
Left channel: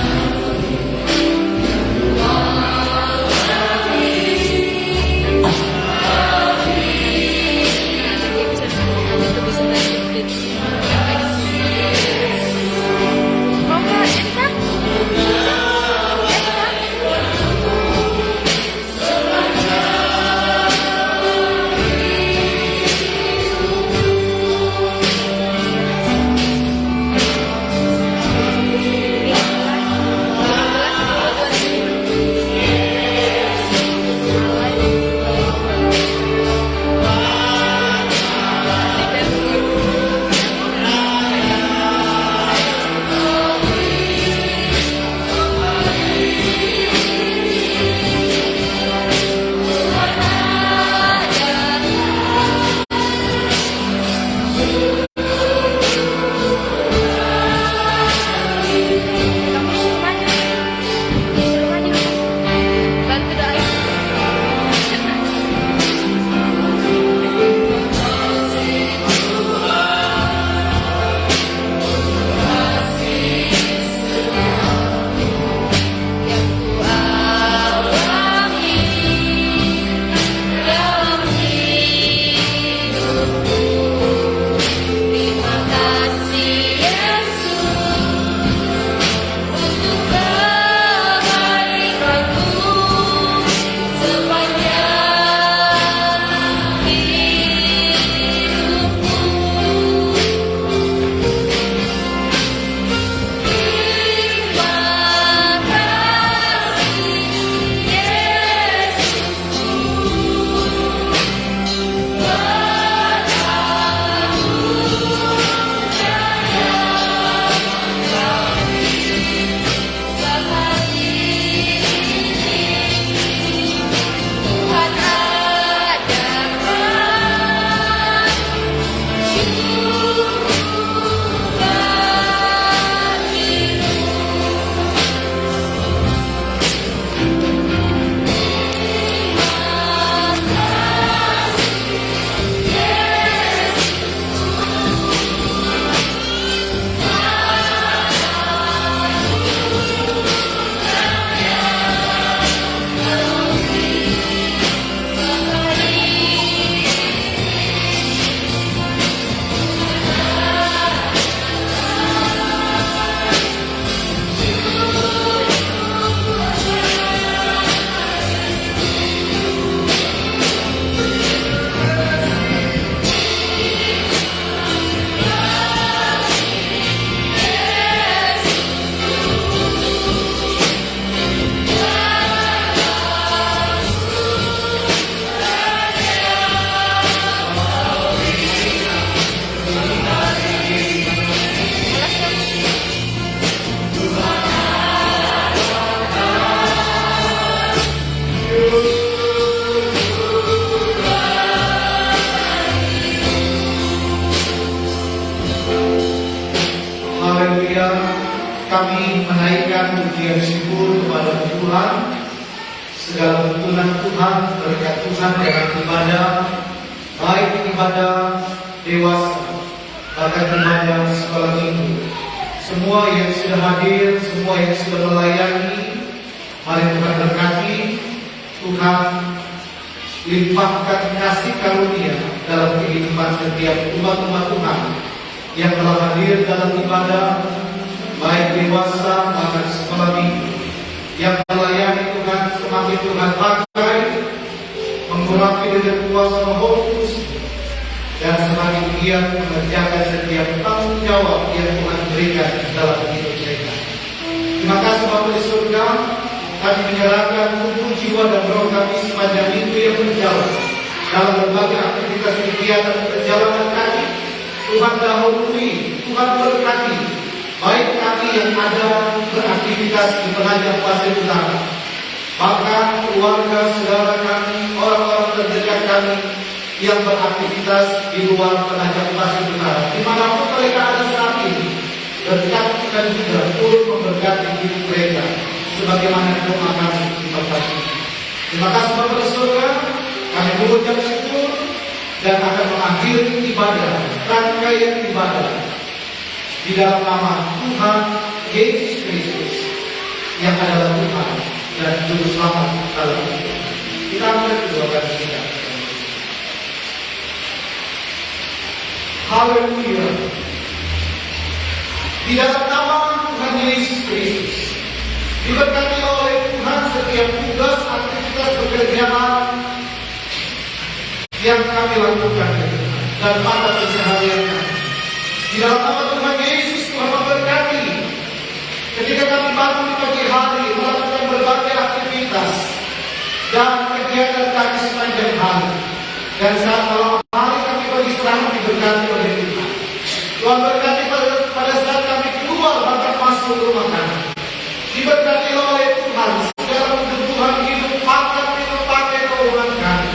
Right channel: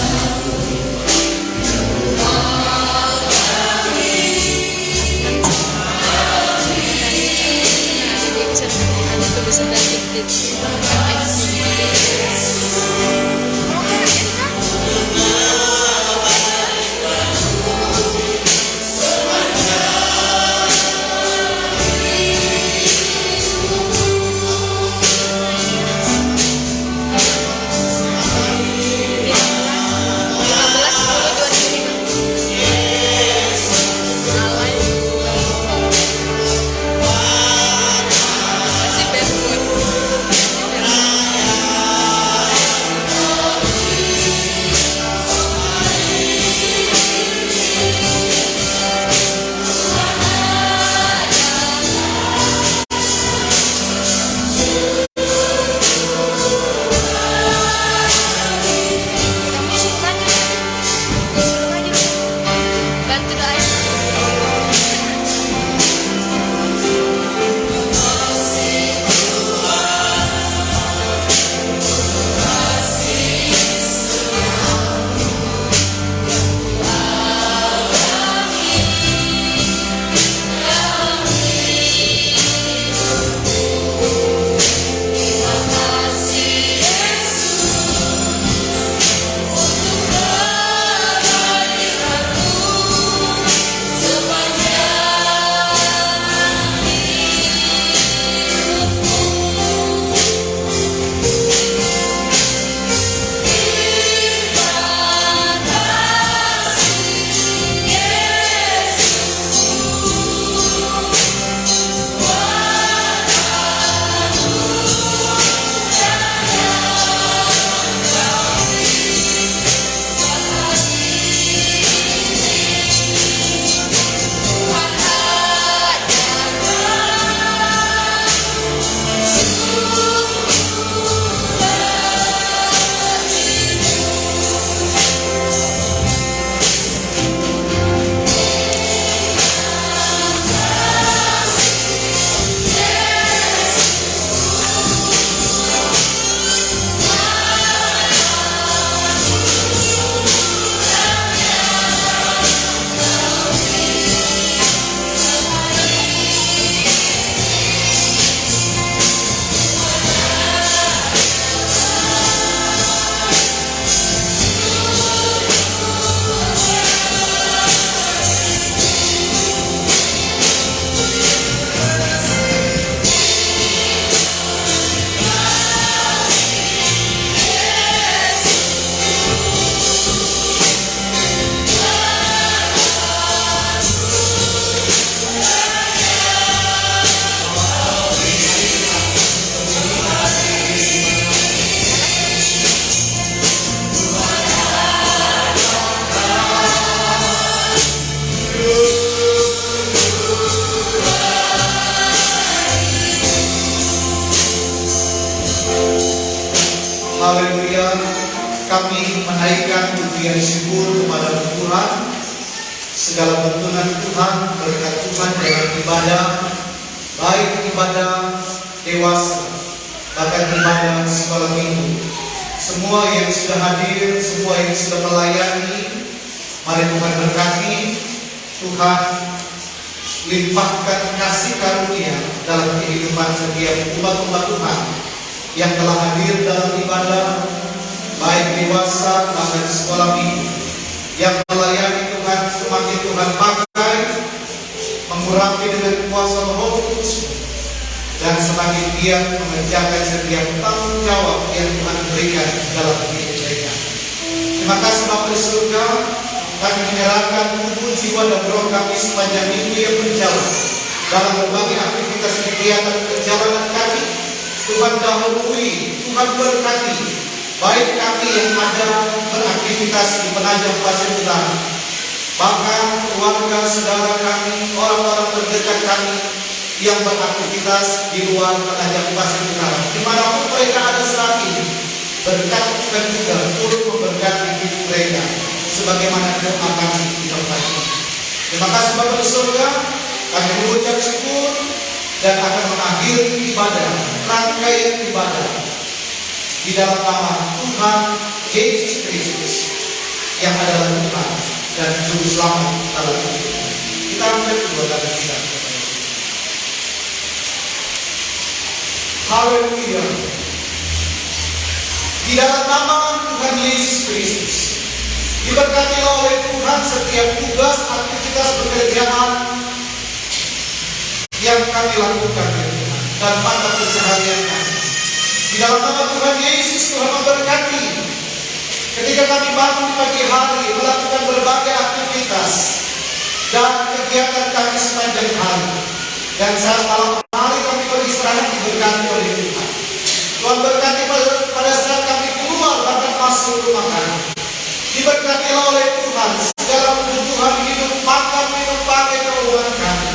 naikkan pujian syukur kepada Tuhan, segala tuntunan Tuhan, berkat Tuhan dalam ibadah, baik ibadah dewasa, bahkan ibadah sekolah minggu. Semua yang sudah hadir, semua yang sudah melayani, mari Tuhan berkati. Tuhan limpahkan kasih karunia dalam kehidupan setiap umat-umat Tuhan yang telah hadir dalam ibadah, baik dewasa maupun sekolah minggu, yang melayani Tuhan. Semakin Tuhan pakai, mengurapi dengan kuasa Roh Kudus, dan semakin giat mengerjakan setiap tanggung jawab yang Tuhan berikan dalam hidup mereka. Terima kasih Bapa di surga, kami menyerahkan tubuh, jiwa, dan roh kami sepanjang minggu yang berjalan dalam berbagai aktivitas kegiatan perjalanan kami. Tuhan dahului, Tuhan berkati, baik kami yang ada beraktivitas di Penajam Pasir Utara, bahkan keluarga, saudara kami, orang-orang terdekat kami yang beraktivitas di luar Penajam Pasir Utara, dimanapun mereka ada saat ini. Berkat Tuhan juga turut memberkati hidup mereka, sebagaimana doa kami diberkati. Terima kasih Bapa di surga, kami mengucap syukur dan akan mengakhiri ibadah, rangkaian ibadah di dalam nama Tuhan Yesus Kristus yang adalah Tuhan dan Juru Selamat dalam hidup. Kita ambil kedua kali kita. Haleluya. Di dalam nama Tuhan Yesus Kristus, diberkati oleh Tuhan setiap tugas, aktivitas pekerjaan yang kami lakukan dan mata pencaharian kami. Di dalam nama Tuhan Yesus, Tuhan memberkati ketika kami bangun di pagi hari melakukan berbagai aktivitas dan kegiatan kami sepanjang hari, dan saat malam hari kami beristirahat diberkati oleh Tuhan. Tuhan berkati pada saat kami keluar bahkan masuk rumah kami, diberkati oleh Tuhan segala kebutuhan hidup, makan, minum, pakai, keuangan kami.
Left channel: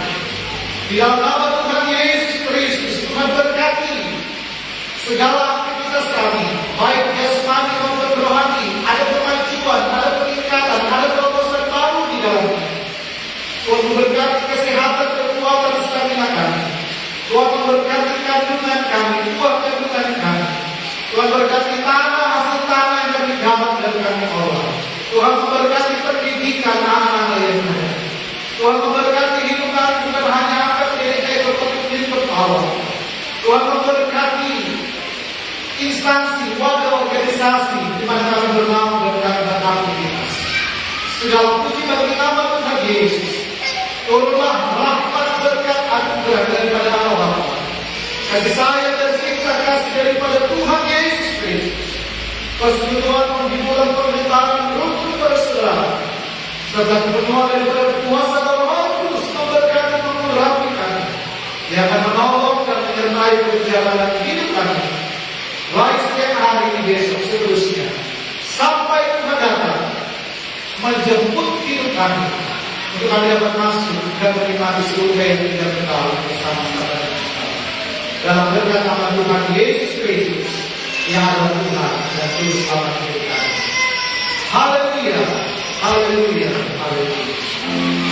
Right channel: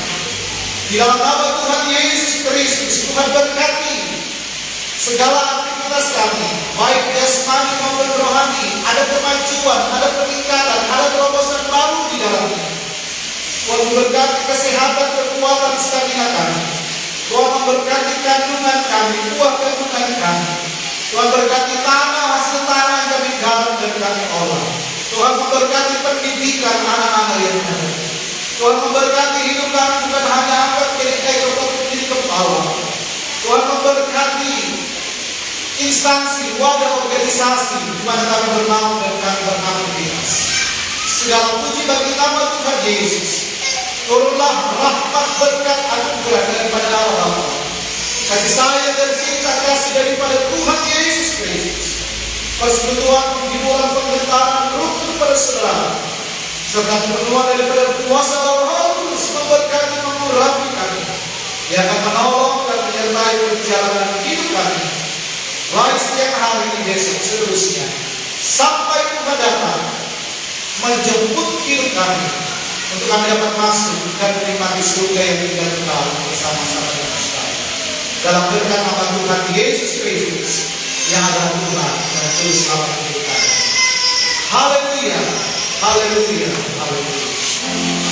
Di dalam nama Tuhan Yesus Kristus, Tuhan berkati segala aktivitas kami, baik jasmani maupun rohani. Ada kemajuan, ada peningkatan, ada terobosan baru di dalamnya. Tuhan memberkati kesehatan, kekuatan, stamina kami. Tuhan memberkati kandungan kami, buah kandungan kami. Tuhan berkati tanah, hasil tanah yang kami garap dan kami olah. Tuhan memberkati pendidikan anak-anak yang ada. Tuhan memberkati hidup kami bukan hanya angkat jadi ego, tapi jadi kepala. Tuhan memberkati instansi, wadah, organisasi di mana kami bernaung dan kami beraktivitas. Segala puji bagi nama Tuhan Yesus. Turunlah rahmat, berkat, anugerah daripada Allah Bapa, kasih sayang dan cinta kasih daripada Tuhan Yesus Kristus, persekutuan penghiburan pemerintahan rukun persaudaraan, serta penuhan daripada kuasa Roh Kudus memberkati, mengurapi kami, yang akan menolong dan menyertai perjalanan hidup kami, baik setiap hari ini, besok, seterusnya, sampai Tuhan datang menjemput hidup kami, untuk kami dapat masuk dan menikmati surga yang tidak kekal bersama-sama dengan sekalian. Dalam berkat nama Tuhan Yesus Kristus yang adalah Tuhan dan Juru Selamat hidup kami. Haleluya, haleluya, haleluya.